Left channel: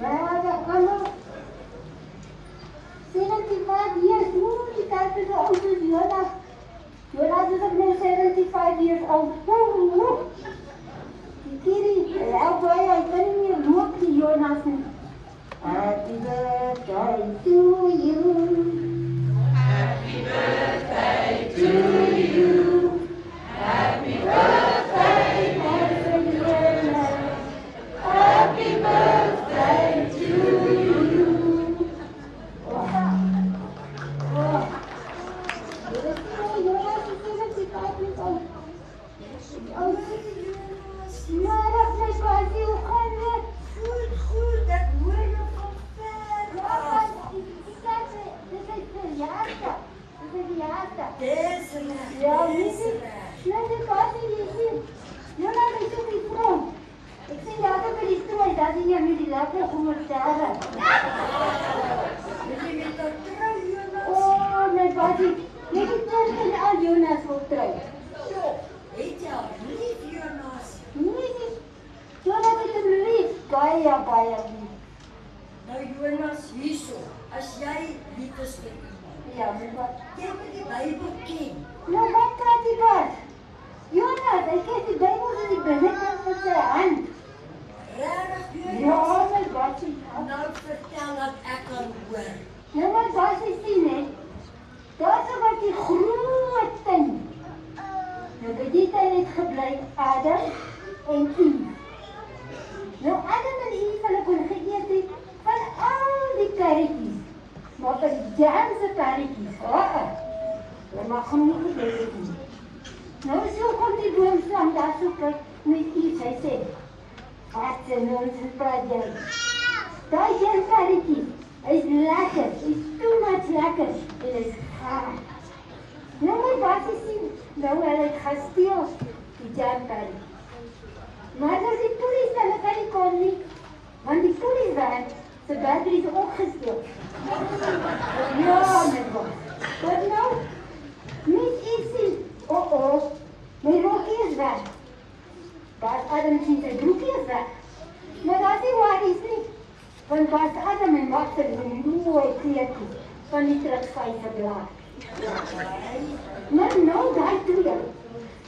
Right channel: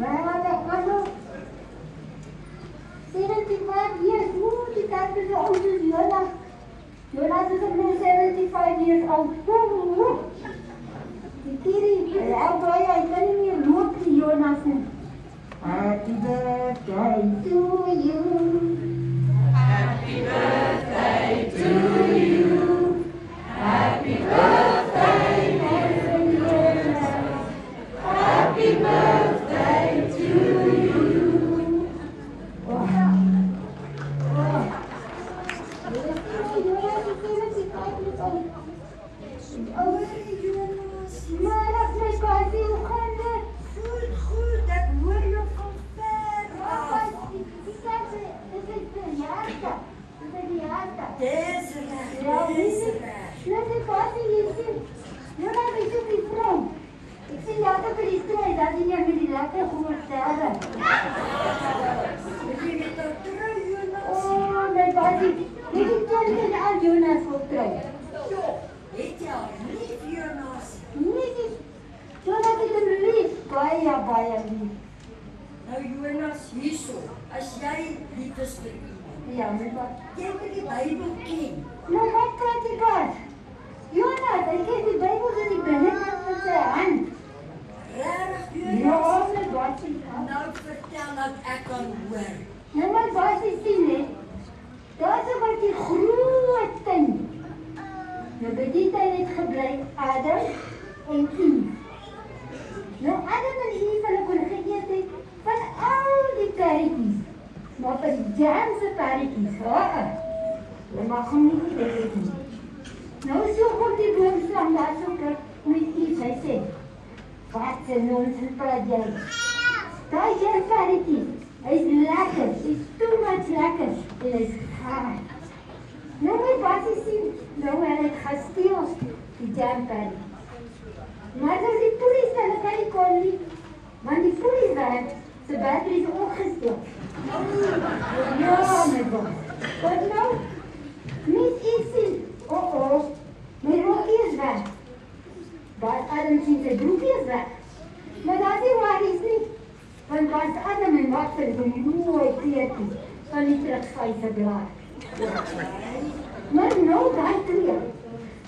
Maar allemaal 75 years, die tijd is oud as Jonas. Jonas is only 75 years old. Die kindie, ja, baie, ek kan nie meer loop die Jonas nie. Happy birthday to you. Happy birthday to you. Happy birthday, dear Jonas. Happy birthday to you. Goed, dat hoor je van ver af. Desiree. Nou, die passie hier sien. Jonas is ook die vroom. Ek sien later by die strooi, dat die met die lekker groot sterre. Wil jy met dat trou, Jonas? Oh, my passie. Moet ek toch nie aan Jonas wil trou? Jo, het jy al lief, Jonas? Nee, Jonas het hom lief. Baie, baie lief. Nou, Jonas, hierso, as jy lief is vir iemand, Ja, my passie. jy moet die Bybel ken. Nou, wat praat die pas? Jonas, hy ken die Bybel in die binnenkant met sy hand. Regtig, Ja, Jonas? my passie. Nou vertel dat ek kan hoor. Ja, my passie sien net. Daar is wat die groot ding. Nou, by die tyd het gebly Adam en Eve. Nou, Adam en Eve, hulle kon geëet het van al die perretjies. Maar van die Janse perretjies, jy mag hom nie eet nie. Nou, so kom die boomstam daar so met Eve, hy sê, wat een nonsens praat jy? Daai perretjie, hy is lekker, hy is too much lekker, en hy is gaar. Nou, my passie sien, nou, hy het gesteel, die Jan perretjie. Maar as die polies daar kan nie kon nie, want die polies daar, sy batterie is opgesteel. Ja, my God. Wat nou? Net iets sien. My rokkie is weg. Bas Adam sien sy broekie is weg. Maar dat is waar is nie. Want Bas Adam en wat sy mooi kleertjie van die terugvuise blaar. Maar nou daar twee.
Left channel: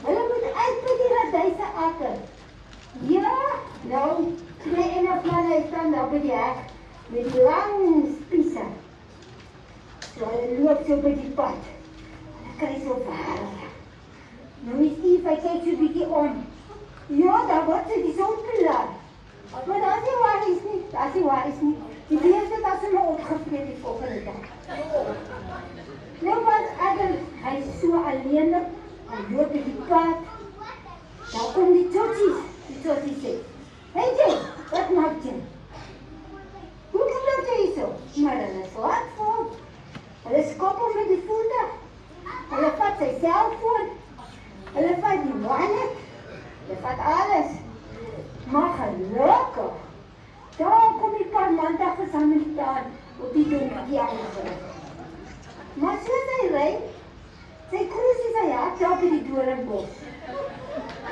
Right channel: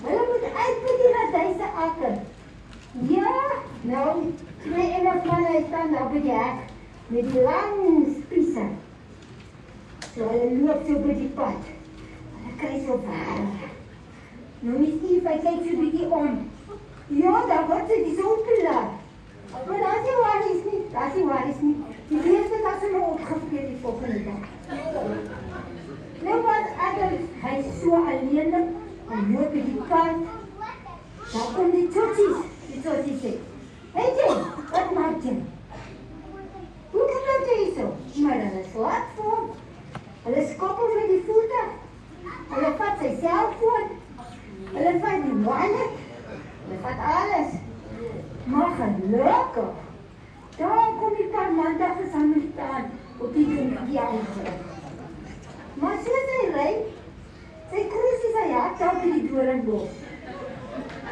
Hulle moet uit by die raduise akker. Ja, nou, twee Engelsman hy staan daar by die hek met die lang spiese. So hy loop so by die pad. Hy kry so waar. Nou is Eve, hy kyk so bietjie om. Ja, daar word sy die son gelaat. Maar daar is nie waar is nie, daar is nie waar is nie. Die lees het as hulle opgevreed die volgende dag. Nou wat Adam, hy is so alleenlik, hy loop by die pad. Nou kom die totsies sê, hey Jane, wat maak jy? Hoe doen dat jy so? Maar hulle is laat voor. Hulle skop hom met die voertuig. Hulle vat sy selfoon. Hulle vat die wallet. Hulle vat alles. Maar gelukkig. Daar kom die paar maandag gesamentlik aan op die donkie aangerig. Maar soos hy ry, sy kruis is sy hart daar by die doringbos.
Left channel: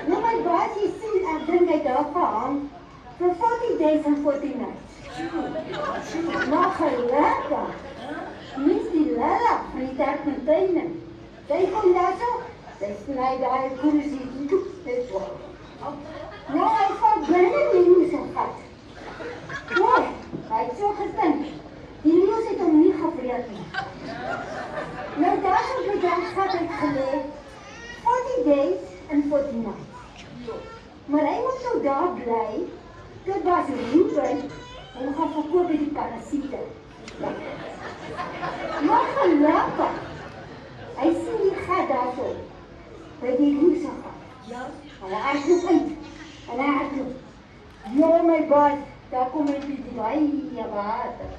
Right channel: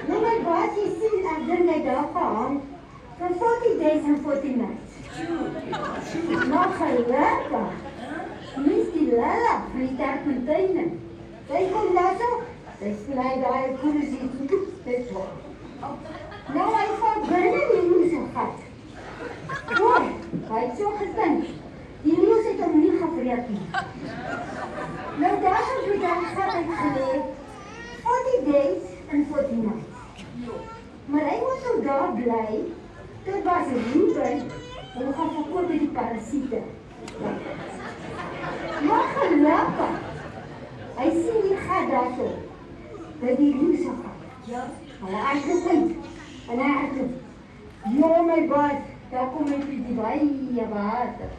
Nou my baas, jy sien, ek dink hy daar gehang vir 40 days en 40 nights. Maar gelukkig, mens die Lala van die terpentijne. Sy kom daar so, sy sny daar een koesie, dit wordt. Nou hy vat binne die loes en vat. Mooi, hy het so gedink, die loes het hom nie gevreed nie. Nou daar op die dag het ek geleed, 40 days en 40 nights. Maar hy moet so daar bly, dit was Ruben, en we gaan verkoop by die parasiete. Maar gelukkig, hy sien die gat daar so, by die loese gat. Ja? En hy uitgevind, en hy uitgevind. Ja, my baas, daar kom ek die baie water.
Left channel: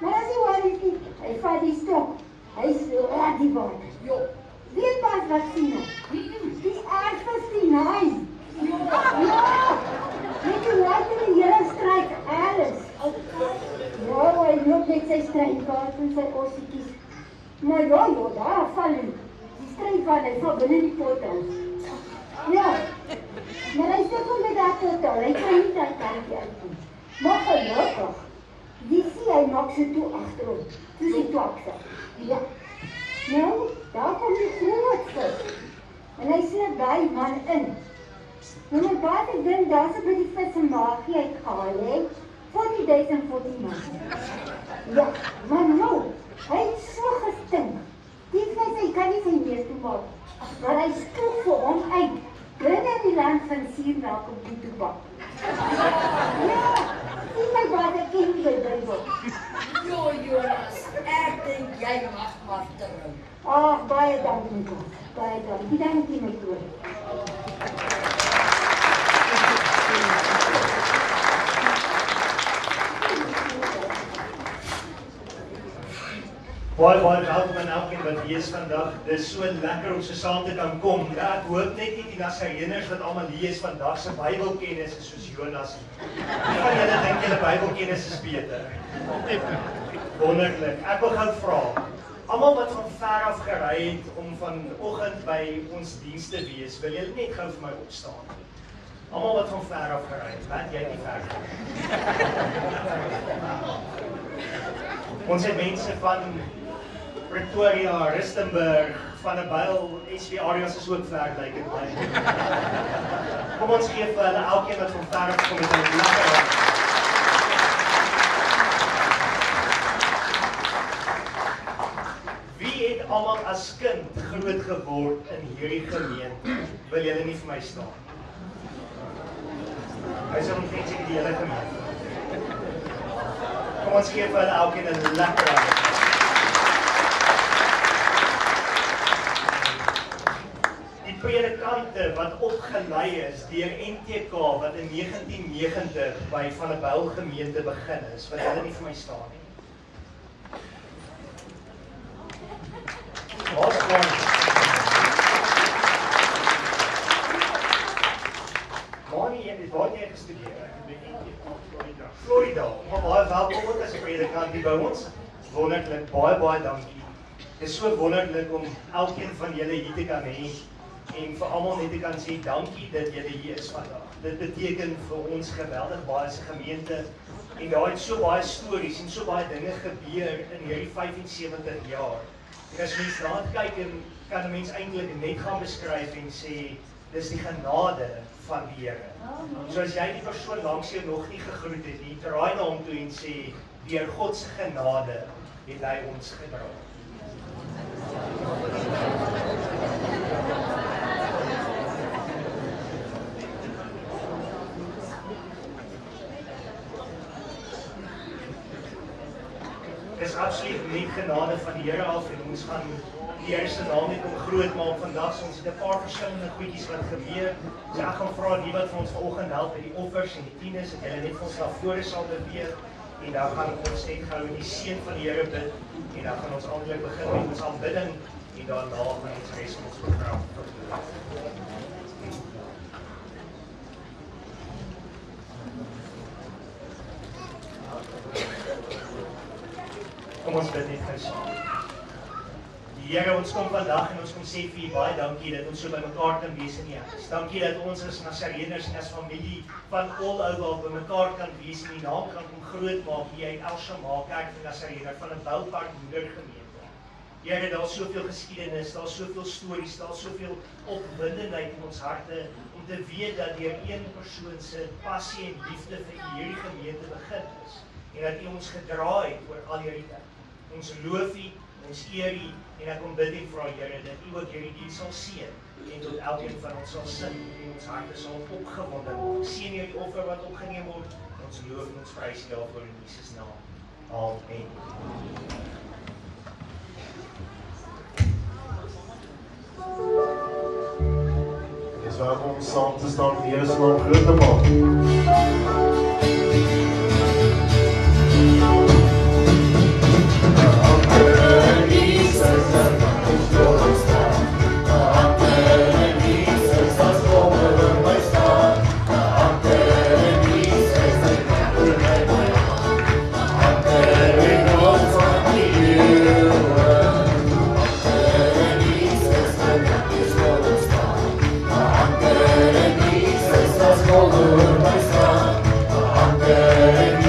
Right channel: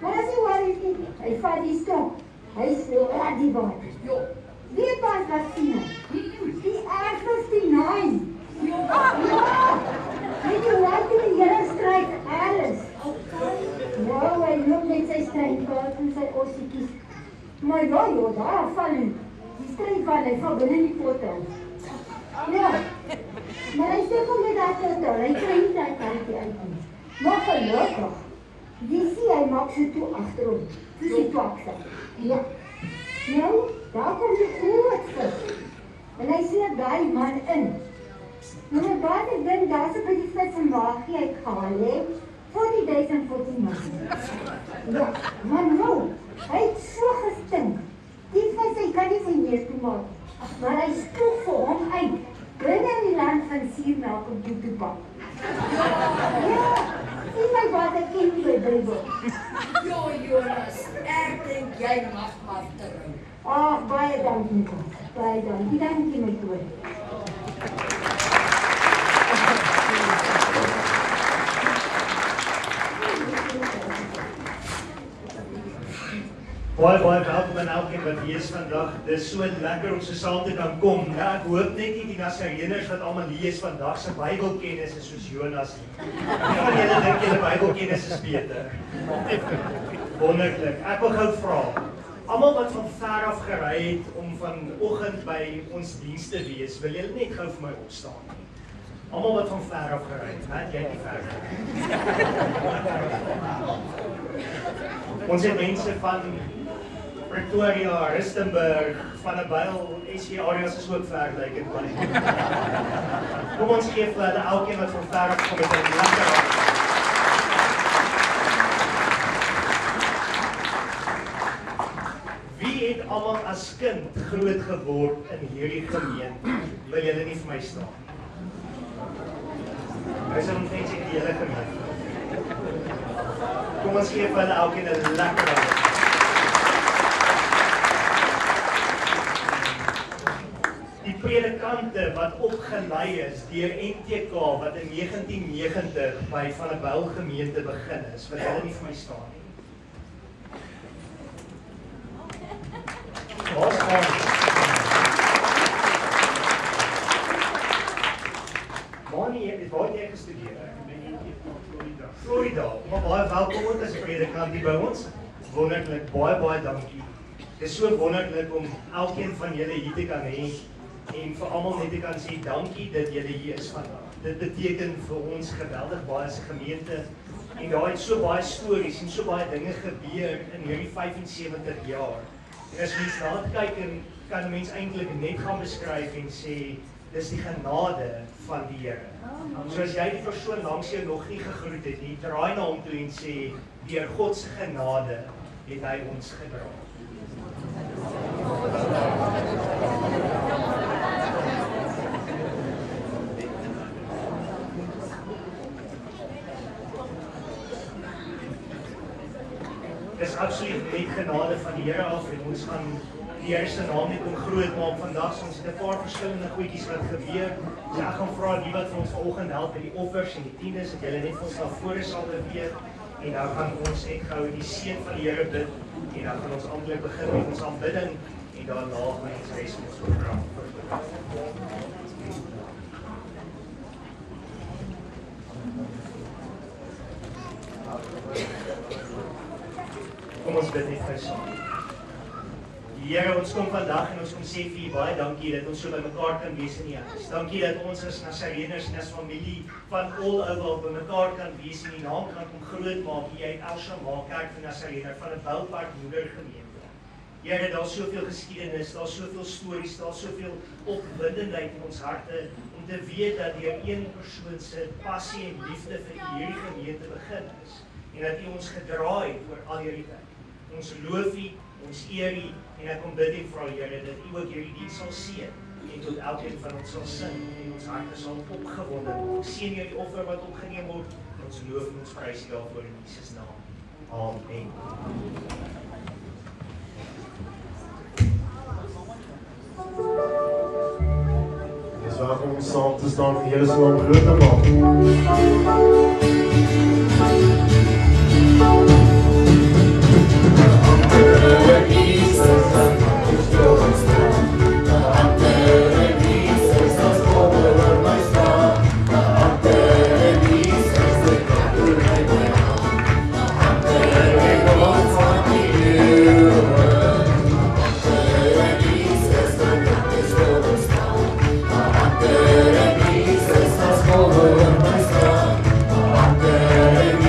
Maar as hy waar is nie, hy vat die stok, hy slaat die water. Weet baas wat sien ek? Die R59. Ja, net die laat in die hele strijd, alles. Ja, hy loop met sy strijdwaard en sy ossiekies. Maar ja, daar val hy. Die strijdwaard, hy val binnen die potte. Ja, maar hy sê kom met dat potte, hy kan nie dat kaartje uitkom. Maar gelukkig, hy maak so toe agterom. Dis die twakse. Ja. Nou, daar kom die grootste. En hy sien daai man in. Nou, my baie dink daar's by die vis en maagie uitgehaal, hè? 40,014 man. Ja, maar nou, hy het so gestink. Die vis, hy kan nie sy neer toe maak. Maar hy spoeg vir hom uit. Bring in die land van Siernaak op die toepak. Ja, sien my wat ek ken die Bybel. Jo, Jonas, ek dink jy mag maar terug. Ag, baie dankie, God. Baie dankie my broer. Baie welkom aan elkeen wat hier is vandag. Dit is so lekker om so saam te kan kom. Ja, ek hoop net nie die Nasareners wat almal hier is vandag se Bybelkennis is soos Jonas nie. Wie van julle dink julle Bybelkennis is beter? Wonderlik. Ek wil gou vra. Almal wat van ver af gery het om vanoggend by ons diens te wees, wil julle net gou vir my opstaan. Almal wat van ver af gery het, want jy het nie ver. Ons het mense van Pretoria, Rustenburg, Vanderbijl, SW areas is ook ver, lyk dit baie. Kom ons gee vir hulle elkeen wat van ver af kom met 'n lekker hand. Wie het almal as kind groot geword in hierdie gemeente? Wil julle nie vir my staan? Hy sal omtrent sê die hele gemeente. Kom ons gee vir hulle elkeen 'n lekker hand. Predikante wat opgelei is deur NTK wat in 1990 by Vanderbijl gemeente begin is, wat hulle nie vir my staan nie. Waar's aan? Waar jy gestudeer? Ek weet nie, Florida. Maar baie welkom ook as 'n predikant hier by ons. Wonderlik, baie dankie. Dit is so wonderlik om elkeen van julle hier te kan hê. En vir almal net te kan sê dankie dat julle hier is vandag. Dit beteken vir ons geweldig baie as 'n gemeente en daar het so baie stories en so baie dinge gebeur in hierdie 75 jaar. En as mens na dit kyk en kan mens eintlik net gaan beskryf en sê dis die genade van die Here. So as jy die persoon langs jou nog nie gegroet het nie, draai na hom toe en sê deur God se genade het hy ons gedra. Is absoluut net genade van die Here af en ons gaan die Here se naam net om groot maak vandag. Ons het 'n paar verskillende goedjies wat gebeur. So ek gaan vra die wat vir ons vanoggend help met die offers en die tiendes, dat julle net vir ons na vore sal beweeg en dan gaan ons net gou die seën van die Here bid en dan gaan ons amptelik begin met ons aanbidding en daarna gaan ons res met ons program voortgaan. Kom ons bid net saam. Here, ons kom vandag en ons kom sê vir U baie dankie dat ons so by mekaar kan wees in U huis. Dankie dat ons as Nasareners en as familie van all over by mekaar kan wees en U naam kan kom groot maak hier uit El Shammah Kerk van Nasarener van 'n Boupark moedergemeente. Here, daar's soveel geskiedenis, daar's soveel stories, daar's soveel opwindendheid in ons harte om te weet dat deur een persoon se passie en liefde vir hierdie gemeente begin is en dat U ons gedra het oor al hierdie tyd. Ons loof U, ons eer U en ek kom bid en vra Here dat U ook hierdie diens sal seën en tot elkeen van ons sal sin en ons harte sal opgewonde word. Seën hierdie offer wat opgeneem word. Ons loof en ons prys U daarvoor in Jesus naam. Amen. Dis welkom om saam te staan vir Here se naam groot te maak. I'm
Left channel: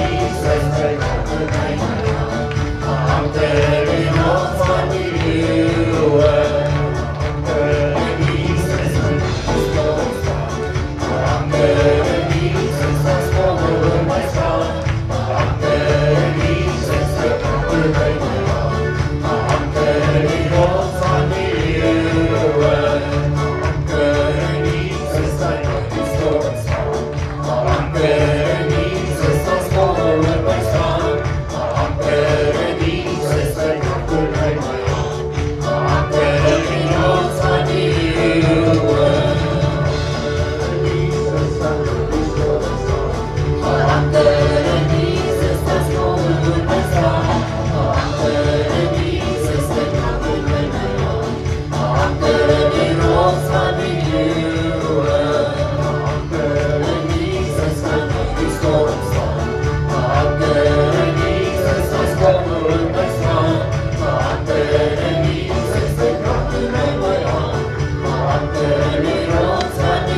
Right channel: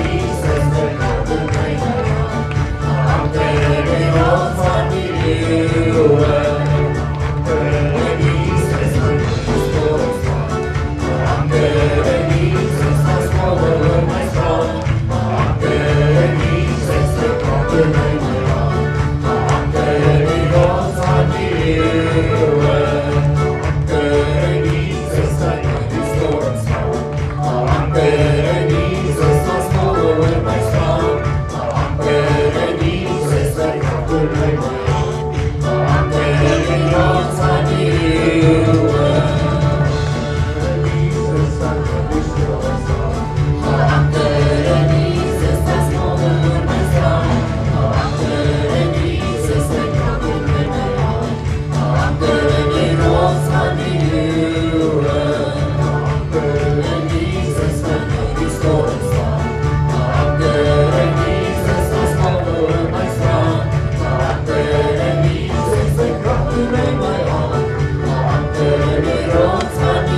Thank you.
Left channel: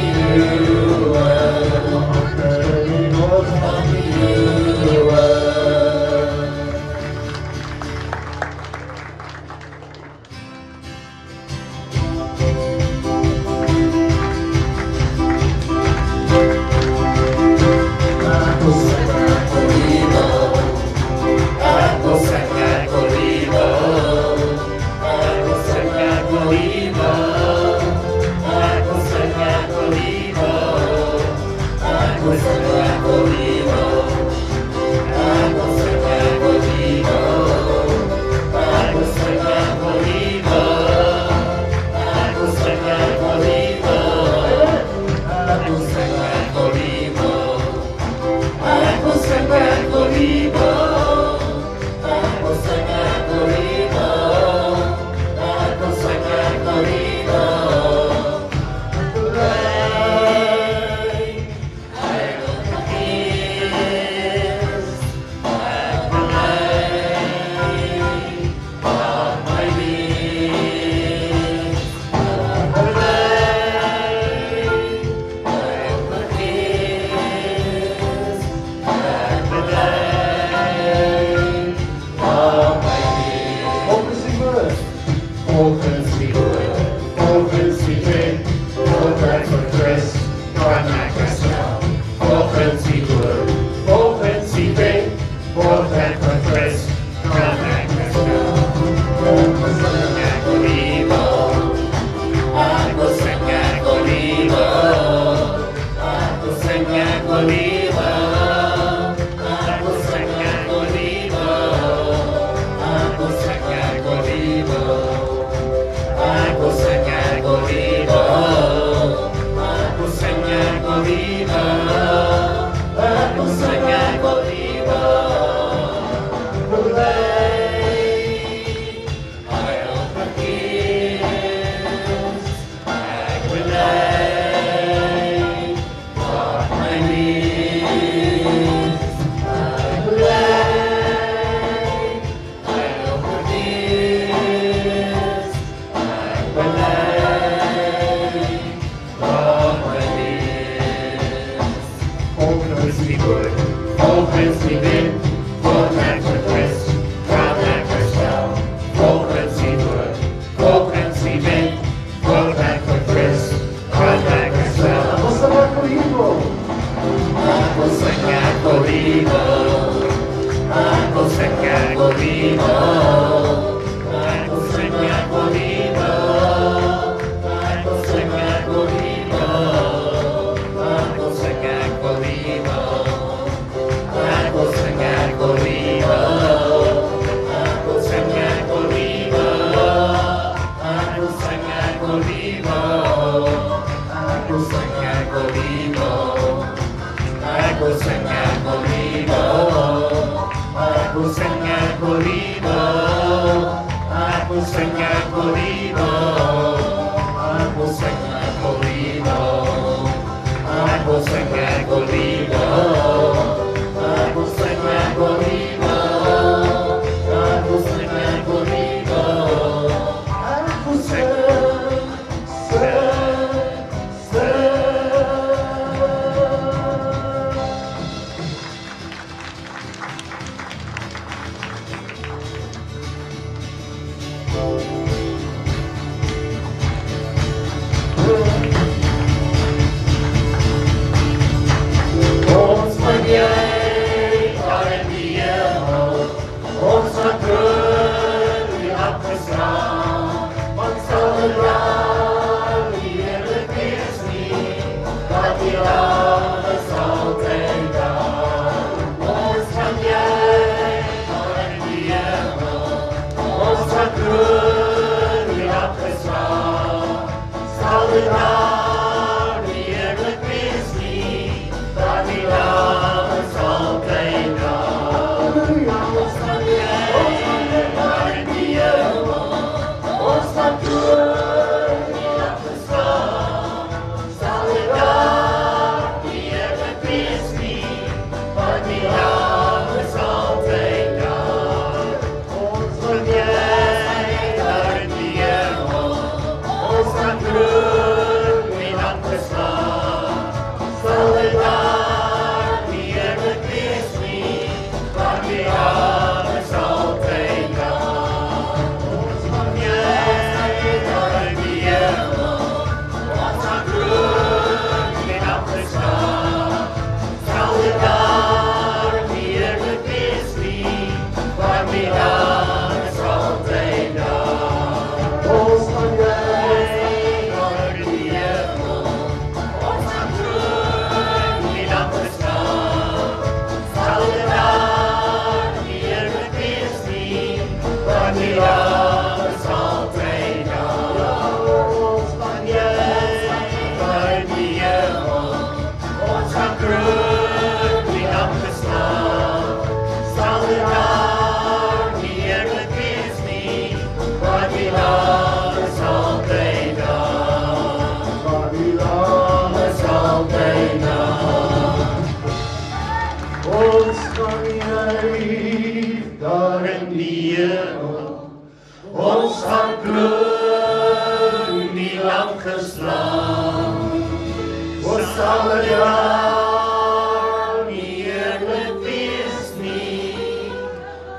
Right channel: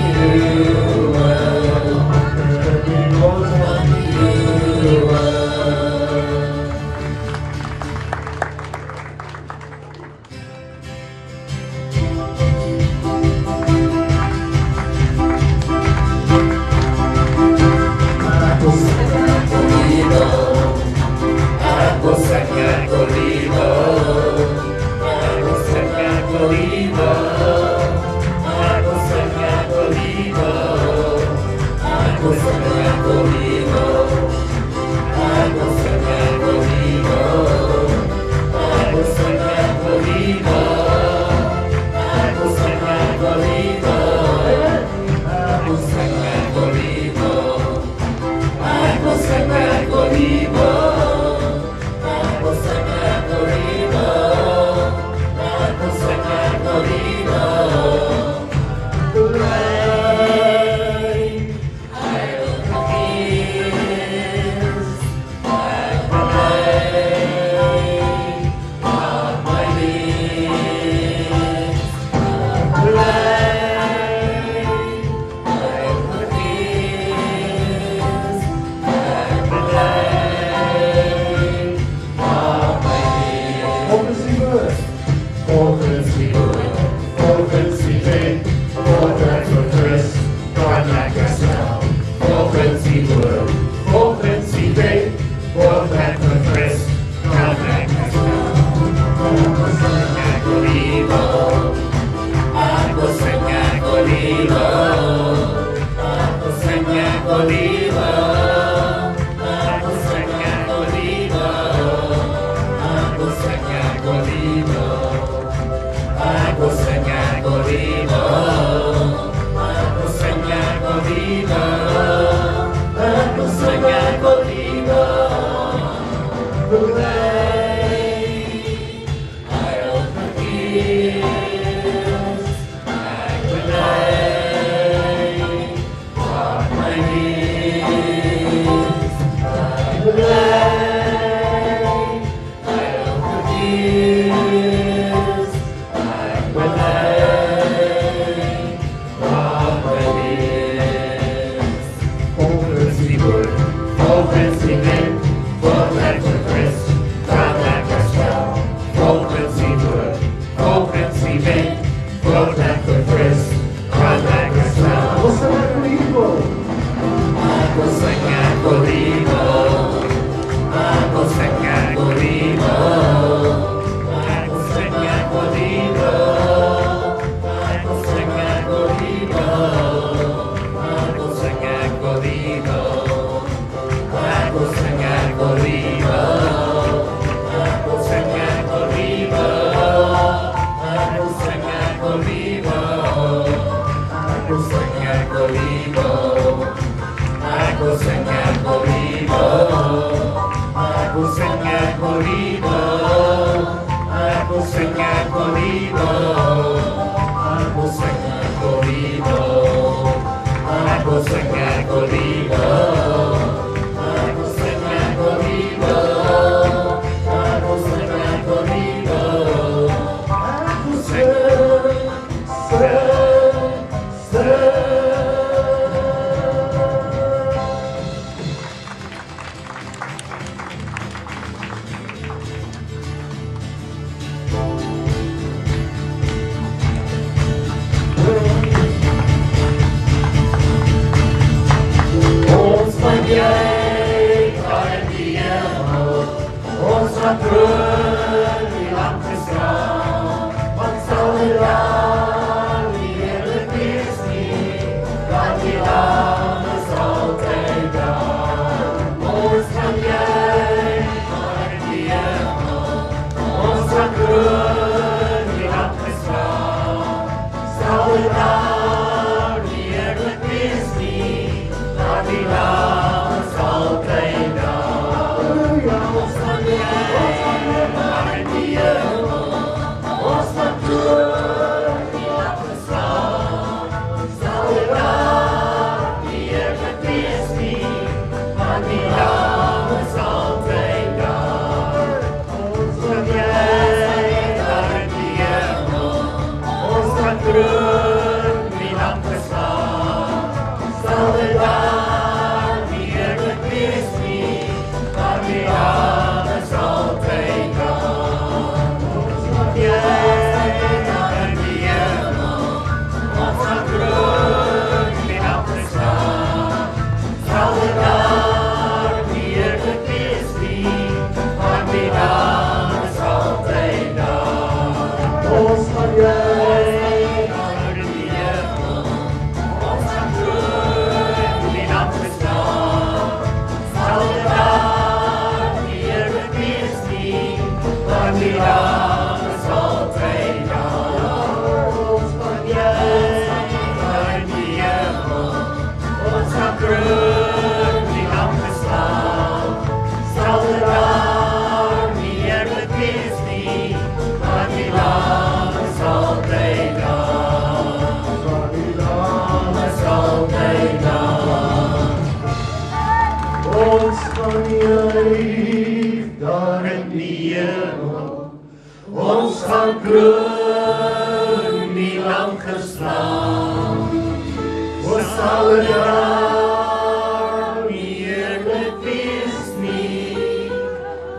sal dit daar nie eerlik wees nie,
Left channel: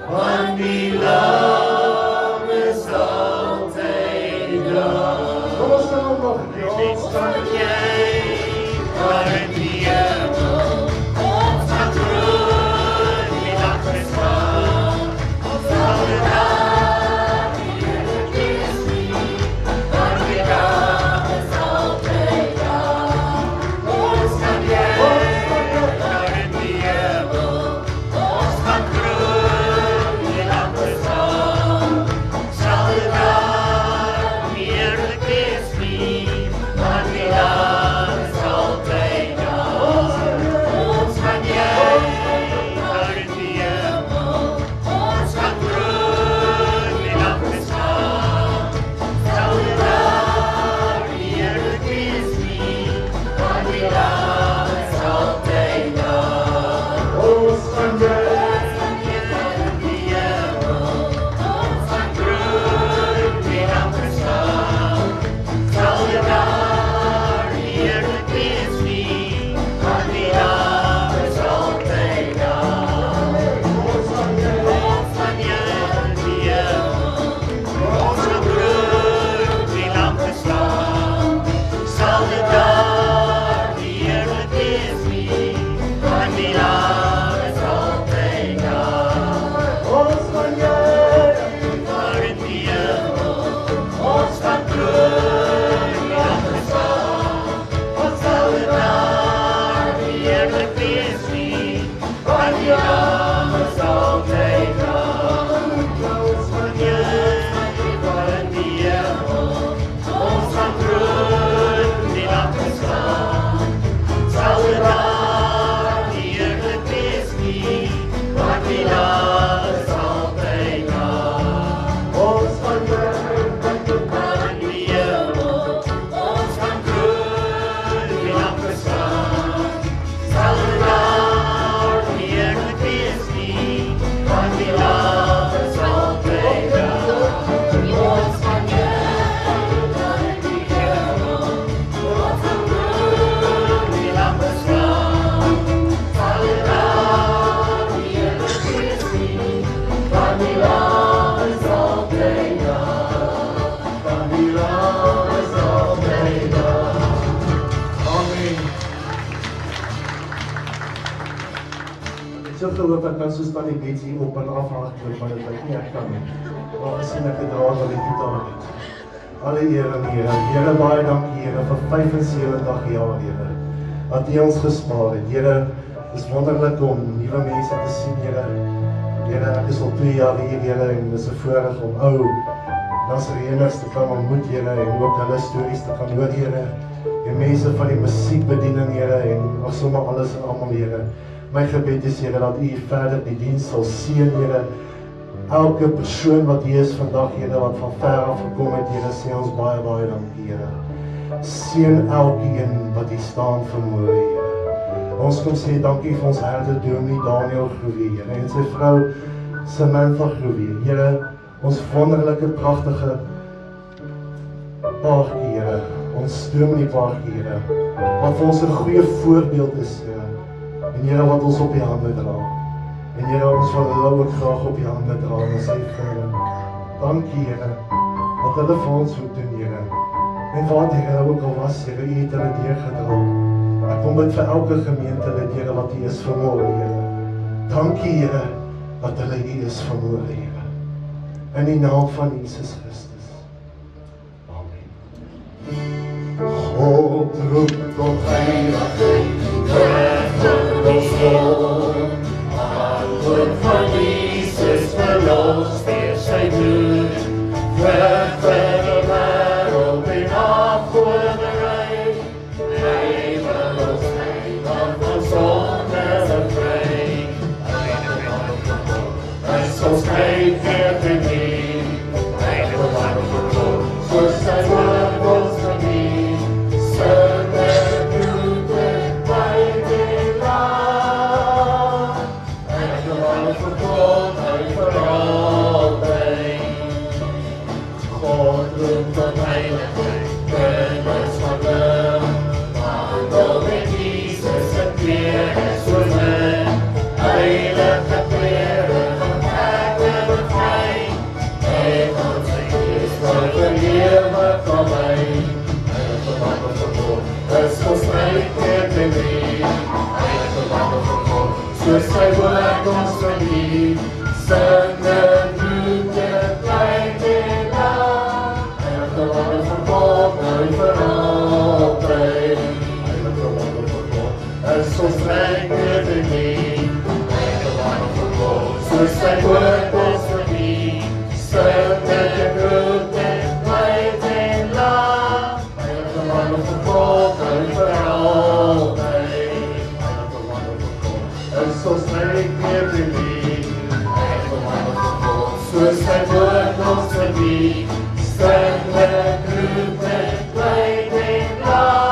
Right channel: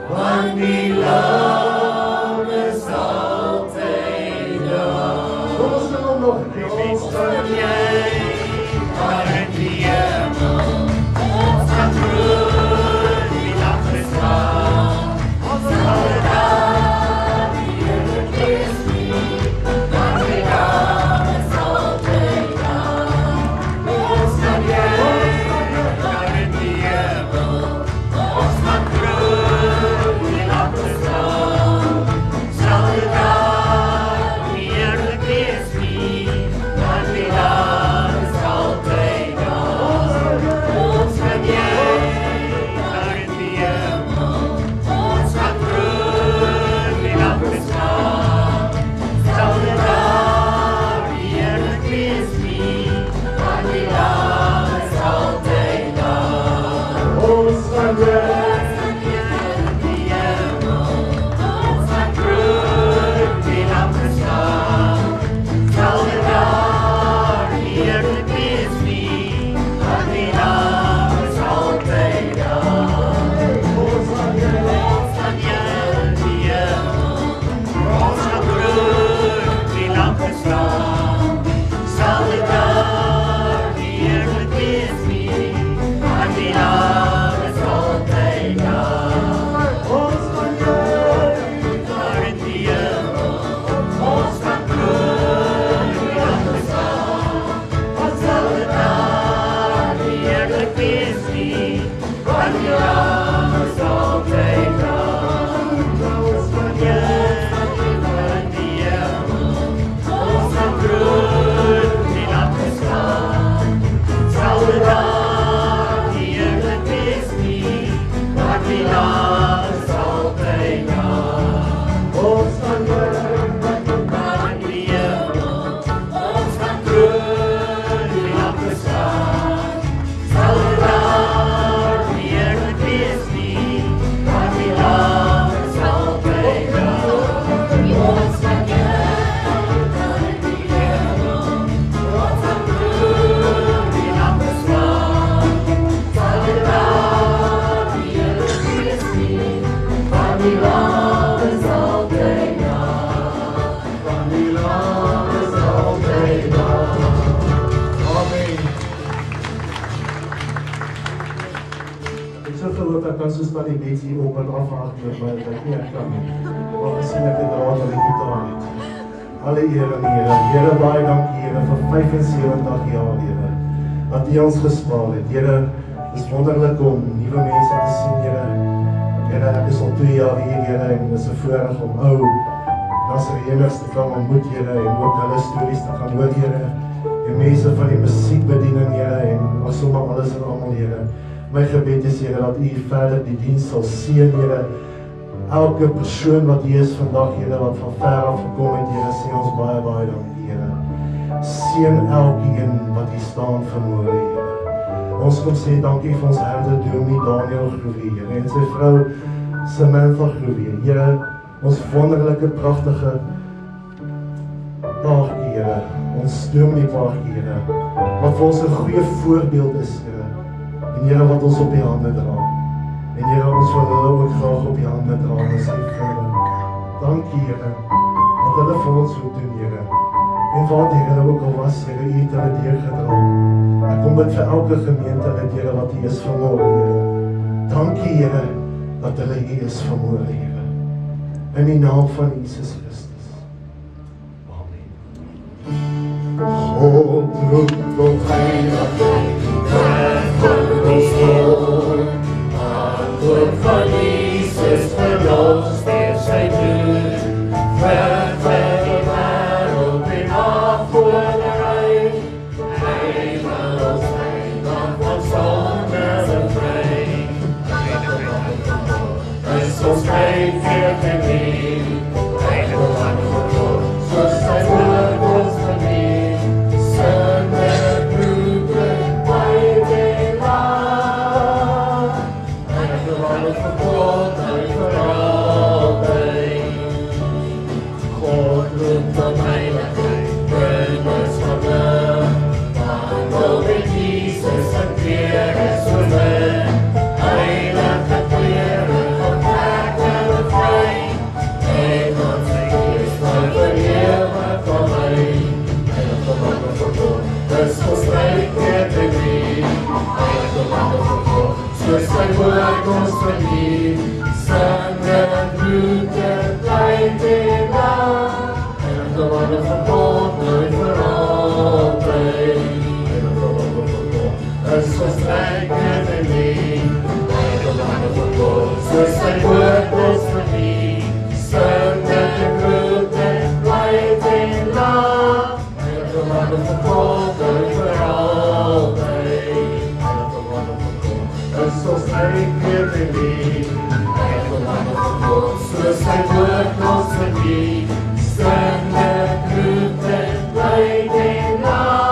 want die lam is altyd daar. Ons sal hom nog Sal jy daar in die hemel, ons gaan groen die land bestaan, sal dit daar nie eerlik wees nie, want die lam is altyd daar. Ons sal jy daar in die hemel, ons gaan groen die land bestaan, sal dit daar nie eerlik wees nie, want die lam is altyd daar. Ons gaan jy daar in die hemel, ons gaan groen die land bestaan, sal dit daar nie eerlik wees nie, want die lam is altyd daar. Ons gaan jy in die hemel, ons gaan groen die land bestaan, sal dit daar nie eerlik wees nie, want die lam is altyd daar. Ons gaan jy in die hemel, ons gaan groen die land bestaan, sal dit daar nie eerlik wees nie, want die lam is altyd daar. Ons gaan jy daar in die hemel, ons gaan groen die land bestaan, sal dit daar nie eerlik wees nie, want die lam is altyd daar. Ons gaan jy daar in die hemel, ons gaan groen die land bestaan, sal dit daar nie eerlik wees nie, want die lam is altyd daar. Ons gaan jy daar in die hemel, ons gaan groen die land bestaan, sal dit daar nie eerlik wees nie, want die lam is altyd daar. Ons gaan jy daar in die hemel, ons gaan groen die land bestaan, sal dit daar nie eerlik wees nie, want die lam is altyd daar. Want die lam is altyd daar. Amen. Ek het so gehoop ek kan so staan die beats hier op en afhaak met my, dat ek nie ek kan nie. Maar gesien ek het raad aan die gitaar het. Alle eer aan Here. Here, baie dankie Here vir 75 jaar Here, dat U ons gespaar het. Here, is wonderlik om nuwe mense te sien Here. Here, ek is al 2 jaar hier Here en is 'n voorreg om ou Nasareëners te kan ontmoet Here en ook hulle stories te kan hoor Here. En mense van die musiekbediening Here en of sommer alles en almal Here. My gebed is Here dat U verder die diens sal seën Here. Elke persoon wat hier is vandag Here wat van ver af gekom het Here, sê ons baie baie dankie Here. Seën elkeen wat hier staan vanmôre Here. Ons kom sê dankie vir ons herder Dominee Daniel Groewe Here en sy vrou Samantha Groewe Here. Ons wonderlike pragtige paartjie Here, ons Dominee paartjie Here, wat vir ons 'n goeie voorbeeld is Here. En Here wat ons op die hande dra. En Here ons wil hulle ook graag op die hande dra en sê vir hulle, dankie Here, wat hulle vir ons moet doen Here. En wat Here ook al was, Here, U het hulle deurgedra. Ek kom bid vir elke gemeente dit Here wat hier is vanmôre Here. Dankie Here, dat hulle hier is vanmôre Here. In die naam van Jesus Christus. Amen. God roep tot heilig, Antwoord van Jesus verlos deur sy bloed, weg van die wêreld en afgoderry. Hy wil ons bring van sonde bevry. Hy is ons great fear to me. Heilige One of God, so sy woord ons van nie, sonde bloed as ons thank you for thee. By the wonderful cause, soos thy word is for me. Strengthened, rooted, right in love. By the wonderful cause, good for all day. By the wonderful cause, as ons thank you for thee. By the wonderful cause, soos thy word is for me. Strengthened, rooted, right in love.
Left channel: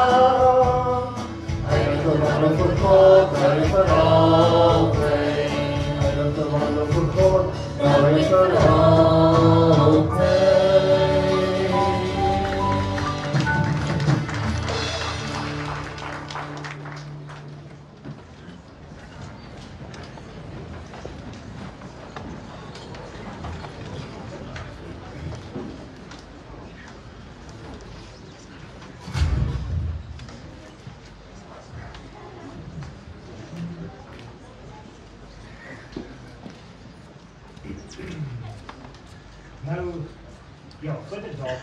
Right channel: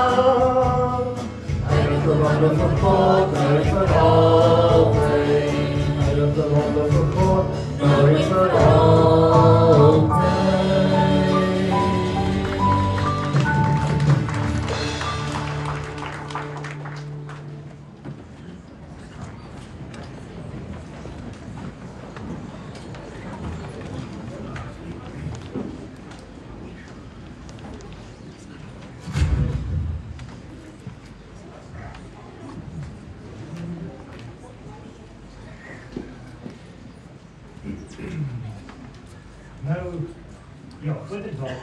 The wonderful God, glory for all day. I love the wonderful God, glory for all day. Nou, ja, grote dag.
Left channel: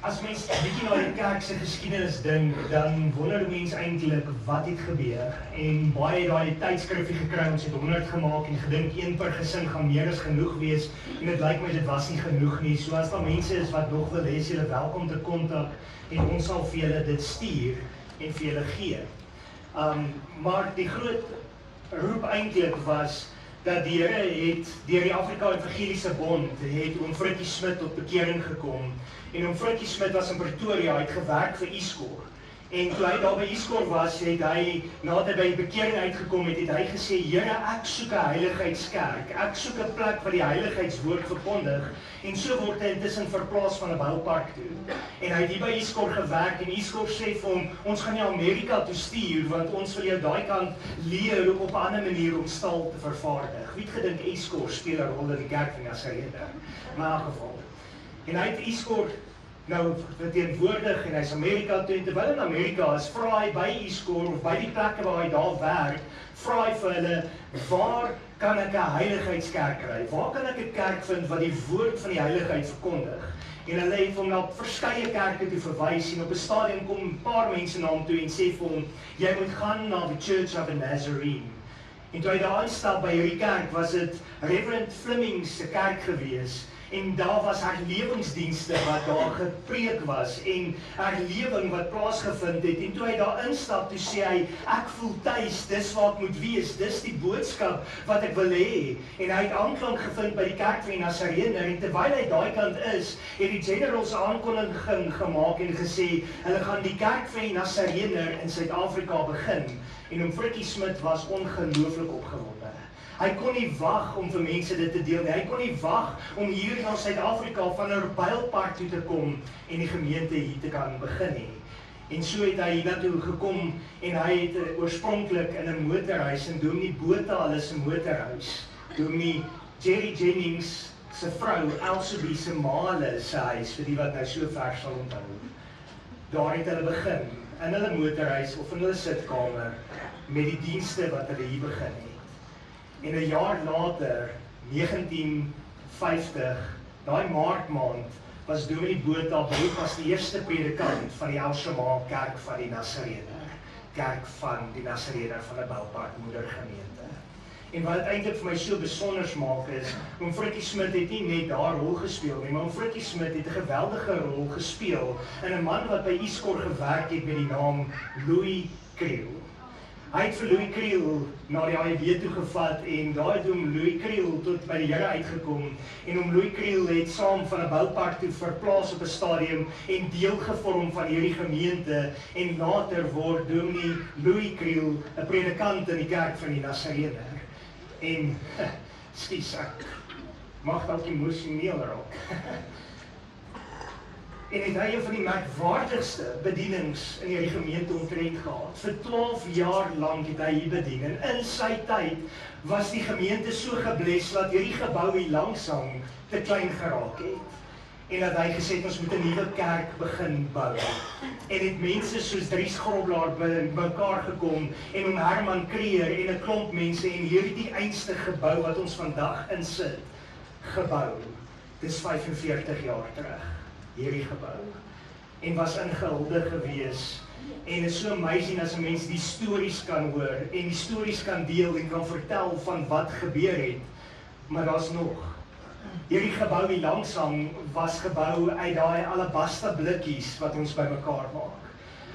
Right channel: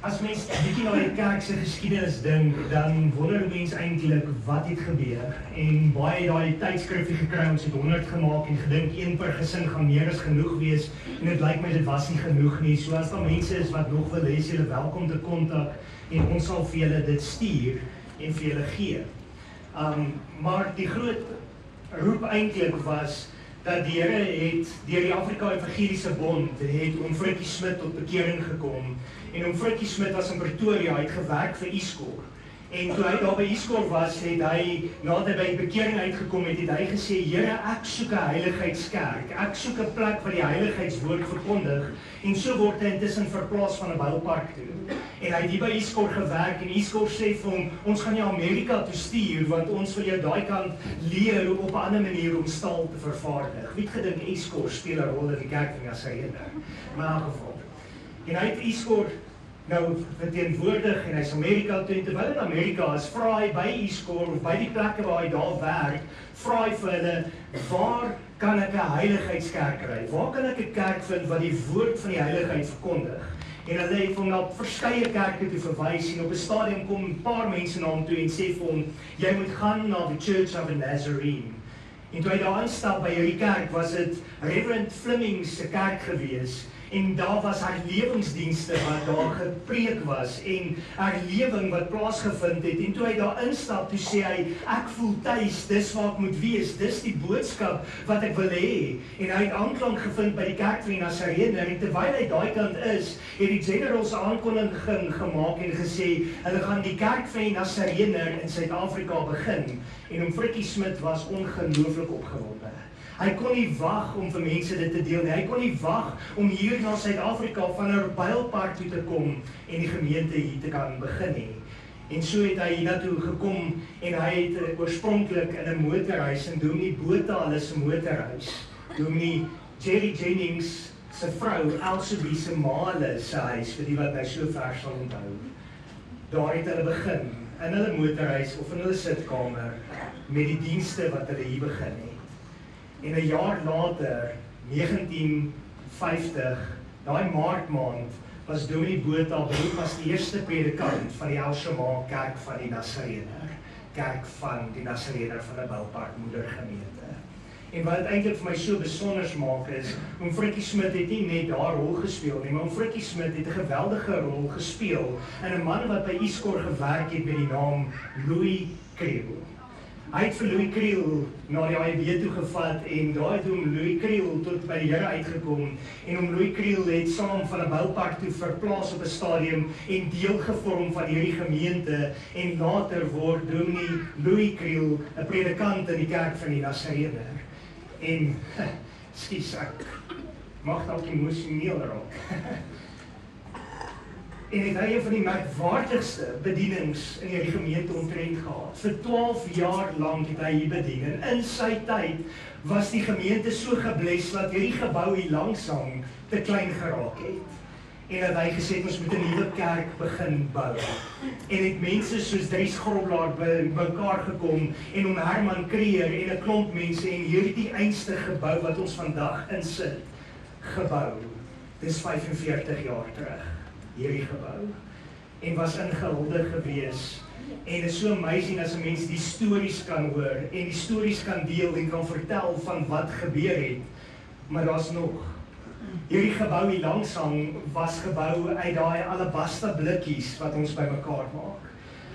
As mens 'n bietjie na die kerk se geskiedenis dink, dan wonder die mens eintlik wat het gebeur. En baie daai tydskrifte gekry, ons het 100 gemaak en gedink een per gesin gaan meer as genoeg wees. En dit lyk my dit was nie genoeg nie. So as daar mense is wat nog wil hê, julle welkom te kontak en ons sal vir julle dit stuur en vir julle gee. Maar die groot roep eintlik was dat die Here het deur die Afrika Evangeliese Bond het oom Frikkie Smit tot bekering gekom. En oom Frikkie Smit was in Pretoria, hy het gewerk vir Iskor. En toe hy daar by Iskor was, het hy, nadat hy by bekering uitgekom het, het hy gesê, Here, ek soek 'n heiligheidskerk, ek soek 'n plek waar die heiligheidswoord verkondig, en so word hy intussen verplaas van 'n boupark toe. En hy het hier by Iskor gewerk, en Iskor sê vir hom, ons gaan jou Amerika toe stuur, want ons wil jou daai kant leer op 'n ander manier om staal te vervaardig. Wie het gedink Iskor speel 'n rol in die kerk van Nazarene? Maar in elk geval. En hy het Iskor nou verteenwoordig en hy's Amerika toe, terwyl in Amerika is, vra hy by Iskor of by die plekke waar hy daar werk, vra hy vir hulle, waar kan ek 'n heiligheidskerk kry? Waar kan ek 'n kerk vind wat die woord van die heiligheid verkondig? En hulle het hom na verskeie kerke toe verwys en op 'n stadium kom 'n paar mense na hom toe en sê vir hom, jy moet gaan na die Church of the Nazarene. En toe hy daar instap by hierdie kerk, was dit Reverend Fleming se kerk gewees. En daar was herlewingsdienste wat daar gepreek was en herlewing wat plaasgevind het. En toe hy daar instap, toe sê hy, ek voel tuis, dis waar ek moet wees, dis die boodskap wat ek wil hê. En hy het aanklank gevind by die kerk van die Nazarene. En terwyl hy daai kant is, het die generals aankondiging gemaak en gesê, hulle gaan die kerk van die Nazarene in Suid-Afrika begin. En oom Frikkie Smit was ongelooflik opgewonde. Hy kon nie wag om vir mense dit te deel nie. Hy kon nie wag om hier na Suid-Afrika van 'n bylpark toe te kom en die gemeente hier te kan begin nie. En so het hy hiernatoe gekom en hy het oorspronklik in 'n motorhuis en Dominee Botha hulle se motorhuis. Dominee Jerry Jennings se vrou Elsabie se ma hulle se huis, vir die wat nou so ver sal onthou. Daar het hulle begin in hulle motorhuis of in hulle sitkamer met die dienste wat hulle hier begin het. En 'n jaar later, 1950, daai maart was Dominee Botha beroep as die eerste predikant van die Elsema kerk van die Nazarene. Kerk van die Nazarene van 'n boupark moedergemeente. En wat eintlik vir my so besonder maak is, oom Frikkie Smit het nie net daar rol gespeel nie, maar oom Frikkie Smit het 'n geweldige rol gespeel in 'n man wat by Iskor gewerk het met die naam Louis Kriel. Hy het vir Louis Kriel na die AEB toe gevat en daar het oom Louis Kriel tot by die Here uitgekom en oom Louis Kriel het saam van 'n boupark toe verplaas op 'n stadium en deel gevorm van hierdie gemeente en later word Dominee Louis Kriel 'n predikant in die kerk van die Nazarene. En, skus ek, mag dalk emosioneel raak. En het hy een van die merkwaardigste bedienings in hierdie gemeente omtrent gehad. Vir 12 jaar lang het hy hier bedien. En in sy tyd was die gemeente so gebless dat hierdie gebou hier langsam te klein geraak het. En dat hy gesê het, ons moet 'n nuwe kerk begin bou. En het mense soos Dries Groblaar bymekaar gekom en oom Herman Kreer en 'n klomp mense en hierdie einste gebou wat ons vandag insit, gebou. Dis 45 jaar terug. Hierdie gebou. en was ingehuldig gewees. En is so amazing as 'n mens die stories kan hoor en die stories kan deel en kan vertel van wat gebeur het. Maar daar's nog. Hierdie gebou hier langsaan was gebou uit daai alabaster blikkies wat ons bymekaar maak.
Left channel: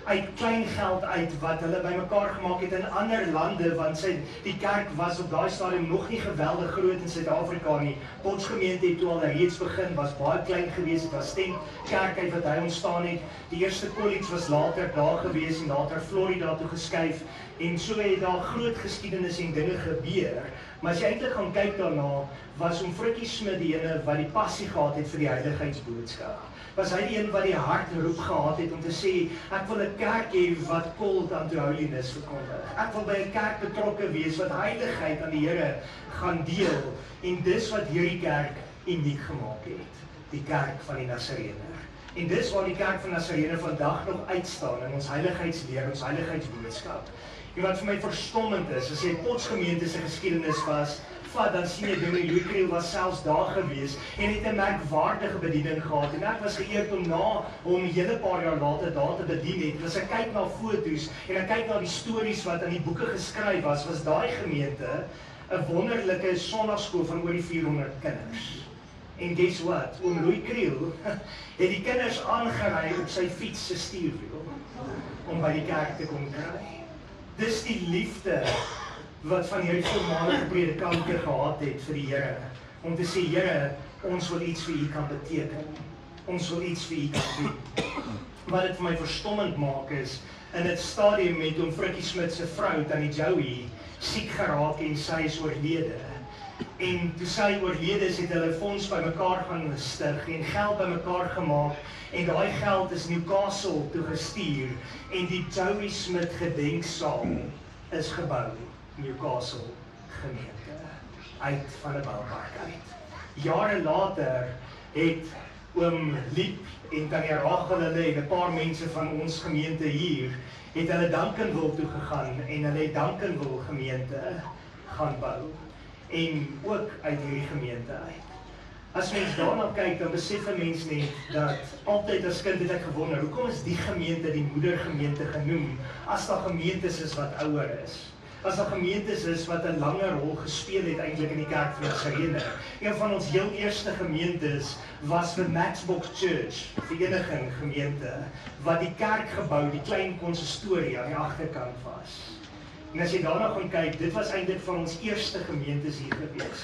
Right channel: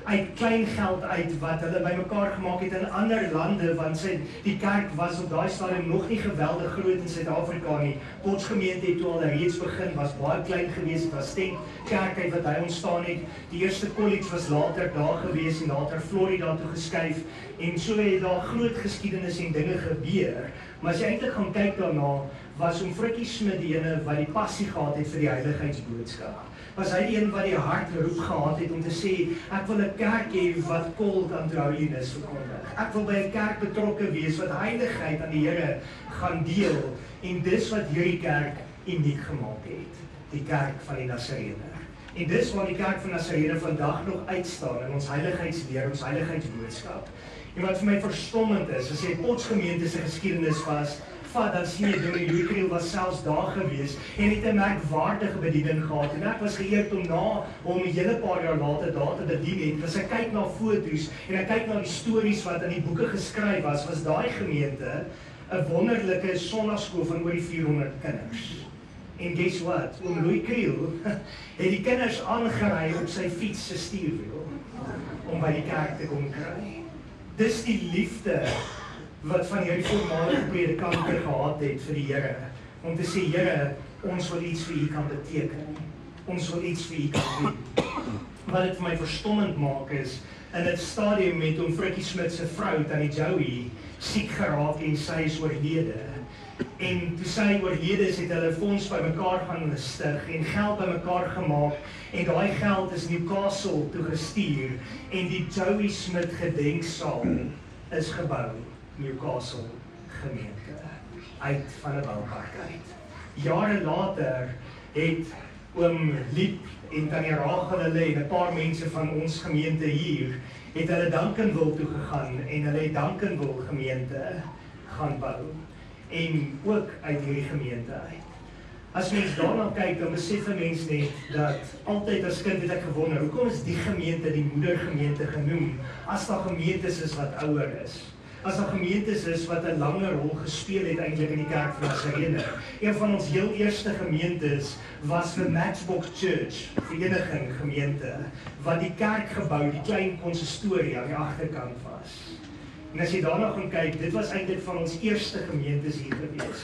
Uit klein geld uit wat hulle bymekaar gemaak het in ander lande, want die kerk was op daai stadium nog nie geweldig groot in Suid-Afrika nie. Potchefstroom het toe al reeds begin, was baie klein geweest, was stem kerk uit wat hy ontstaan het. Die eerste college was later daar geweest en later Florida toe geskuif en so het daar groot geskiedenis en dinge gebeur. Maar as jy eintlik gaan kyk daarna, was Frikkie Smit die ene wat die passie gehad het vir die heiligheidsboodskap. Was hy die een wat die hartroep gehad het om te sê, ek wil 'n kerk hê wat called unto holiness verkondig. Ek wil by 'n kerk betrokke wees wat heiligheid aan die Here gaan deel. En dis wat hierdie kerk uniek gemaak het. Die kerk van die Nasareëne. En dis waar die kerk van Nasareëne vandag nog uitstaan in ons heiligheidsleer, ons heiligheidsboodskap. En wat vir my verstommend is, as jy Potchefstroom se geskiedenis was, dan sien jy Dominee Louis Kriel was selfs daar gewees en het 'n merkwaardige bediening gehad. En ek was geëerd om na hom 'n hele paar jaar later daar te bedien het. As ek kyk na foto's en ek kyk na die stories wat in die boeke geskryf was daai gemeente 'n wonderlike sonnaarskool van oor die 400 kinders. En guess what? Oom Louis Kriel het die kinders aangery op sy fiets se stuurwiel om by die kerk te kom kry. Dis die liefde wat van hierdie voormalige predikante gehad het vir die Here, om te sê, Here, ons wil iets vir U kan beteken, ons wil iets vir U kan doen. Wat dit vir my verstommend maak is, in dit stadium met Frikkie Smit se vrou, Tannie Joey, siek geraak en sy is oorlede. En toe sy oorlede is, het hulle fonds bymekaar gaan gestig en geld bymekaar gemaak, en daai geld is Newcastle toe gestuur, en die Joey Smit gedenksaal is gebou. Newcastle gemeente, uit van 'n boupark uit. Jare later het oom Liep en Tannie Rachel hulle en 'n paar mense van ons gemeente hier, het hulle Duncanville toe gegaan en hulle het Duncanville gemeente gaan bou. En ook uit hierdie gemeente uit. As mens daarna kyk, dan besef 'n mens net dat altyd as kind het ek gewonder, hoekom is die gemeente die moedergemeente genoem, as daar gemeentes is wat ouer is? As daar gemeentes is wat 'n langer rol gespeel het eintlik in die kerk van Nasareëne. Een van ons heel eerste gemeentes was vir Matchbox Church, vereniging gemeente, wat die kerk gebou, die klein konsistorie aan die agterkant was. En as jy daarna gaan kyk, dit was eintlik van ons eerste gemeentes hier gewees.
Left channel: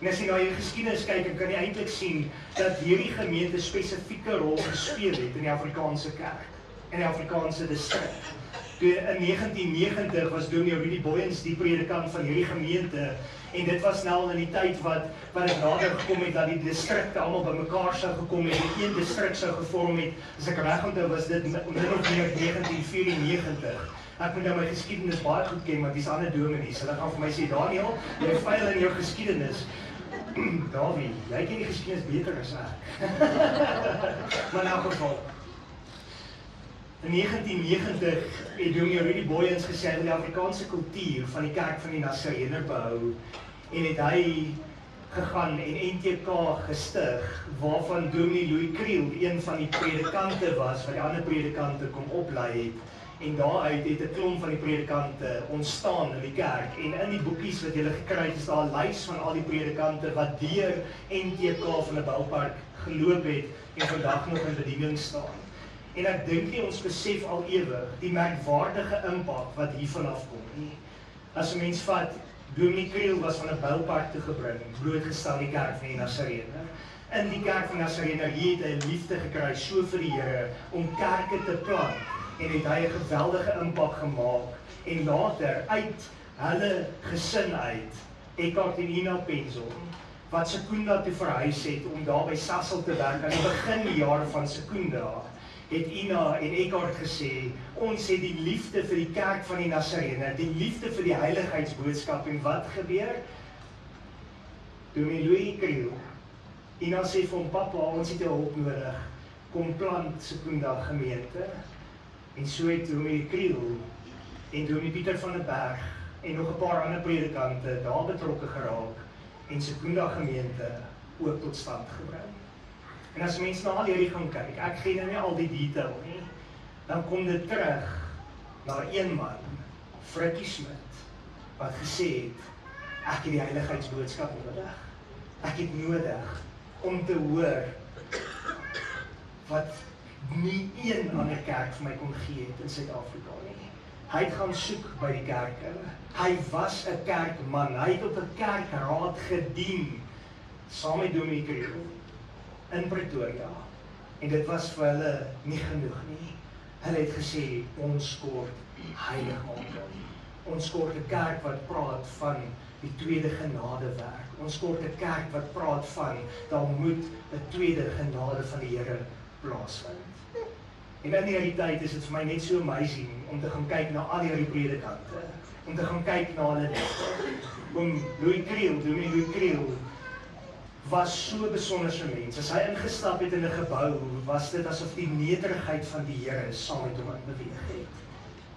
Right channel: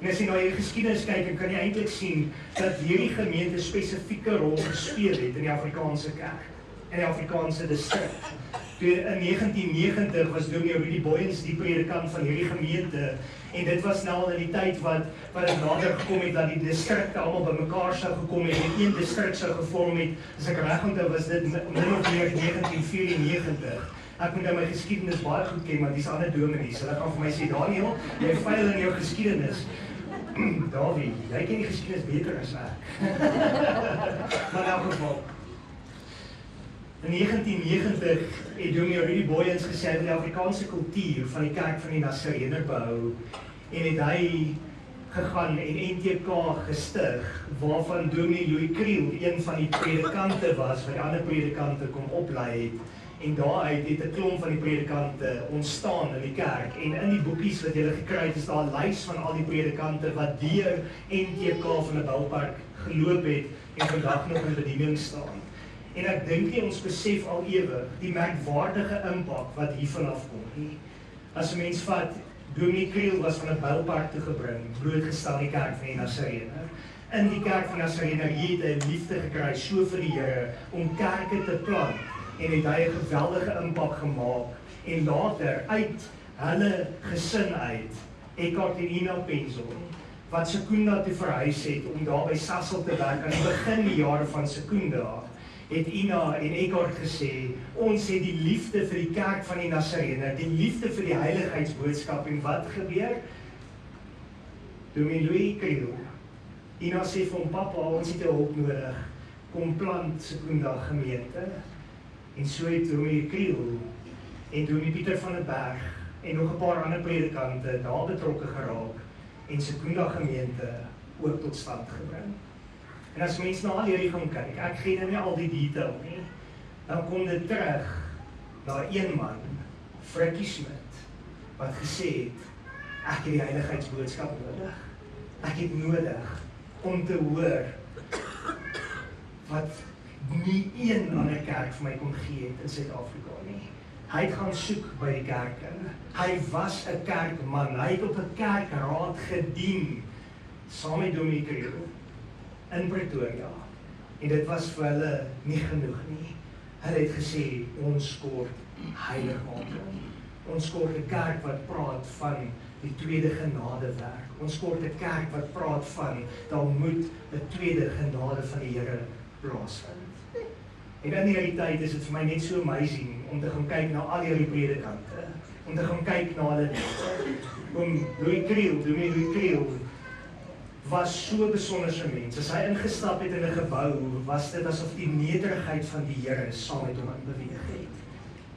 En as jy na die geskiedenis kyk, dan kan jy eintlik sien dat hierdie gemeente spesifieke rol gespeel het in die Afrikaanse kerk, in die Afrikaanse distrik. In 1990 was Dominee Rudy Boyens die predikant van hierdie gemeente, en dit was nou in die tyd wat het nader gekom het, dat die distrikte allemaal bymekaar sou gekom het, en een distrik sou gevorm het, as ek reg onthou was dit min of meer 1994. Ek moet nou my geskiedenis baie goed ken, want die is ander dominees, hulle gaan vir my sê, Daniel, jy veil in jou geskiedenis. Davie, jy ken die geskiedenis beter as ek. Maar in elk geval, in 1990 het Dominee Rudy Boyens gesê in die Afrikaanse kultuur van die kerk van die Nasareëne behou, en het hy gegaan en NTK gestig, waarvan Dominee Louis Kriel een van die predikante was, wat die ander predikante kom oplei het, en daaruit het 'n klomp van die predikante ontstaan in die kerk, en in die boekies wat julle gekry het, is daar 'n lys van al die predikante wat deur NTK van 'n boupark geloop het, en vandag nog in bediening staan. En ek dink nie ons besef al ewig die merkwaardige impak wat hiervan afkom nie. As 'n mens vat, Dominee Kriel was van 'n boupark toe gebring, blootgestel die kerk van die Nasareëne. In die kerk van Nasareëne het hy liefde gekry so vir die Here om kerke te plant, en het hy 'n geweldige impak gemaak, en later uit hulle gesin uit, Eckhart en Ina Penzel, wat Secunda toe verhuis het om daar by Sasol te werk aan die beginjare van Secunda, het Ina en Eckhart gesê, ons het die liefde vir die kerk van die Nasareëne, die liefde vir die heiligheidsboodskap, en wat gebeur? Dominee Louis Kriel, Ina sê vir hom, papa, ons het hulp nodig, kom plant Secunda gemeente, en so het Dominee Kriel en Dominee Pieter van der Berg en nog 'n paar ander predikante daar betrokke geraak en Secunda gemeente ook tot stand gebring. En as mense na al hierdie gaan kyk, ek gee nou nie al die detail nie, dan kom dit terug na een man, Frikkie Smit, wat gesê het, ek het die heiligheidsboodskap nodig. Ek het nodig om te hoor wat nie een ander kerk vir my kon gee het in Suid-Afrika nie. Hy het gaan soek by die kerke. Hy was 'n kerkman. Hy het op 'n kerkraad gedien saam met Dominee Kriel in Pretoria. En dit was vir hulle nie genoeg nie. Hulle het gesê ons kort heiligmaking. Ons kort 'n kerk wat praat van die tweede genadewerk. Ons kort 'n kerk wat praat van daar moet 'n tweede genade van die Here plaasvind. En in die realiteit is dit vir my net so amazing om te gaan kyk na al hierdie predikante, om te gaan kyk na hulle. Oom Louis Kriel was so besonderse mens. As hy ingestap het in 'n gebou, was dit asof die nederigheid van die Here saam met hom beweeg het.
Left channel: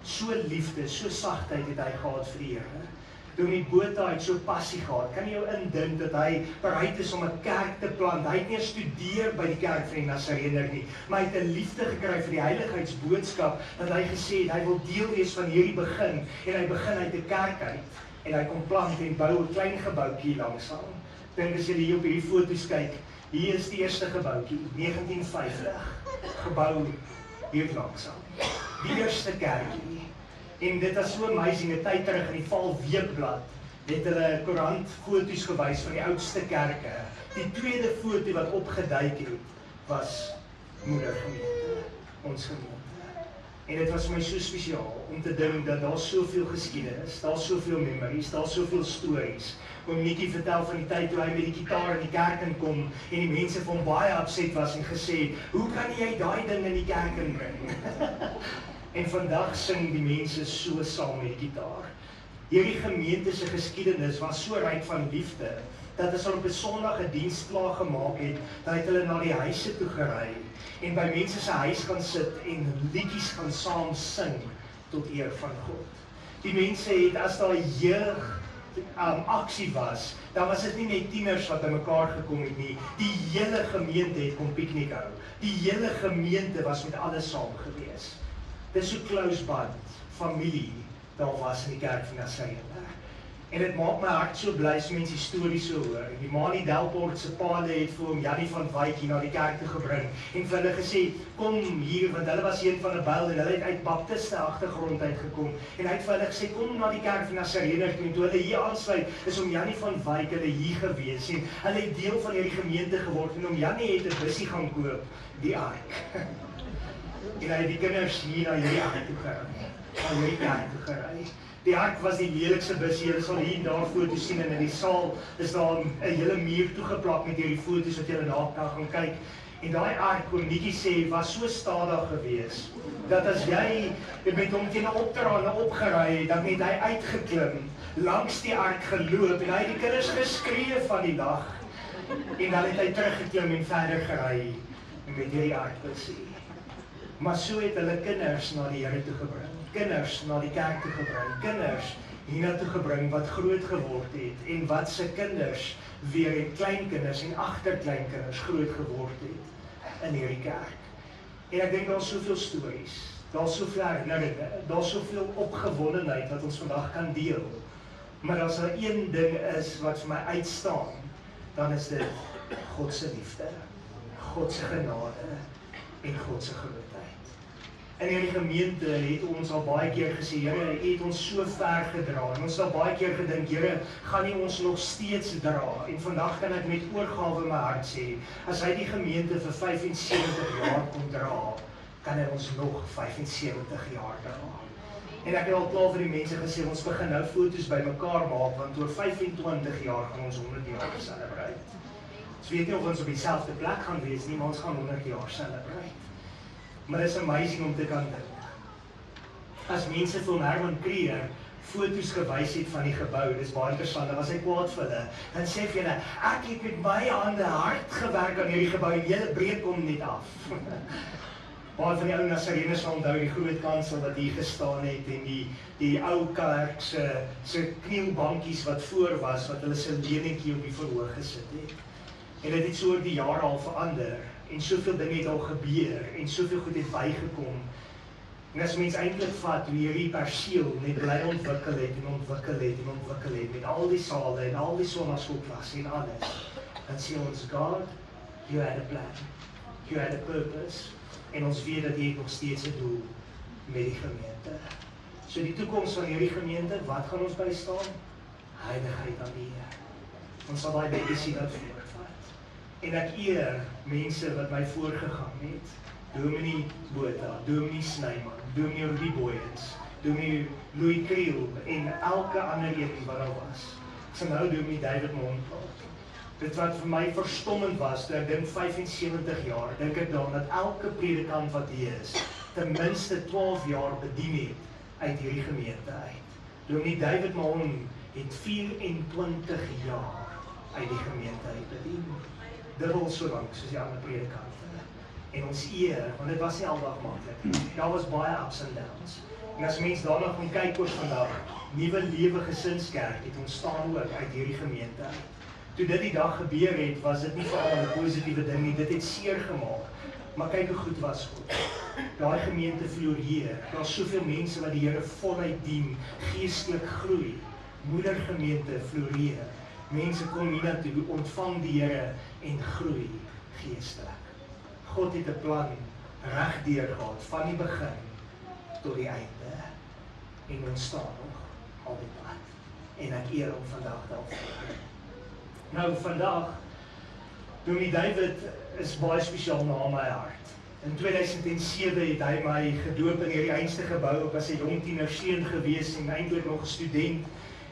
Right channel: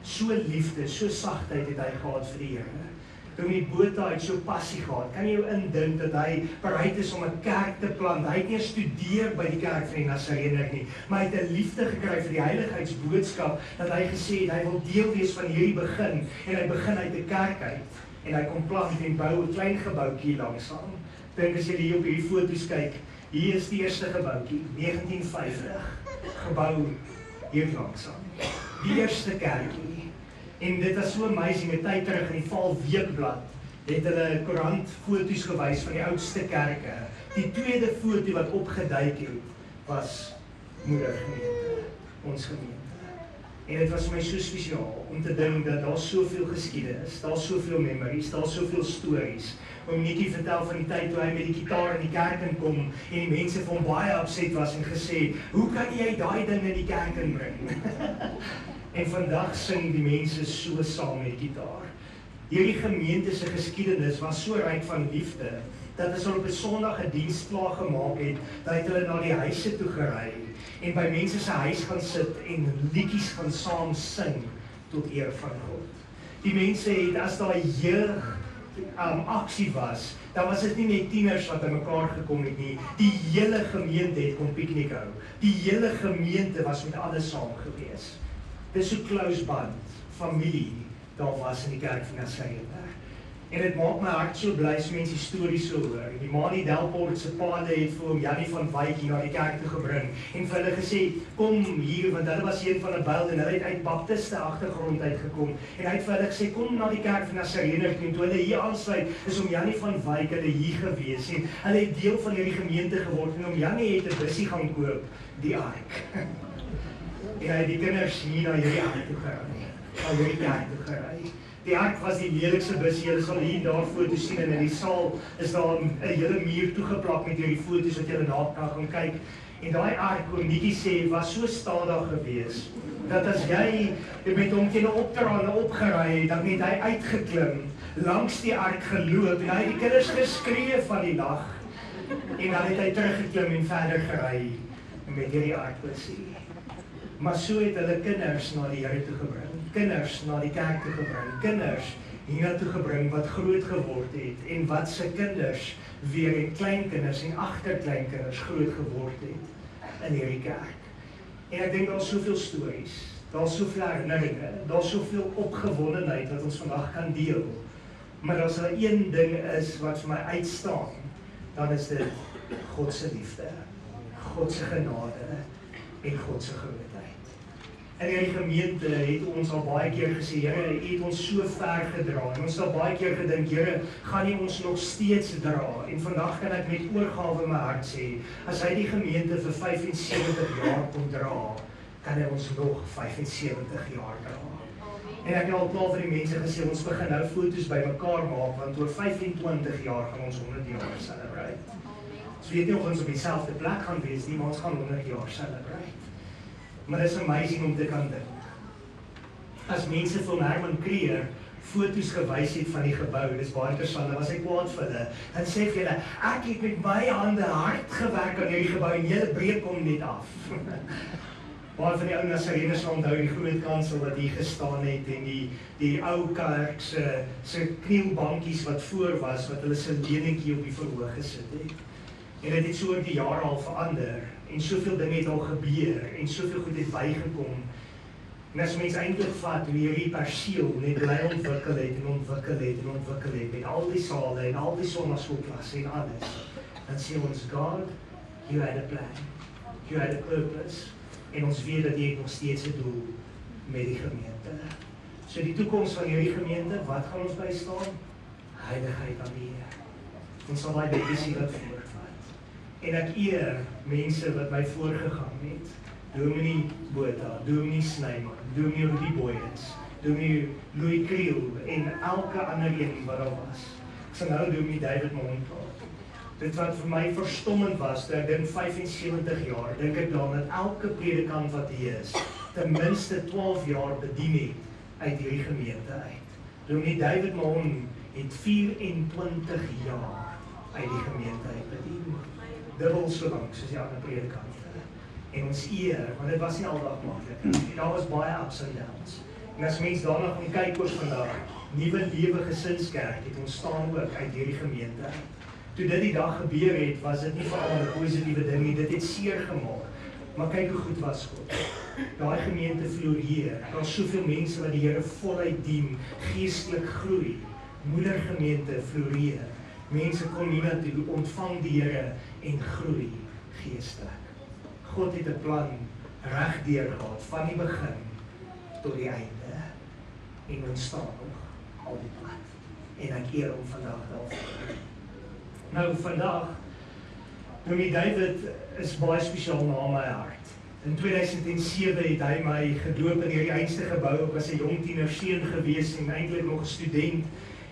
So liefde, so sagtheid het hy gehad vir die Here. Dominee Botha het so passie gehad. Kan jy jou indink dat hy bereid is om 'n kerk te plant? Hy het nie gestudeer by die kerk van die Nasareëner nie, maar hy het 'n liefde gekry vir die heiligheidsboodskap, dat hy gesê het, hy wil deel wees van hierdie begin, en hy begin uit 'n kerk uit, en hy kom plant en bou 'n klein gebouetjie langsaam. Dink as jy hier op hierdie foto's kyk, hier is die eerste gebouetjie, 1950, gebou hier langsaam. Die eerste kerkie. En dit was so amazing, 'n tyd terug in die Val Weekblad het hulle koerant foto's gewys van die oudste kerke. Die tweede foto wat opgeduik het, was Moedergemeente, ons gemeente. En dit was my so spesiaal om te dink dat daar soveel geskiedenis, daar soveel memories, daar soveel stories. Oom Nikkie vertel van die tyd toe hy met die gitaar in die kerk inkom en die mense vir hom baie upset was en gesê, hoe kan jy daai ding in die kerk inbring? En vandag sing die mense so saam met die gitaar. Hierdie gemeente se geskiedenis was so ryk van liefde, dat as hulle op 'n Sondag 'n diens klaar gemaak het, dat het hulle na die huise toe gery en by mense se huis gaan sit en liedjies gaan saam sing tot eer van God. Die mense het, as daar 'n jeug aksie was, dan was dit nie net tieners wat by mekaar gekom het nie, die hele gemeente het kom piknik hou. Die hele gemeente was met alles saam gewees. Dit is so close band, familie, daar was in die kerk van Nasareëner. En dit maak my hart so bly as mense stories so hoor. Die Manie Delport se paal het vir hom Jannie van Wyk hier na die kerk toe gebring en vir hulle gesê, kom hier, want hulle was een van 'n byl en hulle het uit baptiste agtergrond uitgekom. En hy het vir hulle gesê, kom na die kerk van Nasareëner toe. En toe hulle hier aansluit, is om Jannie van Wyk hulle hier gewees. En hulle het deel van hierdie gemeente geword en om Jannie het 'n bussie gaan koop, die ark. En hy het die kinders hier na hierdie ark toe gery. Na hierdie kerk toe gery. Die ark was die lelikste bussie, julle sal hier en daar foto's sien en in die saal is daar 'n hele muur toegeplak met hierdie foto's wat julle daar kan gaan kyk. En daai ark, oom Nikkie sê, was so stadig gewees, dat as jy met hom teen 'n opterhande opgery het, dan het hy uitgeklim, langs die ark geloop, en hy het die kinders geskree van die lag, en dan het hy teruggeklim en verder gery met hierdie arkbussie. Maar so het hulle kinders na die Here toe gebring. Kinders na die kerk toe gebring, kinders hiernatoe gebring wat groot geword het en wat se kinders weer en kleinkinders en agterkleinkinders groot geword het in hierdie kerk. En ek dink daar's soveel stories, daar's soveel herinneringe, daar's soveel opgewondenheid wat ons vandag kan deel. Maar as daar een ding is wat vir my uitstaan, dan is dit God se liefde, God se genade en God se grootheid. In hierdie gemeente het ons al baie keer gesê, Here, het ons so ver gedra. Ons het al baie keer gedink, Here, gaan nie ons nog steeds dra. En vandag kan ek met oorgawe in my hart sê, as hy die gemeente vir 75 jaar kon dra, kan hy ons nog 75 jaar dra. En ek het al klaar vir die mense gesê, ons begin nou foto's by mekaar maak, want oor 25 jaar gaan ons 100 jaar celebrate. Ons weet nie of ons op dieselfde plek gaan wees nie, maar ons gaan 100 jaar celebrate. Maar dit is amazing om te kan dink. As mense van Herman Krier foto's gewys het van die gebou, dis baie interessant, was hy kwaad vir hulle, dan sê vir hulle, ek het met my hande hard gewerk aan hierdie gebou en julle breek hom net af. Maar van die ou Nasareëners onthou die groot kansel wat hier gestaan het en die ou kerk se knielbankies wat voor was, wat hulle se lenetjie op die verhoog gesit het. En dit het so oor die jare al verander. en soveel dinge het al gebeur, en soveel goed het bygekom. En as mens eintlik vat hoe hierdie perseel net bly ontwikkel het en ontwikkel het en ontwikkel het, met al die sale en al die sonnaskoolklasse en alles, dan sê ons, God, you had a plan, you had a purpose, en ons weet dat jy nog steeds 'n doel met die gemeente. So die toekoms van hierdie gemeente, wat gaan ons by staan? Heiligheid aan die Here. Ons sal daai legacy wat voortvat. En ek eer mense wat my voorgegaan het. Dominee Botha, Dominee Snyman, Dominee Rudy Boyens, Dominee Louis Kriel en elke ander een wat daar was. Ek sal nou Dominee David Montal. Dit wat vir my verstommend was, toe ek dink 75 jaar, dink ek dan dat elke predikant wat hier is, ten minste 12 jaar bedien het uit hierdie gemeente uit. Dominee David Montal het 24 jaar uit die gemeente uit bedien. Dubbel so lank soos die ander predikante. En ons eer, want dit was nie aldag maklik. Daar was baie ups en downs. En as mens daarna gaan kyk oor vandag, Nuwe Lewe Gesinskerk het ontstaan ook uit hierdie gemeente. Toe dit die dag gebeur het, was dit nie veral 'n positiewe ding nie, dit het seer gemaak. Maar kyk hoe goed was God. Daai gemeente floreer. Daar's soveel mense wat die Here voluit dien, geestelik groei. Moedergemeente floreer. Mense kom hiernatoe, ontvang die Here en groei geestelik. God het 'n plan regdeur gehad, van die begin tot die einde. En ons staan nog al die pad. En ek eer hom vandag daarvoor. Nou vandag, Dominee David is baie spesiaal na my hart. In 2007 het hy my gedoop in hierdie einste gebou. Ek was 'n jong tienerseun gewees en eintlik nog 'n student.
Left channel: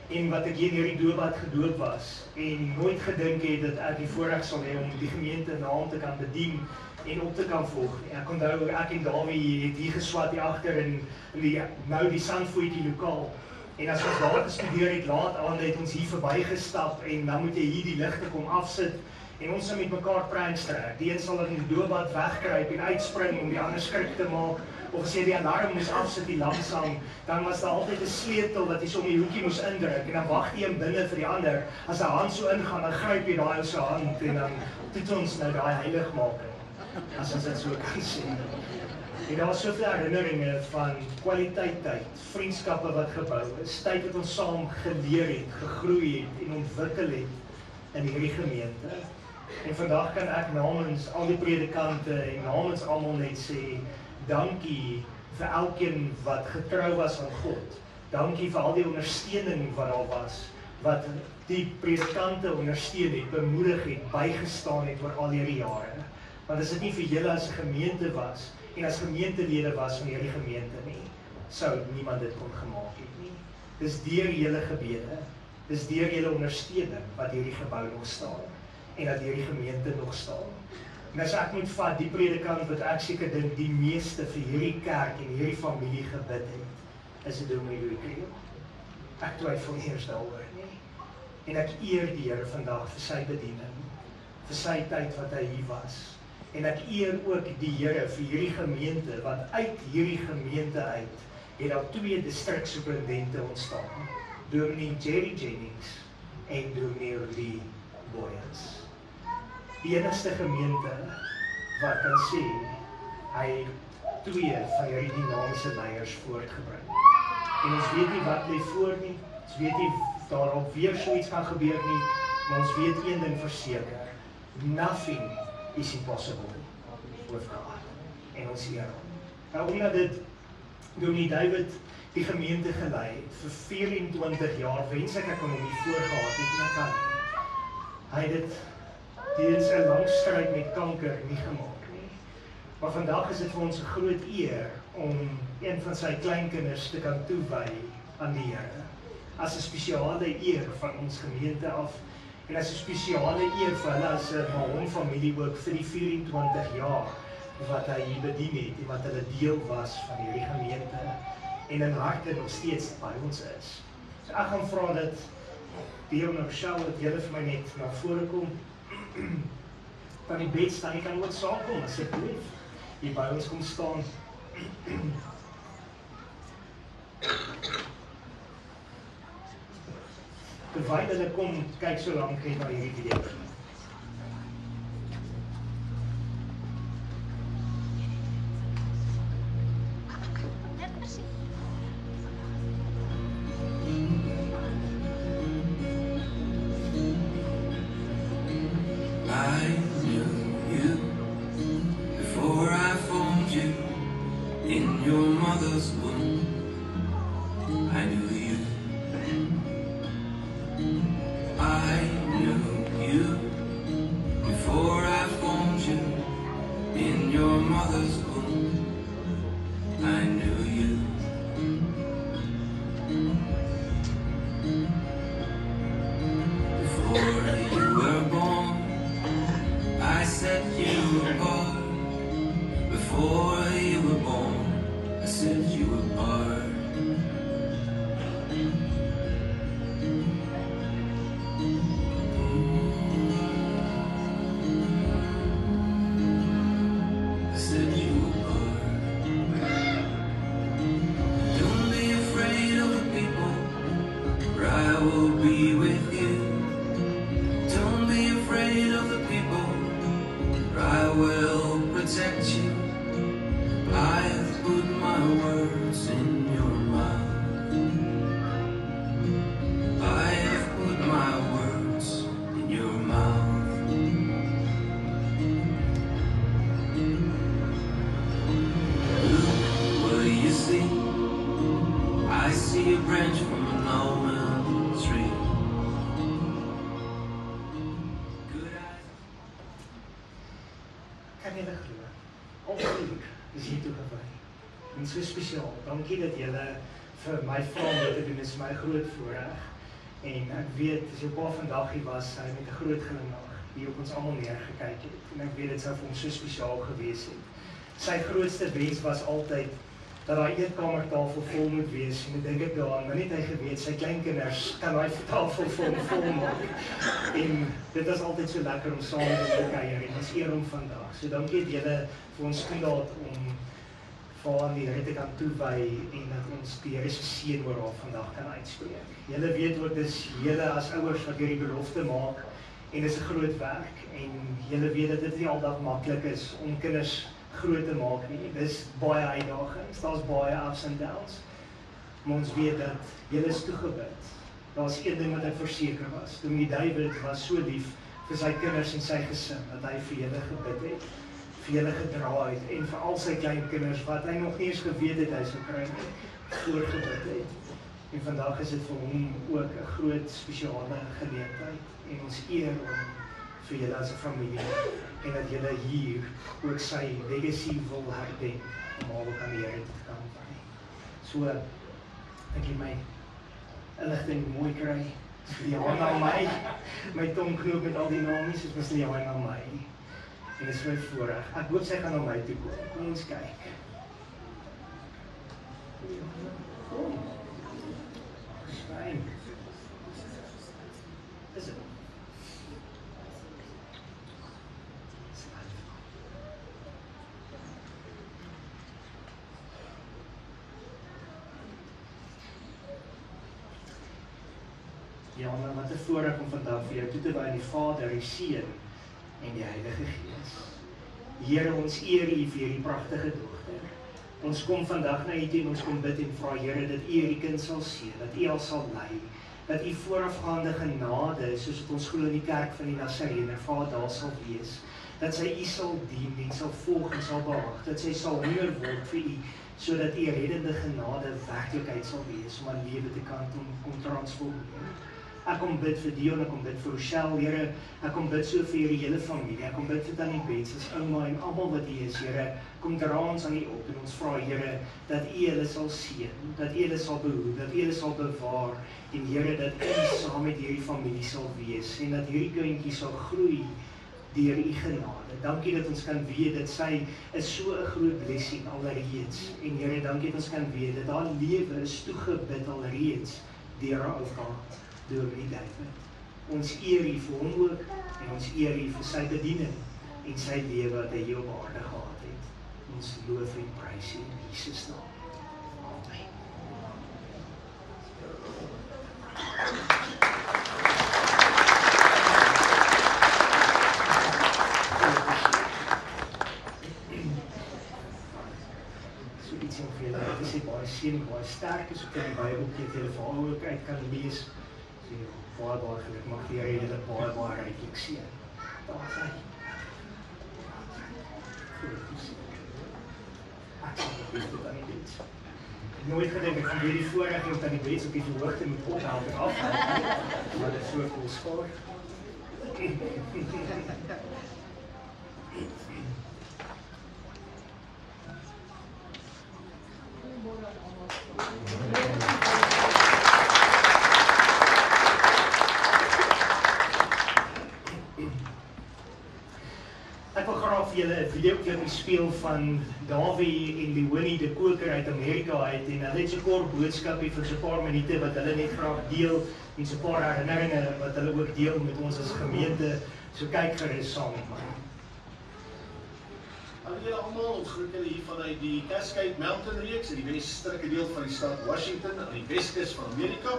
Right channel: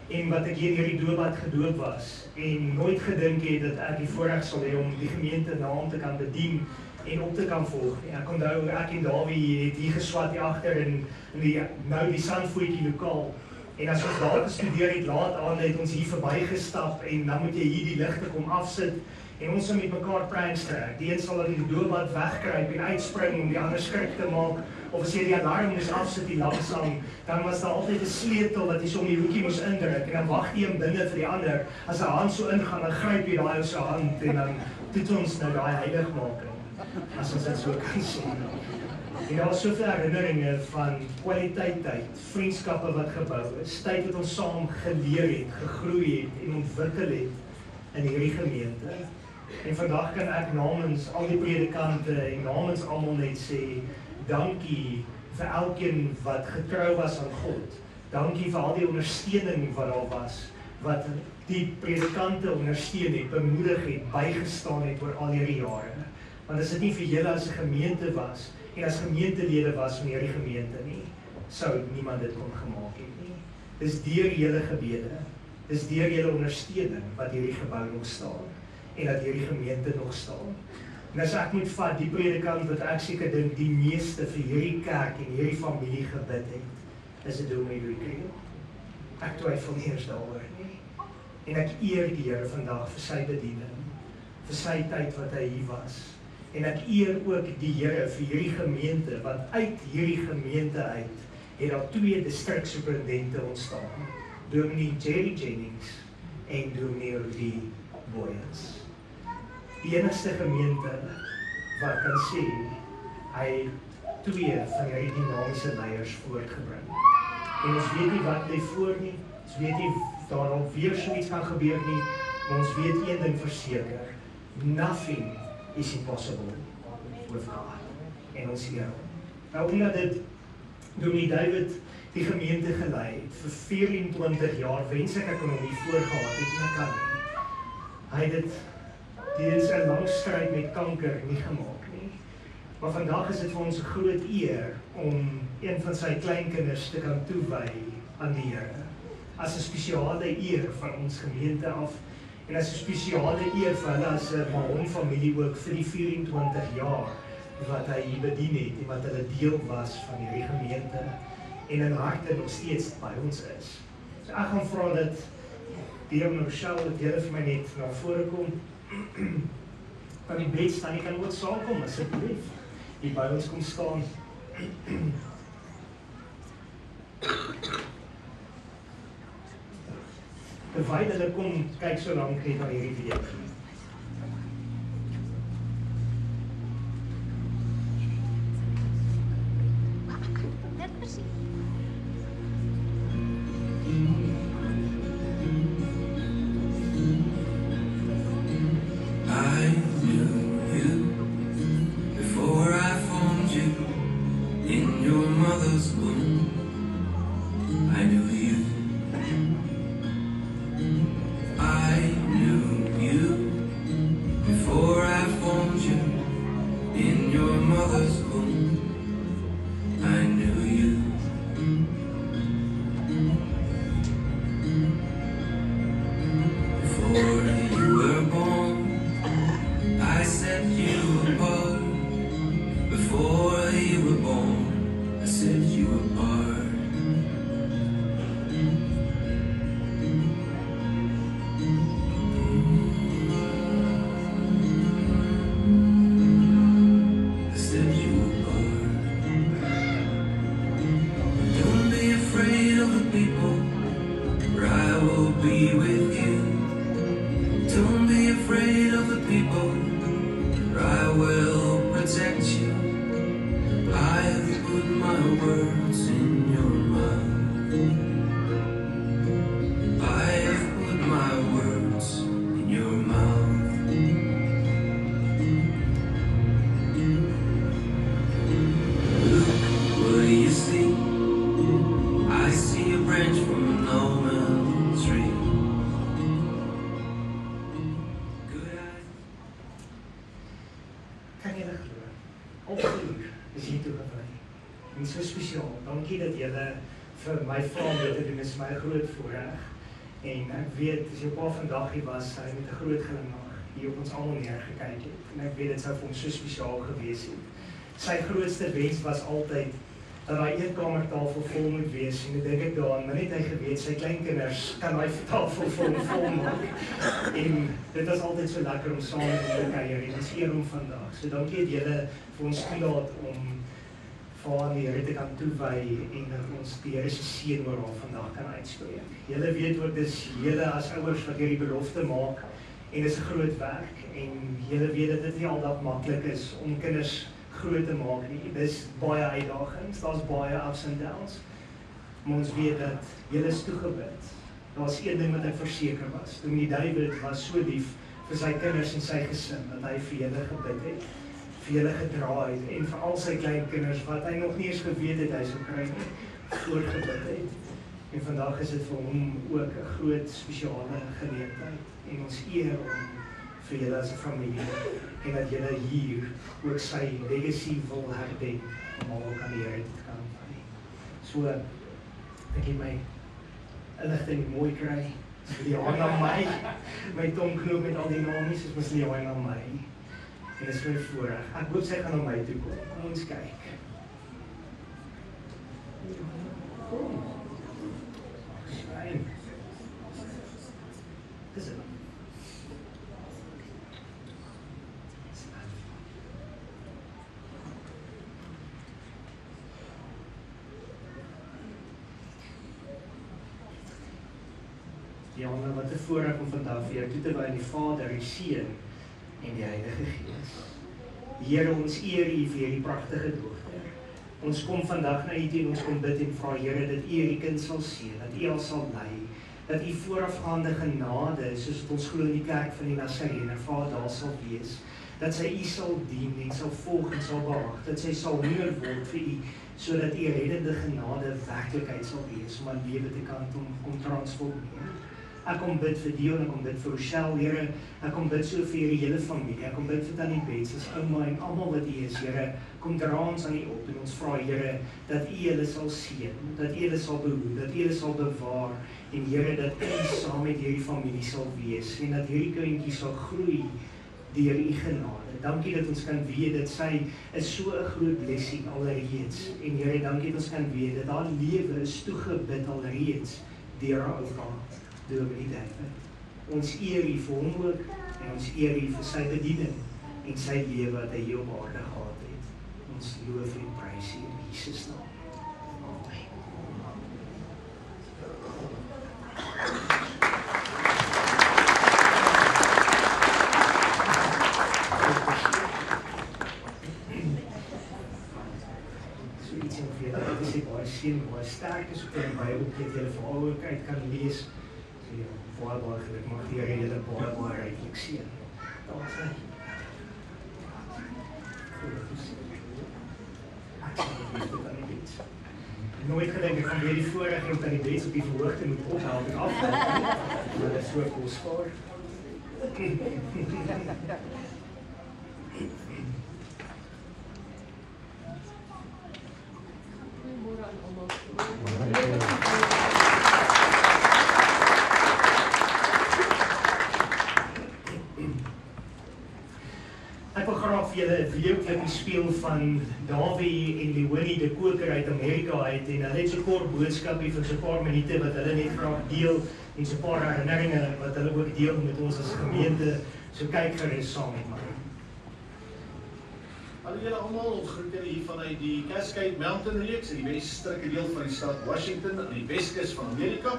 En wat ek hier in hierdie doopbad gedoop was. En nooit gedink het dat ek die voorreg sal hê om die gemeente naam te kan bedien en op te kan volg. Ek onthou, ek en Dawie het hier geswat hier agter in die Sandvoetjie lokaal. En as ons daar gestudeer het, laat aan, het ons hier verbygestap en dan moet jy hier die ligte kom afsit en ons sal met mekaar pranks trek. Die een sal in die doopbad wegkruip en uitspring om die ander skrik te maak. Of as jy die alarm moes afsit die langsang, dan was daar altyd 'n sleutel wat jy so om die hoekie moes indruk en dan wag die een binne vir die ander. As 'n hand so ingaan, dan gryp jy daai op sy hand en dan doen ons nou daai heiligmaking, as ons dit so kan sê. En daar was soveel herinneringe van kwaliteit tyd, vriendskappe wat gebou is, tyd wat ons saam geleer het, gegroei het en ontwikkel het in hierdie gemeente. En vandag kan ek namens al die predikante en namens almal net sê, dankie vir elkeen wat getrou was aan God. Dankie vir al die ondersteuning wat daar was, wat die predikante ondersteun het, bemoedig het, bygestaan het oor al hierdie jare. Want as dit nie vir julle as 'n gemeente was, en as gemeentelede was van hierdie gemeente nie, sou niemand dit kon gemaak het nie. Dis deur julle gebede, dis deur julle ondersteuning wat hierdie gebou nog staan, en dat hierdie gemeente nog staan. En as ek moet vat, die predikant wat ek seker dink die meeste vir hierdie kerk en hierdie familie gebid het, is dit Dominee Louis Kriel. Ek twyfel nie eers daaroor nie. En ek eer die Here vandag vir sy bediening, vir sy tyd wat hy hier was. En ek eer ook die Here vir hierdie gemeente, want uit hierdie gemeente uit het daar 2 distriksuperintendente ontstaan. Dominee Jerry Jennings en Dominee Rudy Boyens. Die enigste gemeente wat kan sê, hy 2 van hierdie dynamiese leiers voortgebring. En ons weet nie wat lê voor nie, ons weet nie of daar nog weer so iets gaan gebeur nie, maar ons weet een ding verseker, nothing is impossible with God. En ons eer hom. Nou omdat dit Dominee David die gemeente gelei het, vir 24 jaar, wens ek kon hom hier voorgehad het, en ek kan nie. Hy het dit tydens 'n lang stryd met kanker nie gemaak nie. Maar vandag is dit vir ons 'n groot eer om een van sy kleinkinders te kan toewy aan die Here. As 'n spesiale eer van ons gemeente af, en as 'n spesiale eer vir hulle as 'n Mahon familie ook vir die 24 jaar wat hy hier bedien het en wat hulle deel was van hierdie gemeente en in harte nog steeds by ons is. So ek gaan vra dat die ou Michelle dat julle vir my net na vore kom. Van die bed staan, jy kan ook saamkom asseblief. Hier by ons kom staan. Terwyl hulle kom, kyk so lank net na hierdie video. So spesiaal. Dankie dat julle vir my vra om dit te doen. Dit is my groot voorreg. En ek weet, as jy op vandag hier was, hy met 'n groot glimlag hier op ons almal neergekyk het. En ek weet dit sou vir hom so spesiaal gewees het. Sy grootste wens was altyd dat daai eetkamertafel vol moet wees. En ek dink daaraan, maar net hy geweet, sy kleinkinders kan daai tafel vol maak. En dit was altyd so lekker om saam met hulle te kuier. En ons eer hom vandag. So dankie dat julle vir ons toelaat om aan die Here te kan toewy en dat ons die Here se seën oor haar vandag kan uitspreek. Julle weet ook dis julle as ouers wat hierdie belofte maak en dis 'n groot werk en julle weet dat dit nie aldag maklik is om kinders groot te maak nie. Dis baie uitdagings, daar's baie ups and downs. Maar ons weet dat julle is toegewid. Daar's een ding wat ek verseker was. Dominee David was so lief vir sy kinders en sy gesin dat hy vir julle gebid het. Vir julle gedra het en vir al sy kleinkinders wat hy nog nie eens geweet het hy sou kry voorgebid het. En vandag is dit vir hom ook 'n groot spesiale geleentheid en ons eer om vir julle as 'n familie en dat julle hier ook sy legacy wil herdenk om ook aan die Here te kan wy. So ek het my inligting mooi kry. Leon aan my tongknoop met al die namies, dit was Leon aan my. En dit is vir voorreg. Ek hoop sy gaan na my toe kom. Kom ons kyk. Kom. Fyn. Is dit? Ja, wat 'n voorreg om vandag vir jou toe te wy aan die Vader, die Seun en die Heilige Gees. Here, ons eer U vir hierdie pragtige dogter. Ons kom vandag na U toe en ons kom bid en vra, Here, dat U hierdie kind sal seën, dat U haar sal lei, dat U voorafgaande genade, soos wat ons glo in die kerk van die Nasareëne, Vader, daar sal wees, dat sy U sal dien en sal volg en sal bewaak, dat sy sal honger word vir U, sodat U reddende genade werklikheid sal wees, om haar lewe te kan kom transformeer. Ek kom bid vir Dion, ek kom bid vir Rochelle, Here, ek kom bid so vir hierdie hele familie, ek kom bid vir Tannie Bets, as ouma en almal wat U is, Here, kom dra ons aan U op en ons vra, Here, dat U hulle sal seën, dat U hulle sal behoed, dat U hulle sal bewaar, en Here, dat U saam met hierdie familie sal wees, en dat hierdie kindjie sal groei deur U genade. Dankie dat ons kan weet dat sy is so 'n groot blessing alreeds, en Here, dankie dat ons kan weet dat haar lewe is toegebid alreeds deur haar oupa, deur die David. Ons eer U vir hom ook, en ons eer U vir sy bediening, en sy lewe wat hy hier op aarde gehad het. Ons loof en prys U in Jesus naam. Amen. So iets om vir julle te sê. waar seën, waar sterk is, kan die Bybel gee, jy veral ook uit kan lees, so jy baie geluk mag die Here julle baie ryklik seën. Daar is hy. Ik heb nooit gedacht, ik ga weer die voorrecht om aan die beets op die verhoogte moet ophouden en afvallen. Maar dat is zo kostbaar. Ek wil graag vir julle 'n videoklipie speel van Davie en Leonie de Koker uit Amerika uit en hulle het so 'n kort boodskapie van so 'n paar minute wat hulle net graag deel en so 'n paar herinneringe wat hulle ook deel met ons as gemeente. So kyk gerus saam met my. Hallo julle almal, ons groet julle hier vanuit die Cascade Mountain Reeks in die westelike deel van die stad Washington aan die Weskus van Amerika.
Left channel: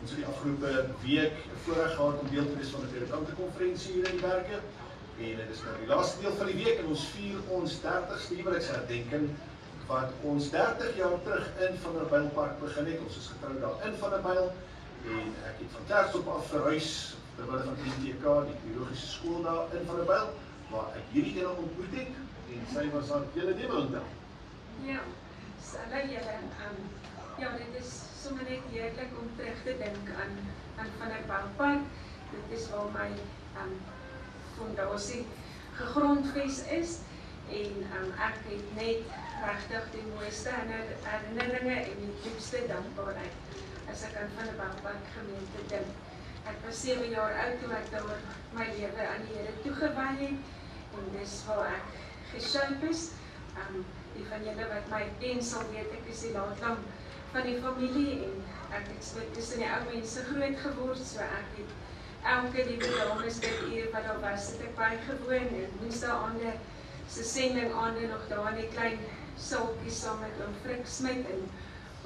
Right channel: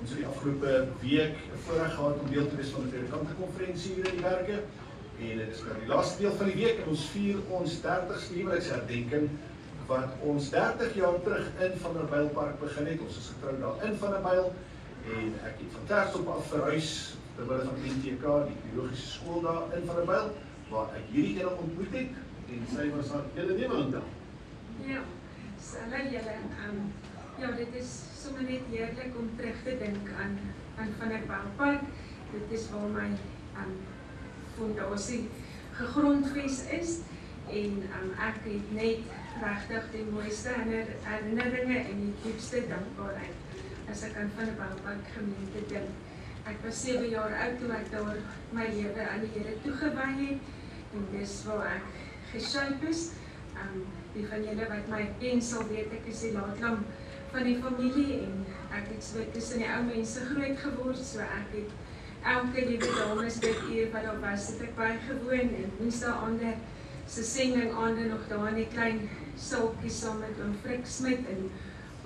Ons het die afgelope week voorreg gehad om deel te wees van 'n predikantenkonferensie hier in die Berge. En dit is nou die laaste deel van die week en ons vier ons 30ste huweliksherdenking herdenking wat ons 30 jaar terug in Vanderbijlpark begin het. Ons is getrou daar in Vanderbijl en ek het van Klerksdorp af verhuis terwyl van NTK, die biologiese skool daar in Vanderbijl, waar ek hierdie ene ontmoet het en sy was haar julle neem onthou. Ja, hulle julle, ja, dit is sommer net heerlik om terug te dink aan Vanderbijlpark. Dit is waar my fondasie gegrondves is en ek het net regtig die mooiste herinneringe en die diepste dankbaarheid as ek aan Vanderbijlpark gemeente dink. Ek was 7 jaar oud toe ek daar my lewe aan die Here toegewy het en dis waar ek geshape is. Die van julle wat my ken sal weet ek is die laatlam van die familie en ek het tussen die ou mense groot geword, so ek het elke liewe dames dit uur wat daar was, het ek bygewoon en woensdae aande se sending aande nog daar in die klein sulkies saam met oom Frik Smit en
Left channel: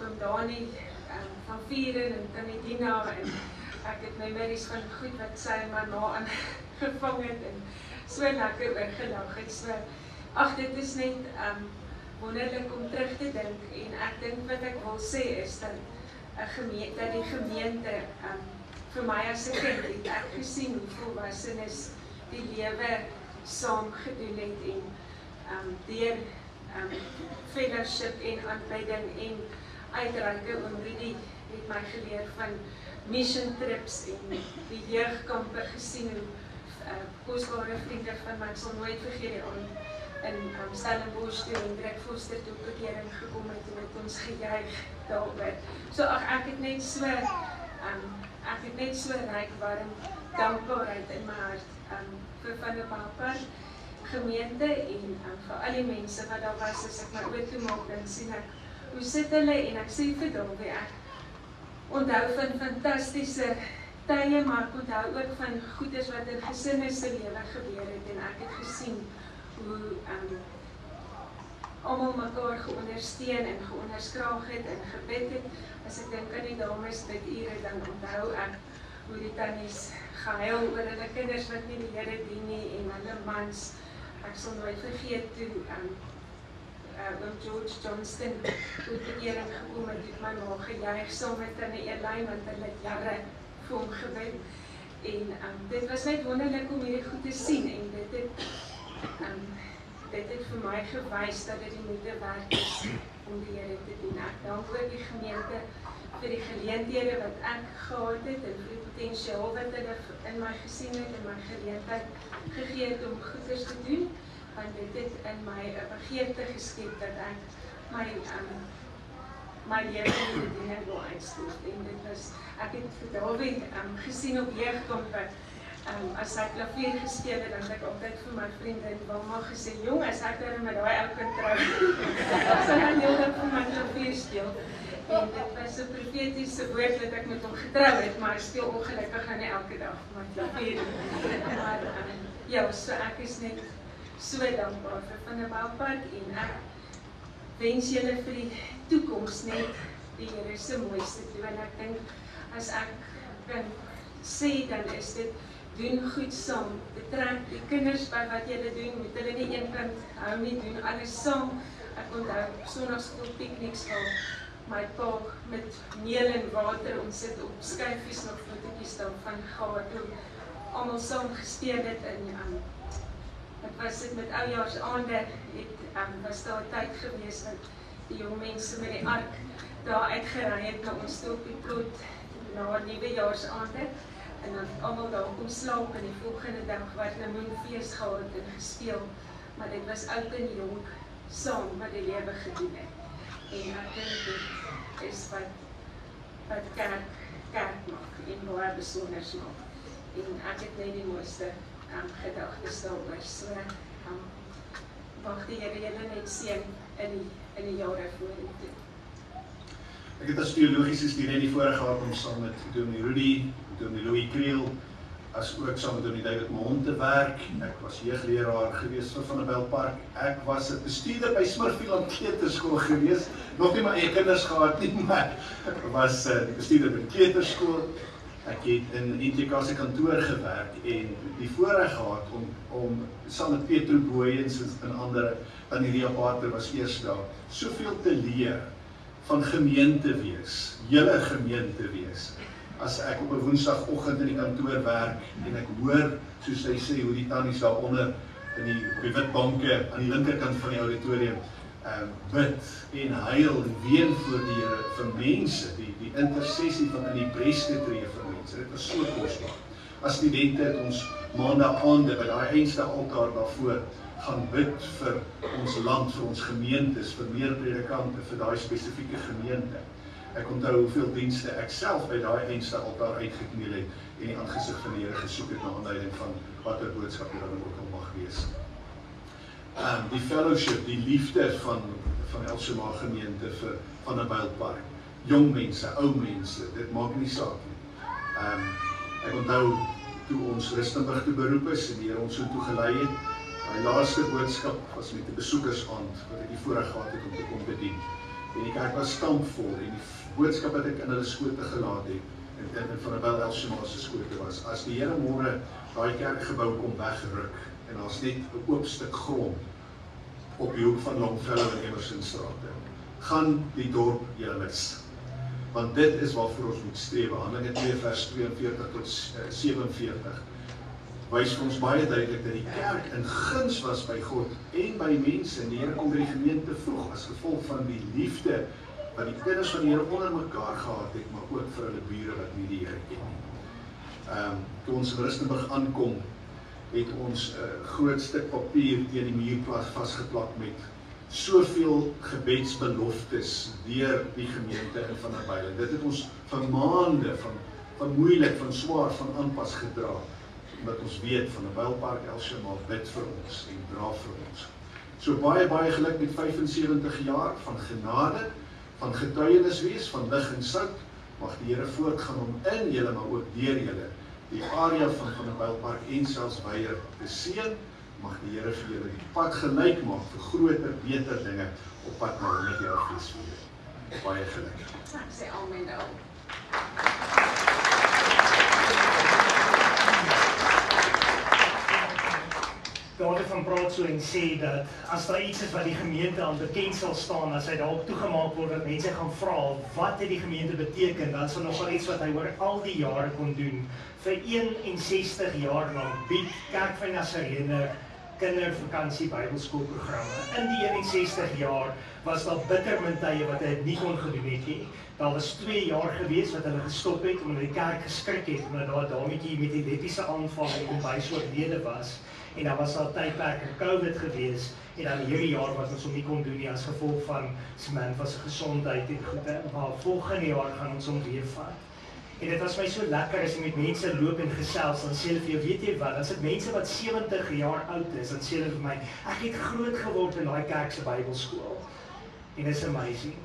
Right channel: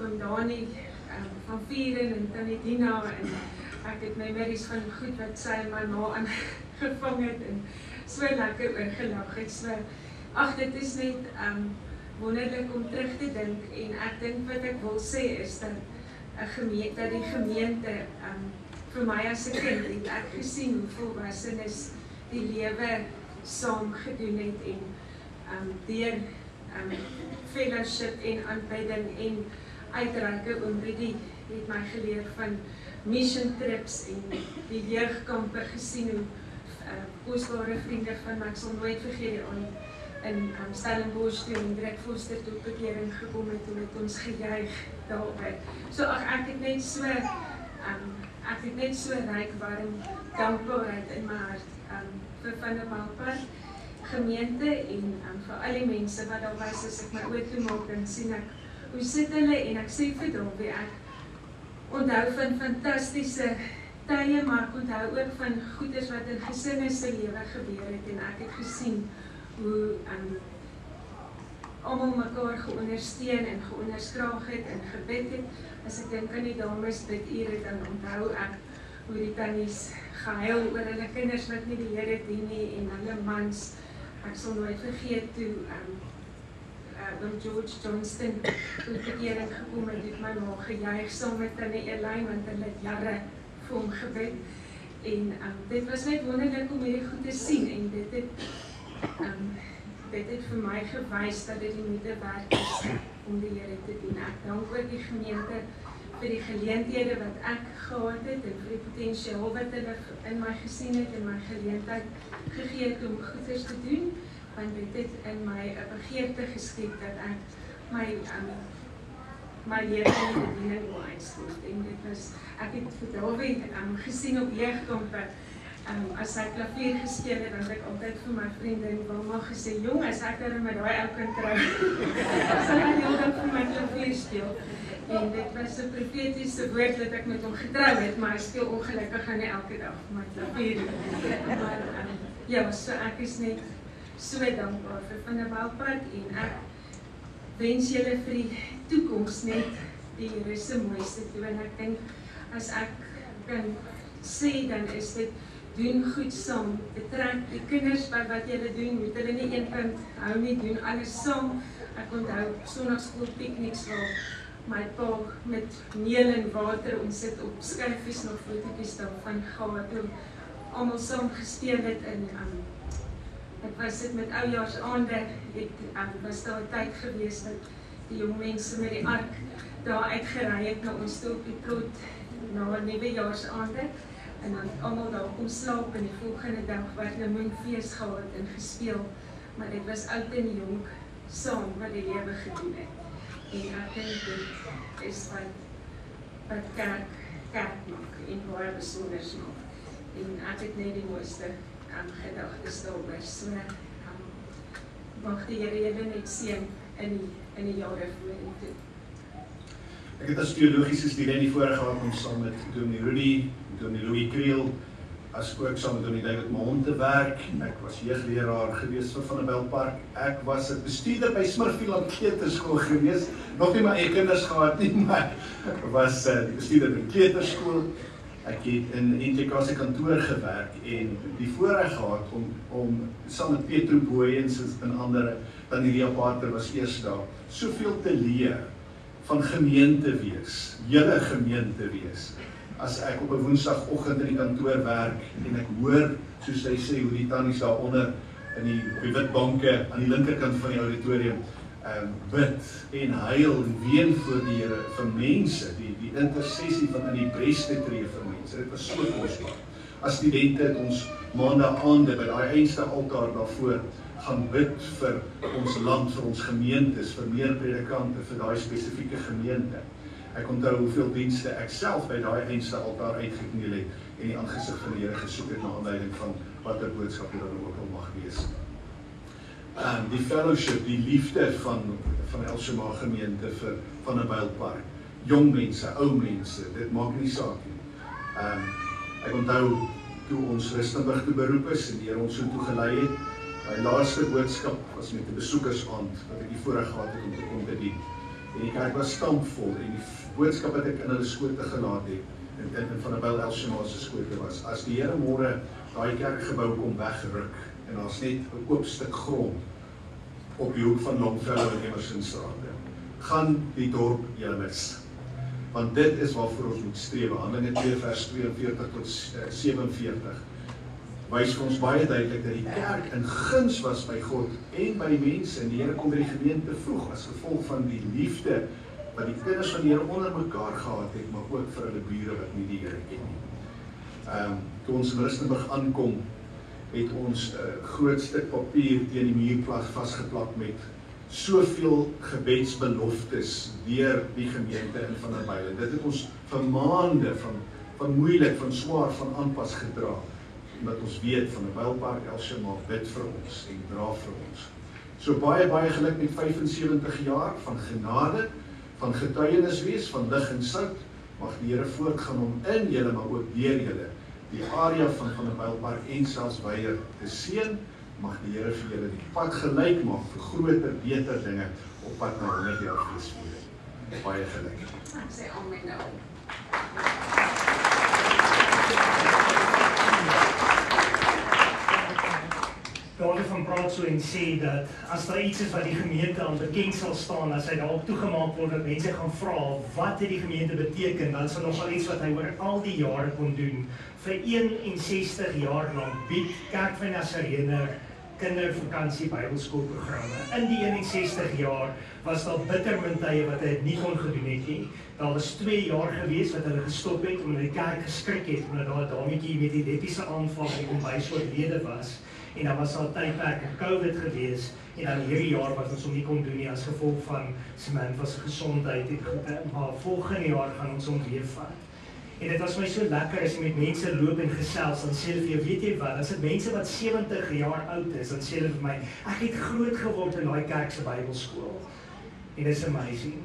oom Dani van Vieren en Tanedina en ek het my middies van goed wat sy maar na aangevang het en so lekker oorgelag het. So, ag dit is net wonderlik om terug te dink en ek dink wat ek wil sê is dat die gemeente vir my as 'n kind het ek gesien hoe volwassenes die lewe saam gedoen het en deur fellowship en aanbidding en uitreike oom Rudy het my geleer van mission trips en die jeugkampe gesien hoe kosbare vriende van my, ek sal nooit vergeet in Stellenbosch toe en Dirk Foster toe bekering gekom het en het ons gejuig daarby. So ek het net so ryk warm dankbaarheid in my hart vir Vanderbijlpark gemeente en vir al die mense wat daar was as ek my oë toemaak en sien ek hoe sit hulle en ek sê vir Davie ek onthou van fantastiese tye, maar ek onthou ook van goeders wat in gesinne se lewe gebeur het en ek het gesien hoe almal mekaar geondersteun en geonderskraag het en gebid het. As ek dink aan die dames dit ure, dan onthou ek hoe die tannies gehuil oor hulle kinders wat nie die Here dien nie en hulle mans. Ek sal nooit vergeet toe oom George Johnston toe bekering gekom het, het my ma gejuig saam met Tannie Elaine want hulle het jare vir hom gebid. En dit was net wonderlik om hierdie goed te sien en dit het vir my gewys dat dit die moeite werd is om die Here te dien. Ek dank ook die gemeente vir die geleenthede wat ek gehad het en vir die potensiaal wat hulle in my gesien het en my geleentheid gegee het om goeders te doen, want dit het in my 'n begeerte geskep dat ek my lewe in die bediening wil uitstoot. En dit was, ek het vir Davie gesien op jeugkampe. As hy klavier gespeel het, dan het ek altyd vir my vriendin Wilma gesê, jong, as ek daar met daai ou kan trou, sal ek heel dag vir my klavier speel. En dit was so profetiese woord dat ek met hom getrou het, maar ek speel ongelukkig nie elke dag my klavier. Maar ja, so ek is net so dankbaar vir Vanderbijlpark en ek wens julle vir die toekoms net die Here se mooiste toe. En ek dink as ek kan sê, dan is dit doen goed saam, betrek die kinders by wat julle doen, moet hulle nie een kind hou nie, doen alles saam. Ek onthou sonnaskool pikniks waar my pa met meel en water, ons sit op skyfies nog fotootjies daarvan gehad, hoe almal saam gespeel het en ek was dit met oujaarsaande, was daar tyd gewees dat die jong mense met die ark daar uitgery het na ons toe op die plot na nuwejaarsaande en dan almal daar kom slaap en die volgende dag wat hulle moenfees gehad en gespeel, maar dit was oud en jong saam wat die lewe gedoen het. En ek dink dit is wat kerk maak en baie besonders maak. En ek het net die mooiste gedagtes daaroor. So, mag die Here julle net seën in die jare vorentoe. Ek het as teologiese student die voorreg gehad om saam met Dominee Rudy, Dominee Louis Kriel, as ook saam met Dominee David Mahon te werk. Ek was jeugleraar gewees vir Van der Bijlpark. Ek was 'n bestuurder by Smurfieland Kleuterskool gewees. Nog nie my eie kinders gehad nie, maar ek was bestuurder by die kleuterskool. Ek het in NTK se kantoor gewerk en die voorreg gehad om saam met Petro Booyens en ander, dan die Ria Pater was eers daar, soveel te leer van gemeente wees, julle gemeente wees. As ek op 'n woensdagoggend in die kantoor werk en ek hoor, soos hy sê, hoe die tannies daaronder op die wit banke aan die linkerkant van die auditorium bid en huil en ween voor die Here vir mense, die intersessie van in die bres te tree vir mense. Dit was so kosbaar. As studente het ons maandaande by daai einste altaar daarvoor gaan bid vir ons land, vir ons gemeentes, vir meer predikante, vir daai spesifieke gemeente. Ek onthou hoeveel dienste ek self by daai einste altaar uitgekniel het en die aangesig van die Here gesoek het na aanleiding van watter boodskap dit dan ook al mag wees. Die fellowship, die liefde van Elshema gemeente vir Van der Bijlpark, jong mense, ou mense, dit maak nie saak nie. Ek onthou toe ons Rustenburg te beroep is en die Here ons so toe gelei het. My laaste boodskap was met 'n besoekersaand wat ek die voorreg gehad het om te kom bedien. En die kerk was stampvol en die boodskap wat ek in hulle skote gelaat het, en Van der Bijl Elshema se skote was, as die Here môre daai kerkgebou kom wegruk en daar's net 'n oop stuk grond op die hoek van Longfellow en Emersonstraat, gaan die dorp julle mis. Want dit is waarvoor ons moet streef. Handelinge 2 vers 42 tot 47 wys vir ons baie duidelik dat die kerk in guns was by God en by mense, en die Here kom by die gemeente vroeg as gevolg van die liefde wat die kinders van die Here onder mekaar gehad het, maar ook vir hulle bure wat nie die Here ken nie. Toe ons in Rustenburg aankom, het ons 'n groot stuk papier teen die muur vasgeplak met soveel gebedsbeloftes deur die gemeente in Van der Bijl. Dit het ons vir maande van moeilik, van swaar, van aanpas gedra, omdat ons weet Van der Bijlpark Elshema bid vir ons en dra vir ons. So baie geluk met 75 jaar van genade, van getuienis wees, van lig en sout. Mag die Here voortgaan om in julle, maar ook deur julle die area van der Bijlpark en selfs Weier te seën. Mag die Here vir julle die pad gelyk maak vir groter, beter dinge op pad na 100 jaar feesviering. Baie geluk. Ek sê amen nou. Daarom van praat so en sê dat as daar iets is wat die gemeente aan bekend sal staan, as hy daarop toegemaak word dat mense gaan vra wat het die gemeente beteken, dan sal nogal iets wat hy oor al die jare kon doen. Vir 61 jaar lank bied Kerk van Nazarene kindervakansie Bybelskoolprogramme. In die 61 jaar was daar bitter min tye wat hy nie kon gedoen het nie. Daar was 2 jaar gewees wat hulle gestop het omdat die kerk geskrik het omdat daar 'n dametjie met epileptiese aanval en kom so oorlede was. En dan was daar tydperke COVID gewees en dan hierdie jaar wat ons hom nie kon doen nie as gevolg van Samantha se gesondheid en maar volgende jaar gaan ons hom weer vat. En dit was my so lekker as jy met mense loop en gesels, dan sê hulle vir jou, weet jy wat, as dit mense wat 70 jaar oud is, dan sê hulle vir my, ek het groot geword in daai kerk se Bybelskool. En dit is amazing.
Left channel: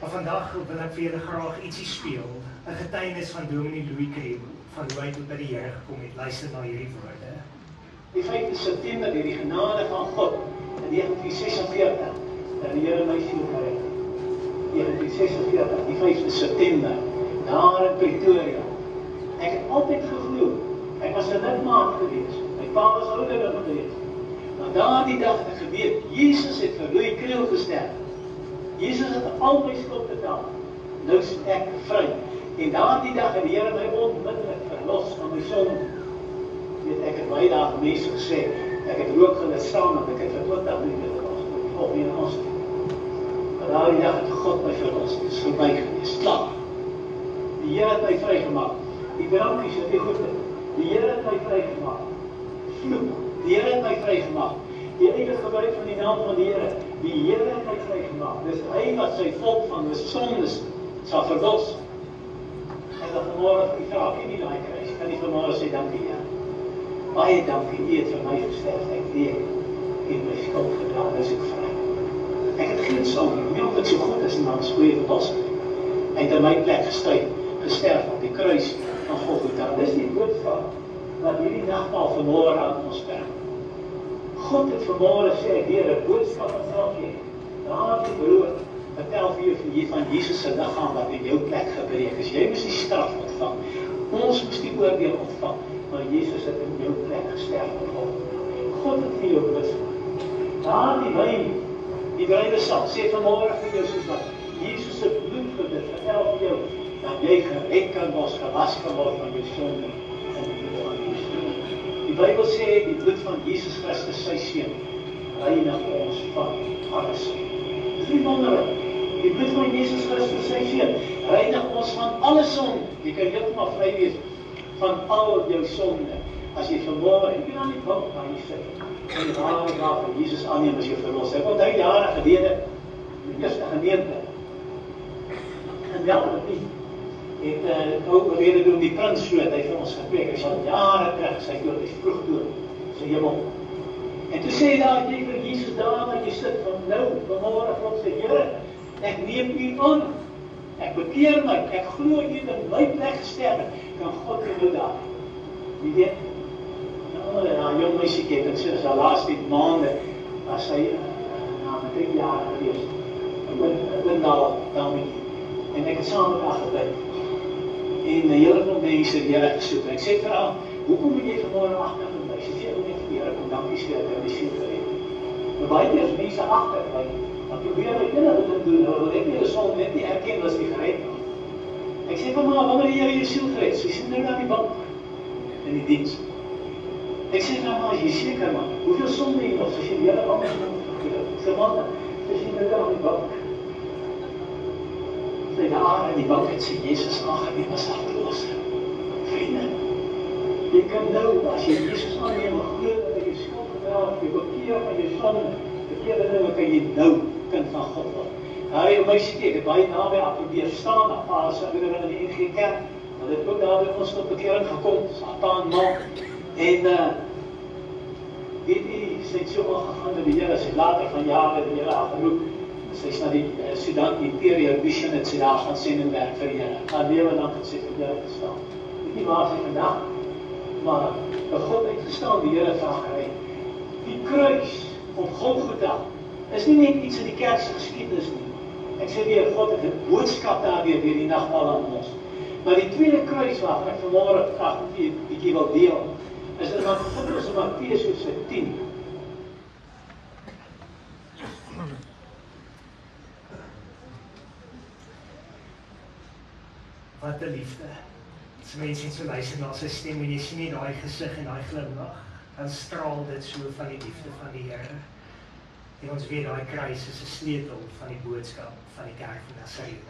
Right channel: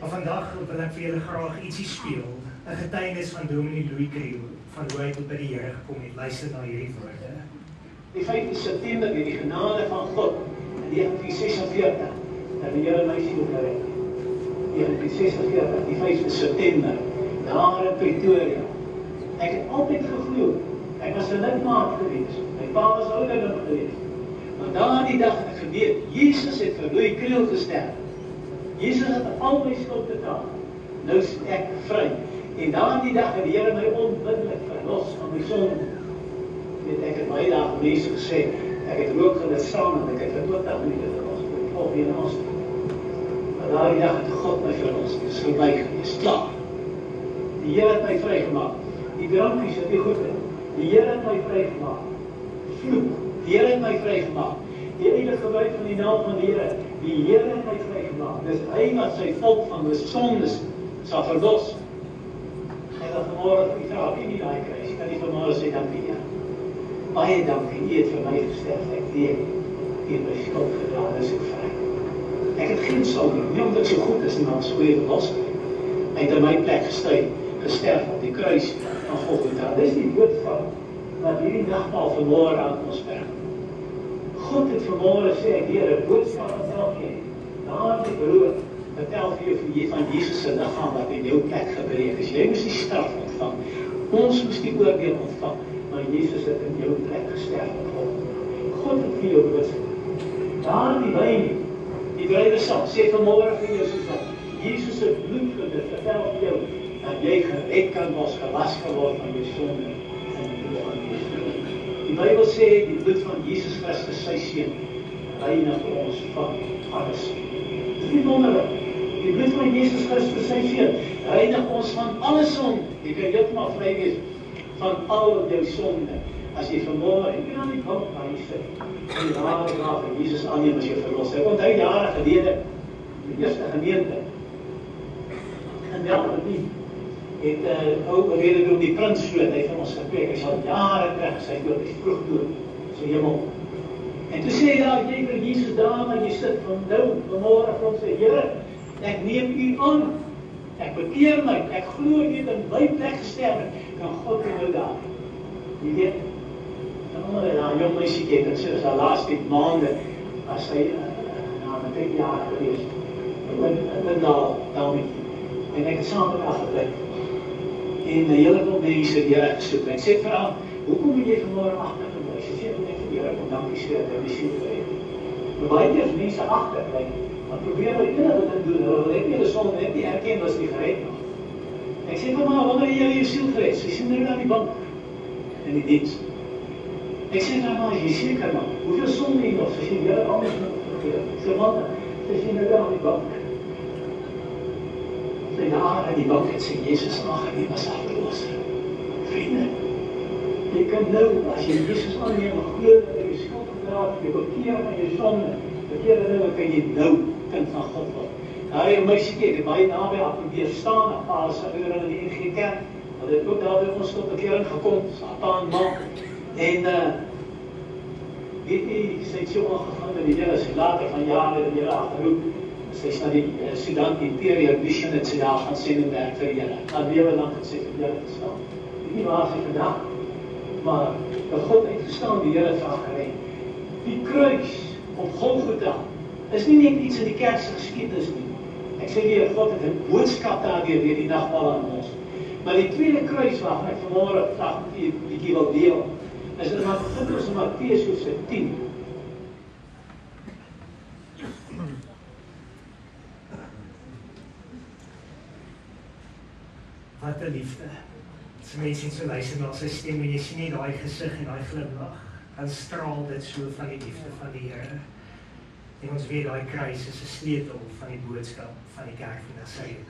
Maar vandag wil ek vir julle graag ietsie speel, 'n getuienis van Dominee Louis Kriel, van hoe hy tot by die Here gekom het. Luister na hierdie woorde. Die 5 September deur die genade van God in 1946 dat die Here my siel gered. 1946, die 5 September, daar in Pretoria. Ek het altyd geglo, ek was 'n lidmaat gewees, my pa was ouderling gewees. Maar daardie dag het ek geweet, Jesus het vir Louis Kriel gesterf. Jesus het al my skuld betaal. Nou is ek vry. En daardie dag het die Here my onmiddellik verlos van my sonde. Weet ek het baie dae mense gesê, ek het rook gelit saam en ek het vir 20 minute verlos. Of hier in ons. Maar daardie dag het God my verlos. Dit is verby, dit is klaar. Die Here het my vrygemaak. Die drankies het nie goed. Die Here het my vrygemaak. Vloek. Die Here het my vrygemaak. Die enige gebruik van die naam van die Here. Die Here het my vrygemaak. Dis hy wat sy volk van die sondes sal verlos. En dan vanmorgen die vraag, nie daai kruis, kan die vanmorgen sê, dankie ja. Baie dankie, u het vir my gesterf, ek weet, u het my skuld gedaan, is ek vry. Ek het geen sonde, nie omdat ek so goed is, maar as goeie verlos. Hy het in my plek gesterf op die kruis van Golgotha. Dis die boodskap wat hierdie nagmaal vanmorgen aan ons bring. God het vanmorgen sê, ek weer 'n boodskap aan elkeen. Daar die brood, vertel vir jou van Jesus se liggaam wat in jou plek gebreek is. Jy moes die straf ontvang. Ons moes die oordeel ontvang, maar Jesus het in jou plek gesterf op God. God het vir jou boodskap. Daar die wyn, die brydesal, sê vanmorgen vir jou soos wat Jesus se bloed vir dit, vertel vir jou dat jy gered kan word, gewas geword van jou sonde en die bloed van Jesus. Die Bybel sê die bloed van Jesus Christus, sy seun, reinig ons van alles. Dit is nie wonderlik. Die bloed van Jesus Christus, sy seun, reinig ons van alle sonde. Jy kan heeltemal vry wees van al jou sonde. As jy vanmorgen, en jy kan nie bank by jy sit, en die ware graaf van Jesus aanneem as jou verlos. Ek onthou jare gelede, die eerste gemeente, en wel, het ook beweerde om die prinsvloot, hy vir ons gepreek, hy sal jare terug, sy dood, hy vroeg dood, sy hemel. En toe sê hy daar, jy vir Jesus daar, waar jy sit, van nou, vanmorgen vir ons sê, Here, ek neem u aan, ek bekeer my, ek glo jy in my plek gesterf, en God in jou daar. Jy weet, na jong meisie kyk, en soos daar laatste maande, as hy, na my 10 jaar gewees, in Dalmetjie, en ek het saam met haar gebleid, en die hele van mense die Here gesoek. Ek sê vir haar, hoekom moet jy vanmorgen agterbly? Sy sê, ek vir die Here, kom dankie sê, dat die siel vir het. Nou baie keer is mense agterbly, dan probeer hulle enige dit doen, hulle wil net nie hulle sonde net nie erken, was die gered. Ek sê vir haar, wanneer jy jou siel gered? Sy sê nou aan die bank, in die diens. Ek sê vir haar, jy seker man, hoeveel sonde jy nog? Sy sê, jy het anders moet verkeer. Ek sê, man, sy sê nou aan die bank. Daar in die bank het sê, Jesus aangeneem as harteloos. Vriende, jy kan nou, as jy Jesus aanneem, glo dat jy skuld gedra het, jy bekeer van jy sonde, bekeer nou, kan jy nou kind van God word. Daar in my sê, ek het baie naby aan probeer staan, as ouder in die NG Kerk, hulle het ook daar by ons tot bekering gekom, pa en ma, en weet jy, sy het so aangegaan met die Here, sy later van jare in die Here geroep, sy is na die Sudan Imperial Mission het sy daar gaan sendingwerk vir die Here. Haar lewe lang het sy vir die Here gestaan. Dit nie waar sy vandag, maar dat God uitgestaan, die Here het haar gered. Die kruis op Golgotha is nie net iets in die kerkse geskiedenis nie. Ek sê weer, God het 'n boodskap daardeur deur die nagmaal aan ons. Maar die tweede kruis waarvan ek vanmôre graag 'n bietjie wil deel, is dit wat vind ons in Matteus 10. Wat 'n liefde. As mense net so luister na sy stem en jy sien nie daai gesig en daai glimlag, dan straal dit so van die liefde van die Here. En ons weet daai kruis is 'n sleutel van die boodskap van die kerk van Nasaret.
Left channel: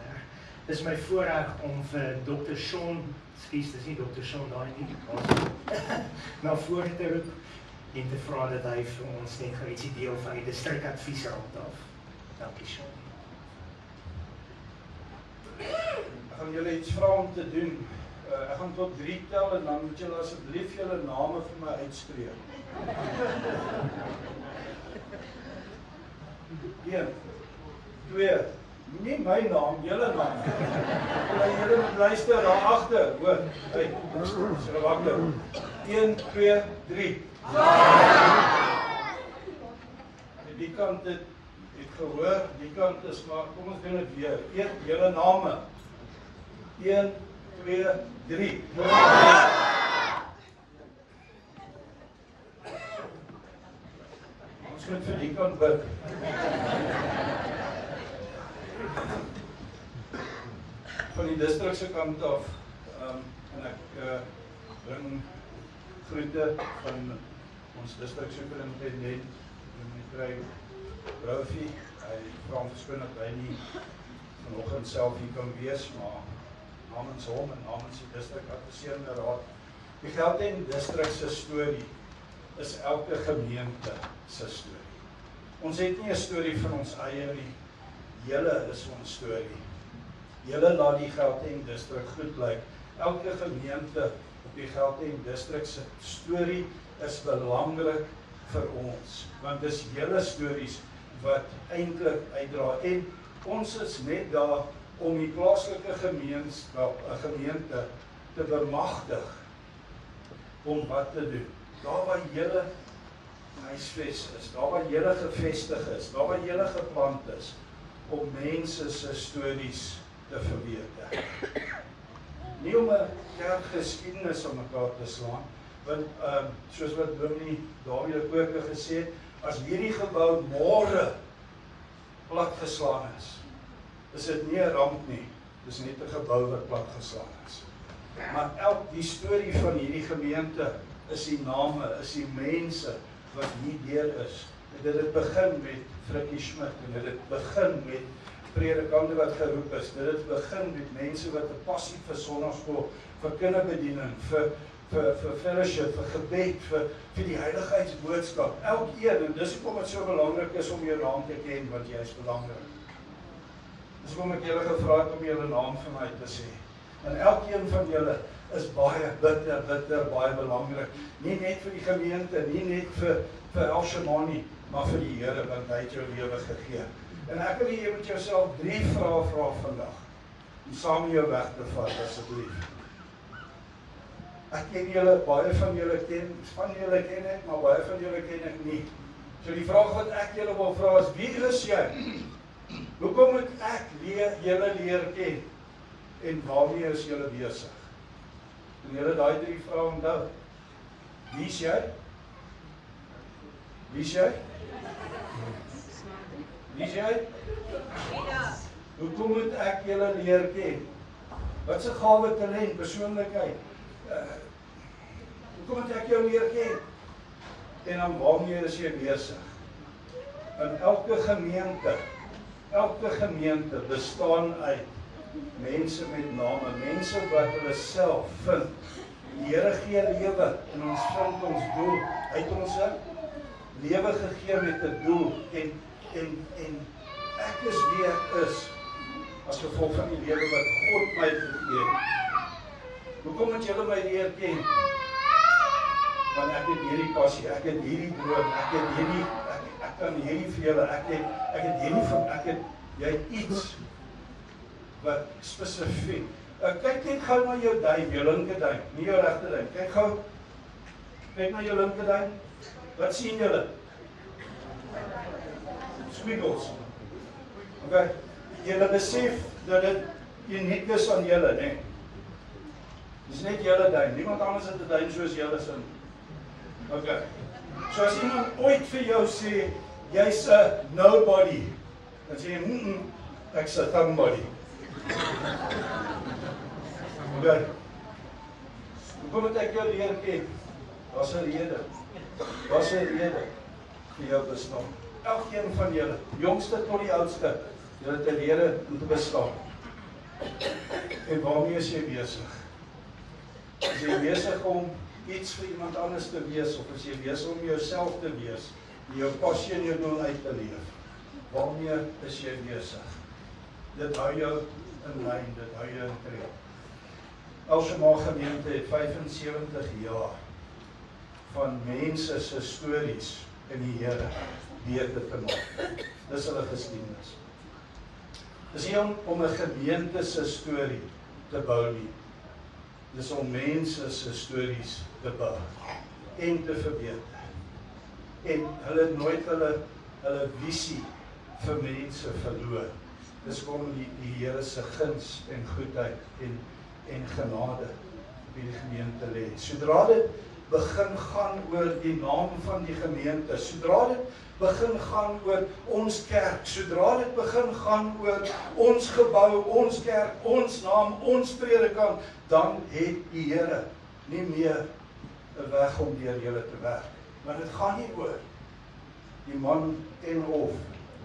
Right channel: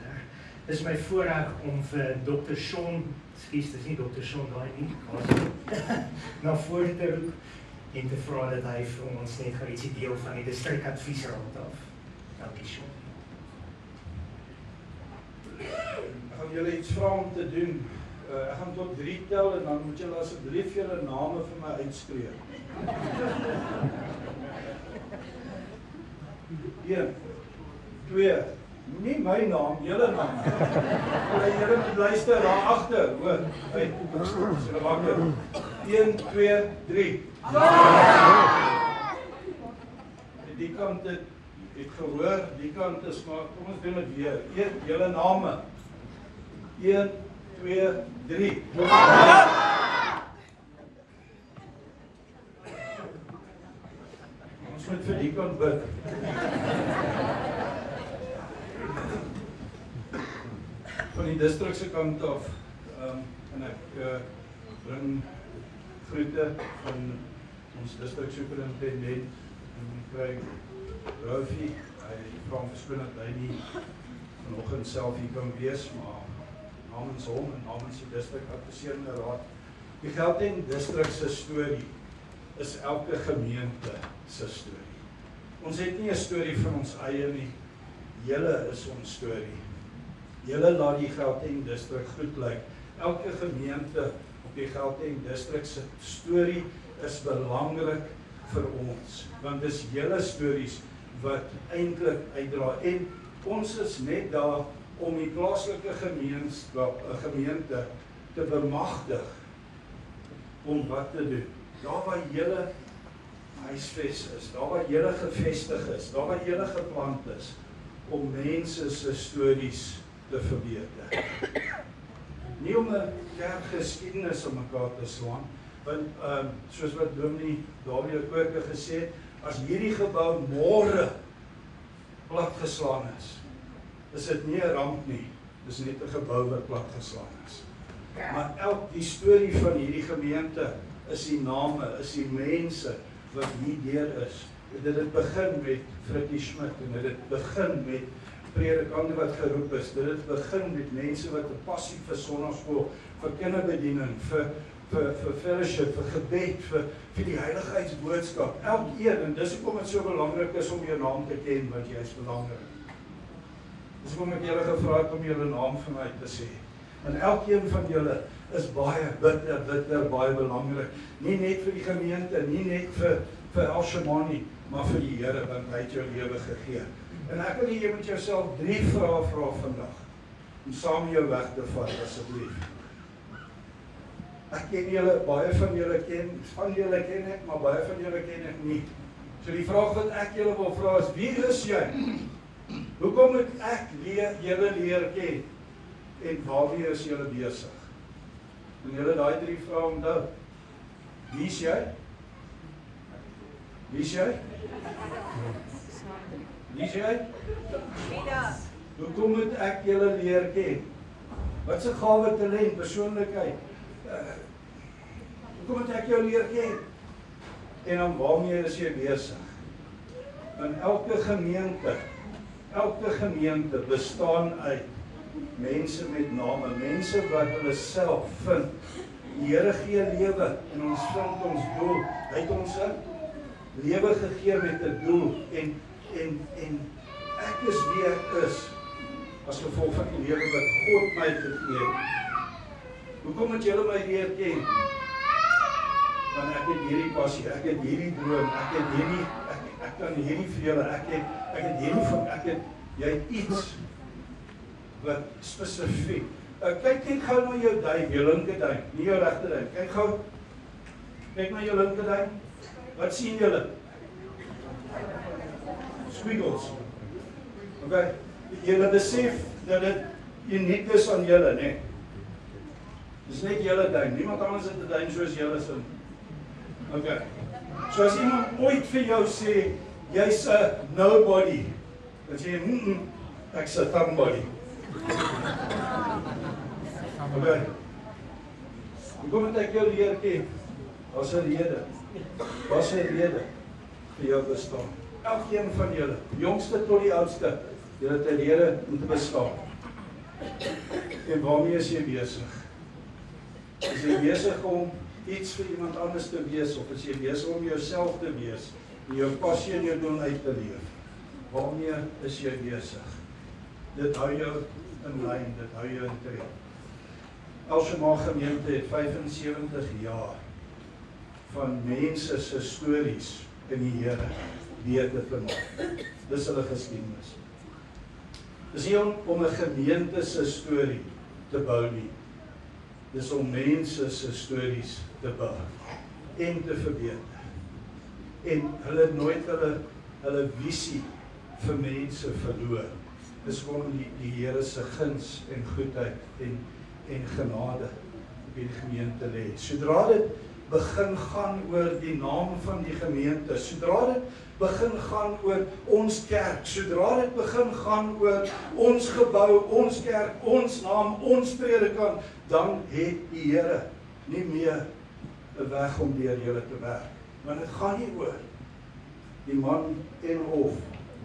Dit is my voorreg om vir Dr. Shaun, dis nie Dr. Shaun daai nie, na vore te roep en te vra dat hy vir ons net gaan ietsie deel van die distrikadviesraad af. Dankie Shaun. Ek gaan julle iets vra om te doen. Ek gaan tot 3 tel en dan moet julle asseblief julle name vir my uitspreek. 1, 2, nie my naam, julle naam. Julle moet luister daar agter, hoor. Uit. So wagter. 1, 2, 3. Die kant het ek gehoor, die kant is maar kom ons doen dit weer. Eet julle name. 1, 2, 3. Ons moet vir die kant bid. van die distrikse kant af, en ek bring groete van ons distriksuperintendent, meneer Rofie. Hy vra om verskoning dat hy nie vanoggend self hier kan wees, maar namens hom en namens die distrikadviserende raad. Die Gauteng distrik se storie is elke gemeente se storie. Ons het nie 'n storie van ons eie nie. Julle is ons storie. Julle laat die Gauteng distrik goed lyk. Elke gemeente op die Gauteng distrik se storie is belangrik vir ons, want dis julle stories wat eintlik uitdra, en ons is net daar om die plaaslike gemeente te bemagtig om wat te doen. Daar waar julle huisves is, daar waar julle gevestig is, daar waar julle geplant is, om mense se stories te verbeter. Nie om 'n kerkgeskiedenis om mekaar te slaan, want soos wat Dominee Dawie ook gesê het, as hierdie gebou môre platgeslaan is dit nie 'n ramp nie, dis net 'n gebou wat platgeslaan is. Maar die storie van hierdie gemeente is die name, is die mense wat hier deur is. Dit het begin met Frikkie Schmidt, en dit begin met predikante wat geroep is. Dit het begin met mense wat 'n passie vir sonnaarskool, vir kinderbediening, vir fellowship, vir gebed, vir die heiligheidsboodskap. Elkeen, en dis hoekom dit so belangrik is om jou naam te ken, want jy is belangrik. Dis hoekom ek julle gevra het om julle naam vanuit te sê. En elkeen van julle is baie bitter, baie belangrik. Nie net vir die gemeente, nie net vir El Shemani, maar vir die Here, want hy het jou lewe gegee. En ek wil jy moet jouself 3 vrae vra vandag, om saam jou weg te vat, asseblief. Ek ken julle, baie van julle van julle ken ek, maar baie van julle ken ek nie. So die vraag wat ek julle wil vra is, wie is jy? Hoekom moet ek julle leer ken? En waarmee is julle besig? En julle daai 3 vrae onthou. Wie is jy? Wie is jy? Wie is jy? Hoekom moet ek julle leer ken? Wat se gawe, talent, persoonlikheid? Hoekom moet ek jou leer ken? En dan waarmee is jy besig? In elke gemeente bestaan uit mense met name, mense wat hulle self vind. Die Here gee lewe en ons vind ons doel. Hy het ons 'n lewe gegee met 'n doel, en ek is wie ek is as gevolg van die lewe wat God my gegee het. Hoekom moet julle my leer ken? Want ek het hierdie passie, ek het hierdie droom, ek kan hierdie vir julle, jy het iets wat spesifiek. Kyk net gou na jou duim, jou linker duim, nie jou regter duim. Kyk gou. Kyk na jou linker duim. Wat sien julle? Squiggles. Okay. Julle besef dat dit uniek is aan julle, né? Dis net julle duim. Niemand anders het 'n duim soos julle sin. Okay. So as iemand ooit vir jou sê jy's 'n nobody, dan sê jy, ek's 'n somebody. Okay. Hoekom moet ek jou leer ken? Wat 'n rede? Wat 'n rede vir jou bestaan? Elkeen van julle, jongste tot die oudste, julle het 'n rede om te bestaan. En waarmee is jy besig? Is jy besig om iets vir iemand anders te wees, of is jy besig om jouself te wees, en jou passie en jou doel uit te leef? Waarmee is jy besig? Dit hou jou in lyn, dit hou jou in tred. El Shema gemeente het 75 jaar van mense se stories in die Here beter te maak. Dis hulle geskiedenis. Dis nie om 'n gemeente se storie te bou nie. Dis om mense se stories te bou en te verbeter. En hulle het nooit hulle visie vir mense verloor. Dis om die Here se guns en goedheid en genade op die gemeente lê. Sodra dit begin gaan oor die naam van die gemeente, sodra dit begin gaan oor ons kerk, sodra dit begin gaan oor ons gebou, ons kerk, ons naam, ons predikant, dan het die Here nie meer 'n weg om deur julle te werk. Maar dit gaan nie oor die man en of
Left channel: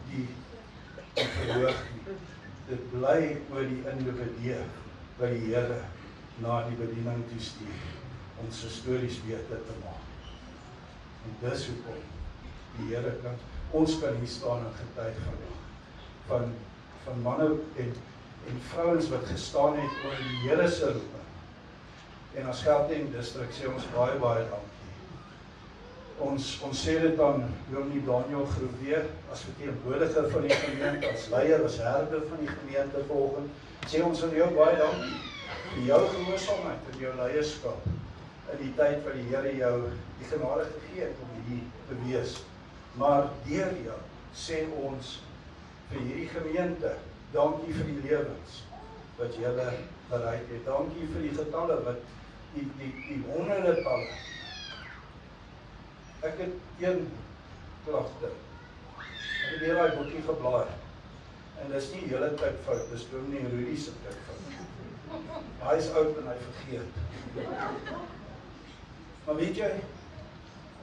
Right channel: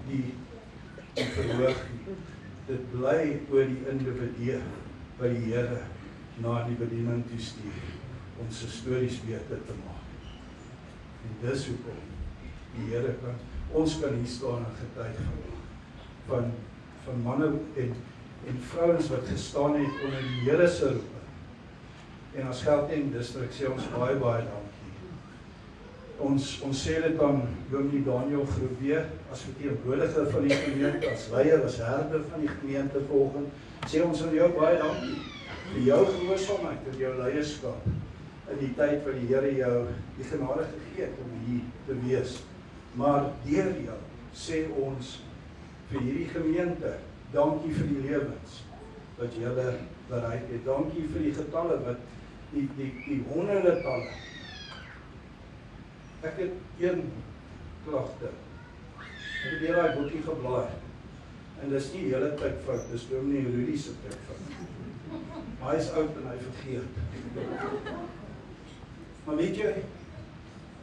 die verhoog nie. Dit bly oor die individu wat die Here na die bediening toestuur om sy stories beter te maak. En dis hoekom die Here ons kan hier staan en getuig van manne en vrouens wat gestaan het onder die Here se roep. En as Gauteng distrik sê ons baie dankie. Ons sê dit aan Dominee Daniel Groewe as verteenwoordiger van die gemeente, as leier, as herder van die gemeente vanoggend, sê ons aan jou baie dankie vir jou gehoorsaamheid, vir jou leierskap in die tyd wat die Here jou die genade gegee het om hier te wees. Maar deur jou sê ons vir hierdie gemeente, dankie vir die lewens wat julle bereid het. Dankie vir die getalle wat die honderde talle. Ek het een klagte. Ek het deur daai boekie geblaai. En dis nie hele tyd fout, dis Dominee Rudy se tyd fout. Hy is oud en hy vergeet. Maar weet jy,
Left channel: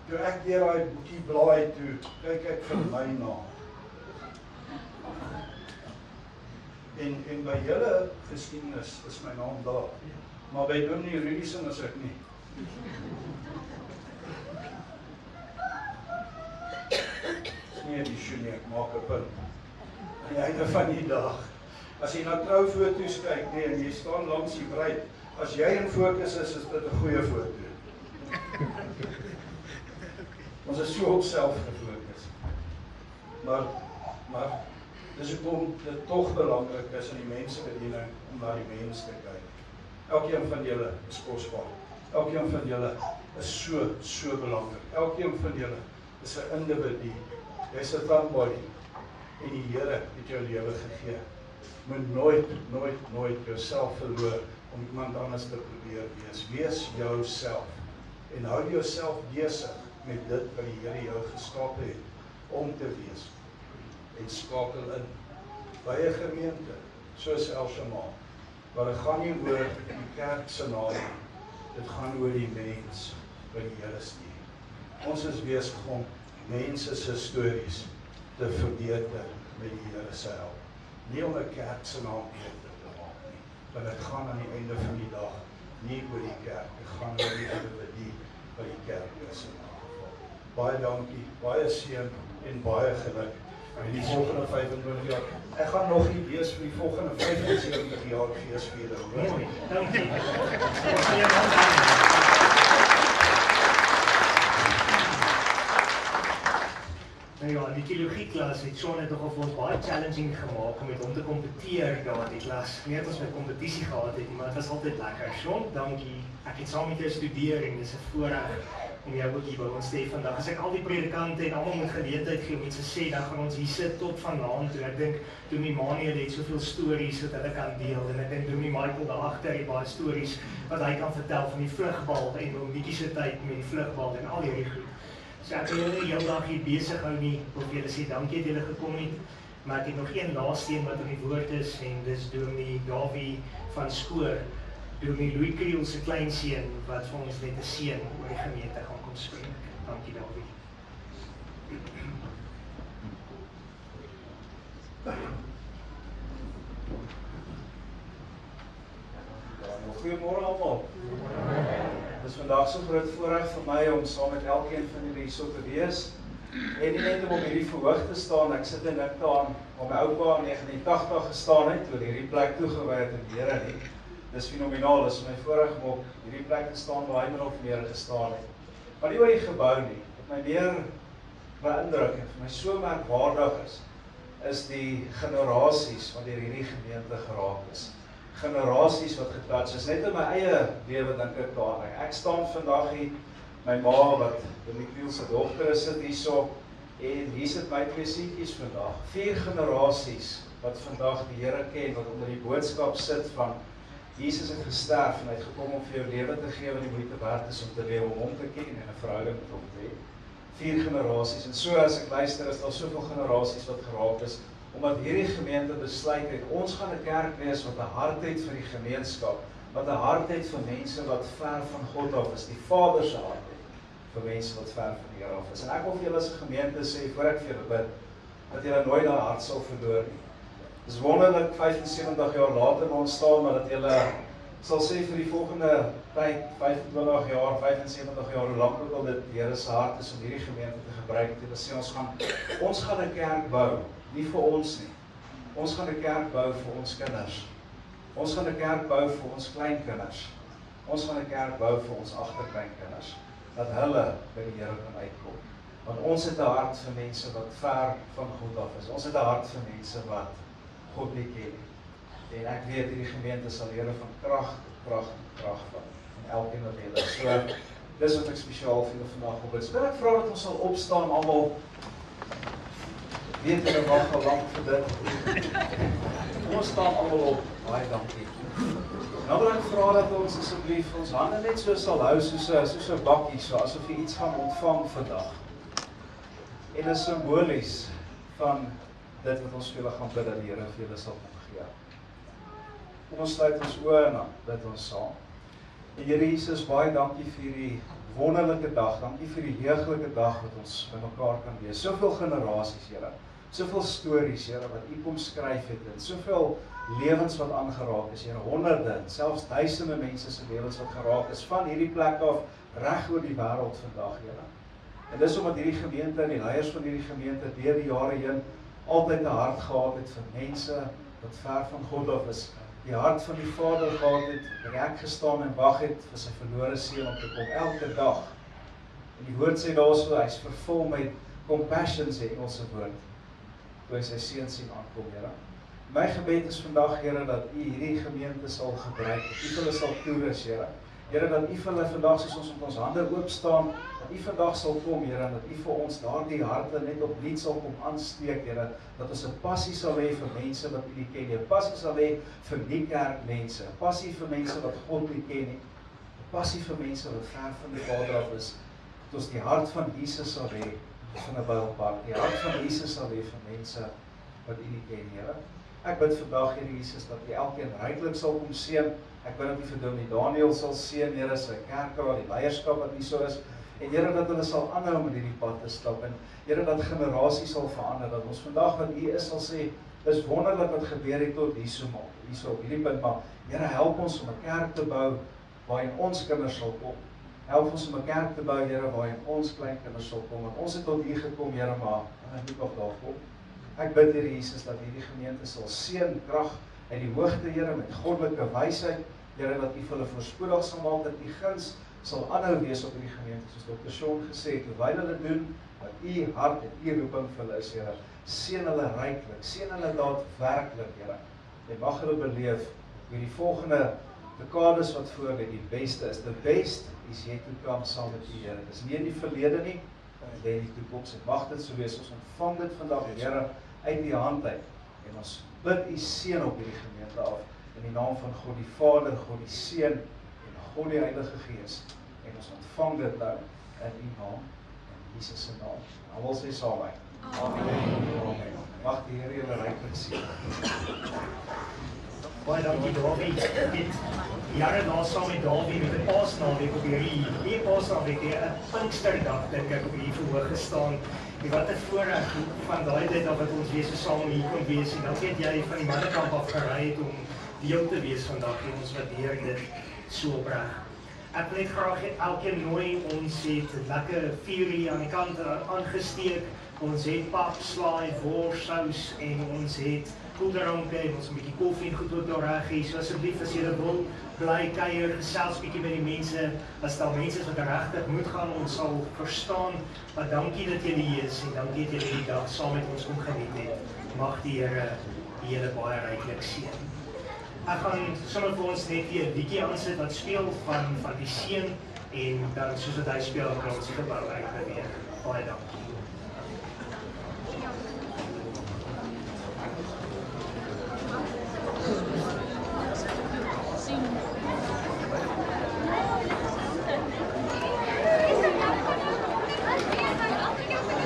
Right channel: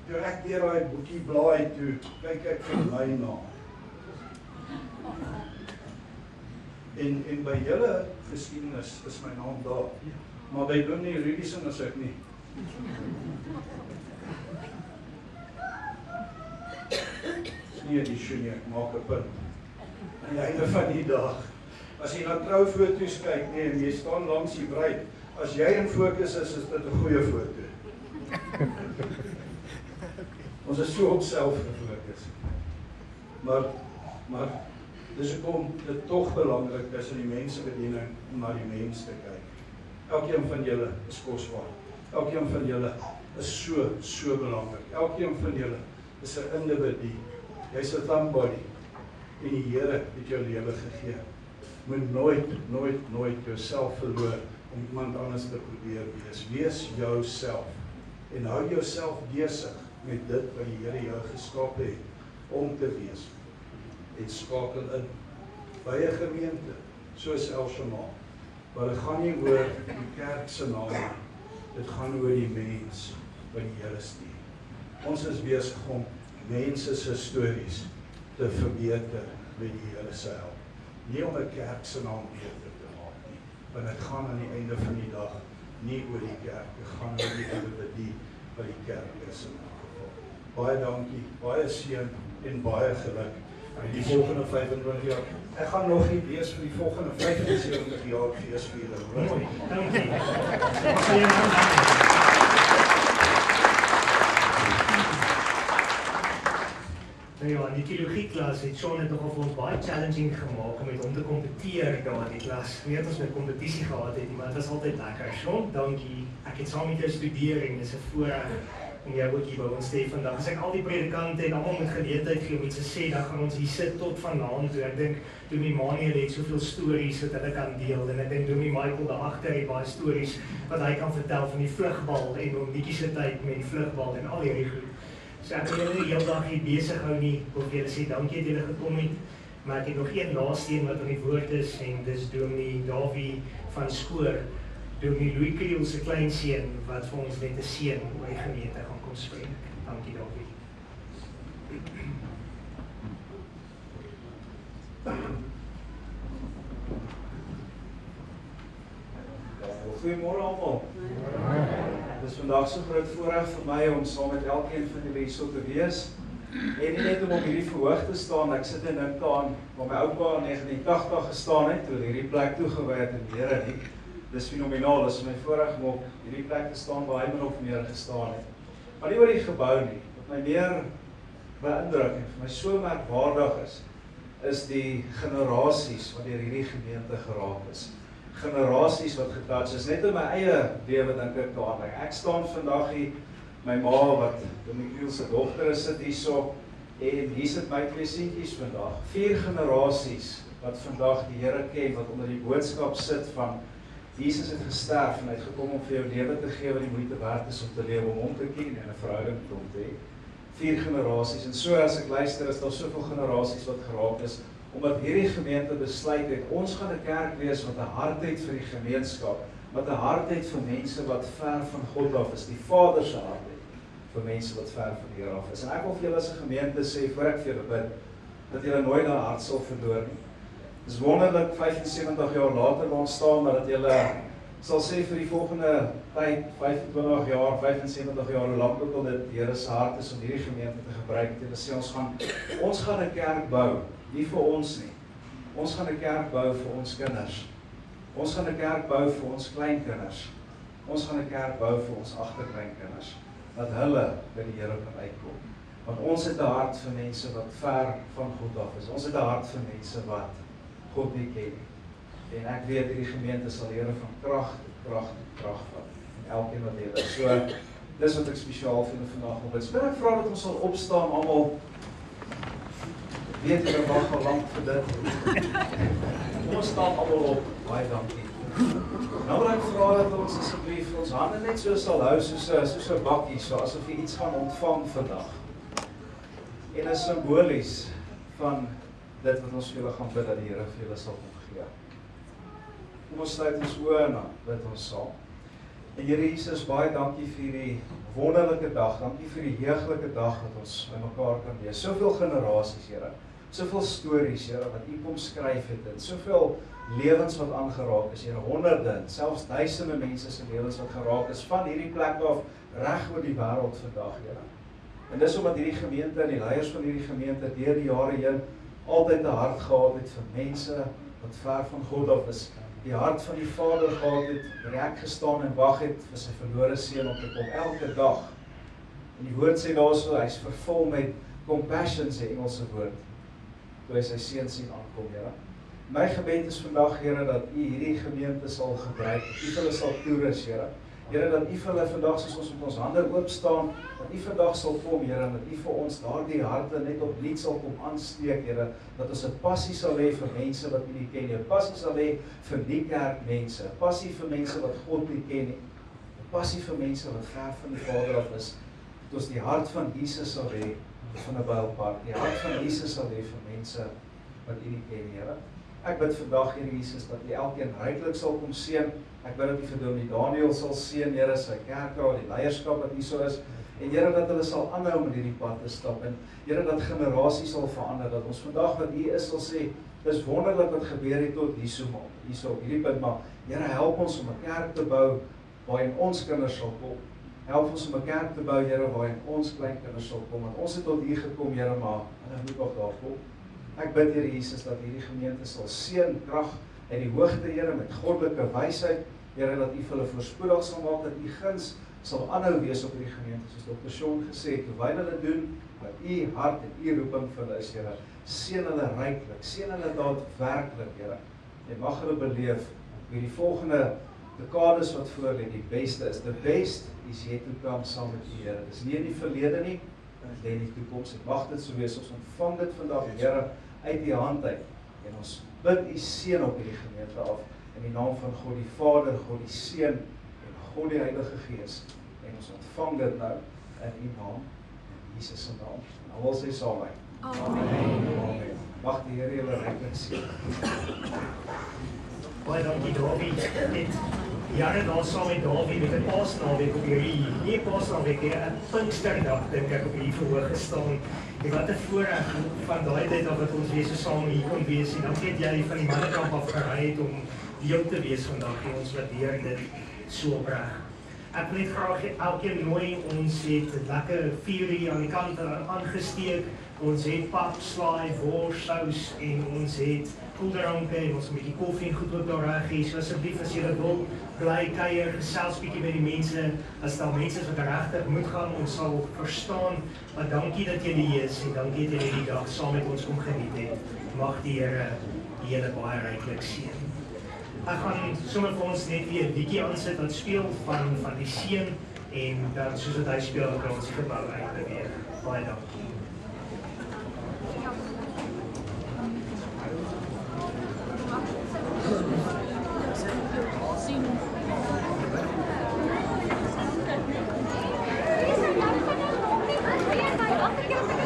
toe ek deur daai boekie blaai toe, kyk ek vir my naam. En by julle geskiedenis is my naam daar. Maar by Dominee Rudy se is ek nie. Nie die sjoenie, ek maak 'n punt. Aan die einde van die dag, as jy na troufoto's kyk, en jy staan langs die bruid, as jy in fokus is dit 'n goeie foto. Ons is so op self gefokus. Maar dis hoekom dit tog belangrik is in die mensebediening om na die mens te kyk. Elkeen van julle is kosbaar. Elkeen van julle is so belangrik. Elkeen van julle is 'n individu. Jy's 'n thumbody en die Here het jou lewe gegee. Moet nooit jouself verloor om iemand anders te probeer wees. Wees jouself en hou jouself besig met dit wat die Here jou geskaap het om te wees. En skakel in by 'n gemeente soos El Shammah, waar dit gaan nie oor die kerk se naam, dit gaan oor die mens wat die Here stuur. Ons is besig om mense se stories te verbeter met die Here se help. Nie om 'n kerk se naam beter te maak nie, want dit gaan aan die einde van die dag nie oor die kerk, dit gaan oor die individu wat die kerk is. Baie dankie, baie seën en baie geluk in die volgende 25 jaar. Ek gaan nog nie wees vir die volgende 75 jaar feesviering. Dankie. Ja, die teologieklas het Sean het nogal vir ons baie challenging gemaak om met hom te kompeteer daar die klas. Nie dat ons met kompetisie gehad het, maar dit was altyd lekker. Sean, dankie. Ek het saam met jou studeer en dis 'n voorreg om jou ook hier by ons te hê vandag. As ek al die predikante en almal moet geleentheid gee om iets te sê, dan gaan ons hier sit tot vanaand toe. Ek dink Dominee Manuel het soveel stories wat hulle kan deel en ek dink Dominee Michael daar agter het baie stories wat hy kan vertel van die vlugbal en hoe bietjie se tyd met vlugbal en al hierdie goed. So ek wil julle nie heel dag hier besig hou nie, wil vir julle sê dankie dat julle gekom het, maar ek het nog een laaste een wat in die woord is en dis Dominee Davie van Skoor, Dominee Louis Kriel se kleinseun wat vir ons net 'n seën oor die gemeente gaan kom spreek. Dankie Davie. Goeiemôre almal. Dit is vandag so groot voorreg vir my om saam met elkeen van julle hier so te wees. En nie net om op hierdie verhoog te staan, ek sit en dink aan waar my oupa in 1980 gestaan het, toe hierdie plek toegewy het in die Here nie. Dis fenomenaal, dis my voorreg om op hierdie plek te staan waar hy min of meer gestaan het. Maar nie oor die gebou nie, wat my meer beïndruk en vir my so merkwaardig is die generasies wat deur hierdie gemeente geraak is. Generasies wat getouch is, net in my eie lewe dink ek daaraan. Ek staan vandag hier, my ma wat Dominee Kriel se dogter is sit hierso, en hier sit my twee seentjies vandag. 4 generasies wat vandag die Here ken, wat onder die boodskap sit van Jesus het gesterf en hy het gekom om vir jou lewe te gee wat die moeite werd is om te lewe, om hom te ken en 'n verhouding met hom te hê. 4 generasies. En so as ek luister, is daar soveel generasies wat geraak is, omdat hierdie gemeente besluit het, ons gaan 'n kerk wees wat 'n hart het vir die gemeenskap, wat 'n hart het vir mense wat ver van God af is, die Vader se hart het vir mense wat ver van die Here af is. En ek wil vir julle as 'n gemeente sê, voor ek vir julle bid, dat julle nooit daai hart sal verloor nie. Dit is wonderlik 75 jaar later ontstaan, maar dat julle sal sê vir die volgende tyd, 25 jaar, 75 jaar, hoe lank ook al dit die Here se hart is om hierdie gemeente te gebruik, te sê ons gaan 'n kerk bou, nie vir ons nie. Ons gaan 'n kerk bou vir ons kinders. Ons gaan 'n kerk bou vir ons kleinkinders. Ons gaan 'n kerk bou vir ons agterkleinkinders, dat hulle by die Here kan uitkom. Want ons het 'n hart vir mense wat ver van God af is. Ons het 'n hart vir mense wat God nie ken nie. En ek weet hierdie gemeente sal die Here van krag tot krag tot krag vat. En elkeen wat hier is. So, dis wat ek spesiaal vir julle vandag wil bid. Ek vra dat ons sal opstaan almal. Weet julle wag al lank vir dit. Ons staan almal op. Baie dankie. Nou wil ek vra dat ons asseblief ons hande net so sal hou soos 'n bakkie, so asof jy iets gaan ontvang vandag. En is simbolies van dit wat ons vir julle gaan bid dat die Here vir julle sal gee. Kom ons sluit ons oë en dan bid ons saam. En Here Jesus, baie dankie vir hierdie wonderlike dag. Dankie vir die heuglike dag wat ons by mekaar kan wees. Soveel generasies, Here. Soveel stories, Here, wat U kom skryf het en soveel lewens wat aangeraak is, Here, honderde, selfs duisende mense se lewens wat geraak is van hierdie plek af reg oor die wêreld vandag, Here. En dis omdat hierdie gemeente en die leiers van hierdie gemeente deur die jare heen altyd 'n hart gehad het vir mense wat ver van God af is. Die hart van die Vader gehad het, reg gestaan en wag het vir sy verlore seun om te kom elke dag. En die woord sê daarso, hy's vervul met compassion, sê Engelse woord, toe hy sy seun sien aankom, Here. My gebed is vandag, Here, dat U hierdie gemeente sal gebruik, dat U hulle sal toerus, Here. Here, dat U vir hulle vandag, soos ons met ons hande oop staan, dat U vandag sal kom, Here, en dat U vir ons daardie harte net opnuut sal kom aansteek, Here, dat ons 'n passie sal hê vir mense wat U nie ken nie, 'n passie sal hê vir nie kerkmense, 'n passie vir mense wat God nie ken nie, 'n passie vir mense wat ver van die Vader af is, dat ons die hart van Jesus sal hê van 'n Bylpark, die hart van Jesus sal hê vir mense wat U nie ken, Here. Ek bid vandag, Here Jesus, dat U elkeen ryklik sal kom seën. Ek bid dat U vir Dominee Daniel sal seën, Here, sy kerk daar, die leierskap wat hier so is. En Here, dat hulle sal aanhou met hierdie pad te stap. En Here, dat generasies sal verander, dat ons vandag wat hier is sal sê, dis wonderlik wat gebeur het tot hierso op hierdie punt, maar Here, help ons om 'n kerk te bou waarin ons kinders sal kom. Help ons om 'n kerk te bou, Here, waarin ons kleinkinders sal kom. Want ons het tot hier gekom, Here, maar hulle moet nog daar kom. Ek bid, Here Jesus, dat hierdie gemeente sal seën, krag en die hoogte, Here, met goddelike wysheid, Here, dat U vir hulle voorspoedig sal maak, dat U guns sal aanhou wees op hierdie gemeente, soos Dr. Sean gesê het, terwyl hulle doen wat U hart en U roeping vir hulle is, Here, seën hulle ryklik, seën hulle daadwerklik, Here, en mag hulle beleef hoe die volgende dekades wat voor lê die beste is. The best is yet to come saam met U, Here. Dis nie in die verlede nie, en dit in die toekoms. Mag dit so wees, ons ontvang dit vandag, Here, uit die hand uit, en ons bid U seën op hierdie gemeente af, in die naam van God die Vader, God die Seun, en God die Heilige Gees, en ons ontvang dit nou, in U naam, in Jesus se naam. Almal sê saam met my. Amen. Mag die Here julle ryklik seën. Baie dankie, Dawie. Jare daar saam met Dawie met 'n Paasnaweek op hierdie Paasnaweek, 'n Pinksterdag, dink ek, op hier verhoog gestaan. En wat 'n voorreg van daai tyd af wat ons weer so saam hier kon wees. En dankie dat jy van die mannekamp af gery het om deel te wees vandag. En ons waardeer dit so opreg. Ek wil net graag elkeen nooi, ons het lekker 4 uur aan die kant aangesteek. Ons het pap, slaai, worssous en ons het koeldranke en ons 'n bietjie koffie en goed ook daar reg hier. So asseblief as julle wil, bly kuier, gesels bietjie met die mense. As daar mense is wat regtig moet gaan, ons sal verstaan. Maar dankie dat julle hier is en dankie dat julle die dag saam met ons kom geniet het. Mag die Here julle baie ryklik seën. Ek gaan sommer vir ons net hier 'n bietjie aansit wat speel van die seën en dan soos dit hy speel, dan kan ons die gebou uitbeweeg. Baie dankie.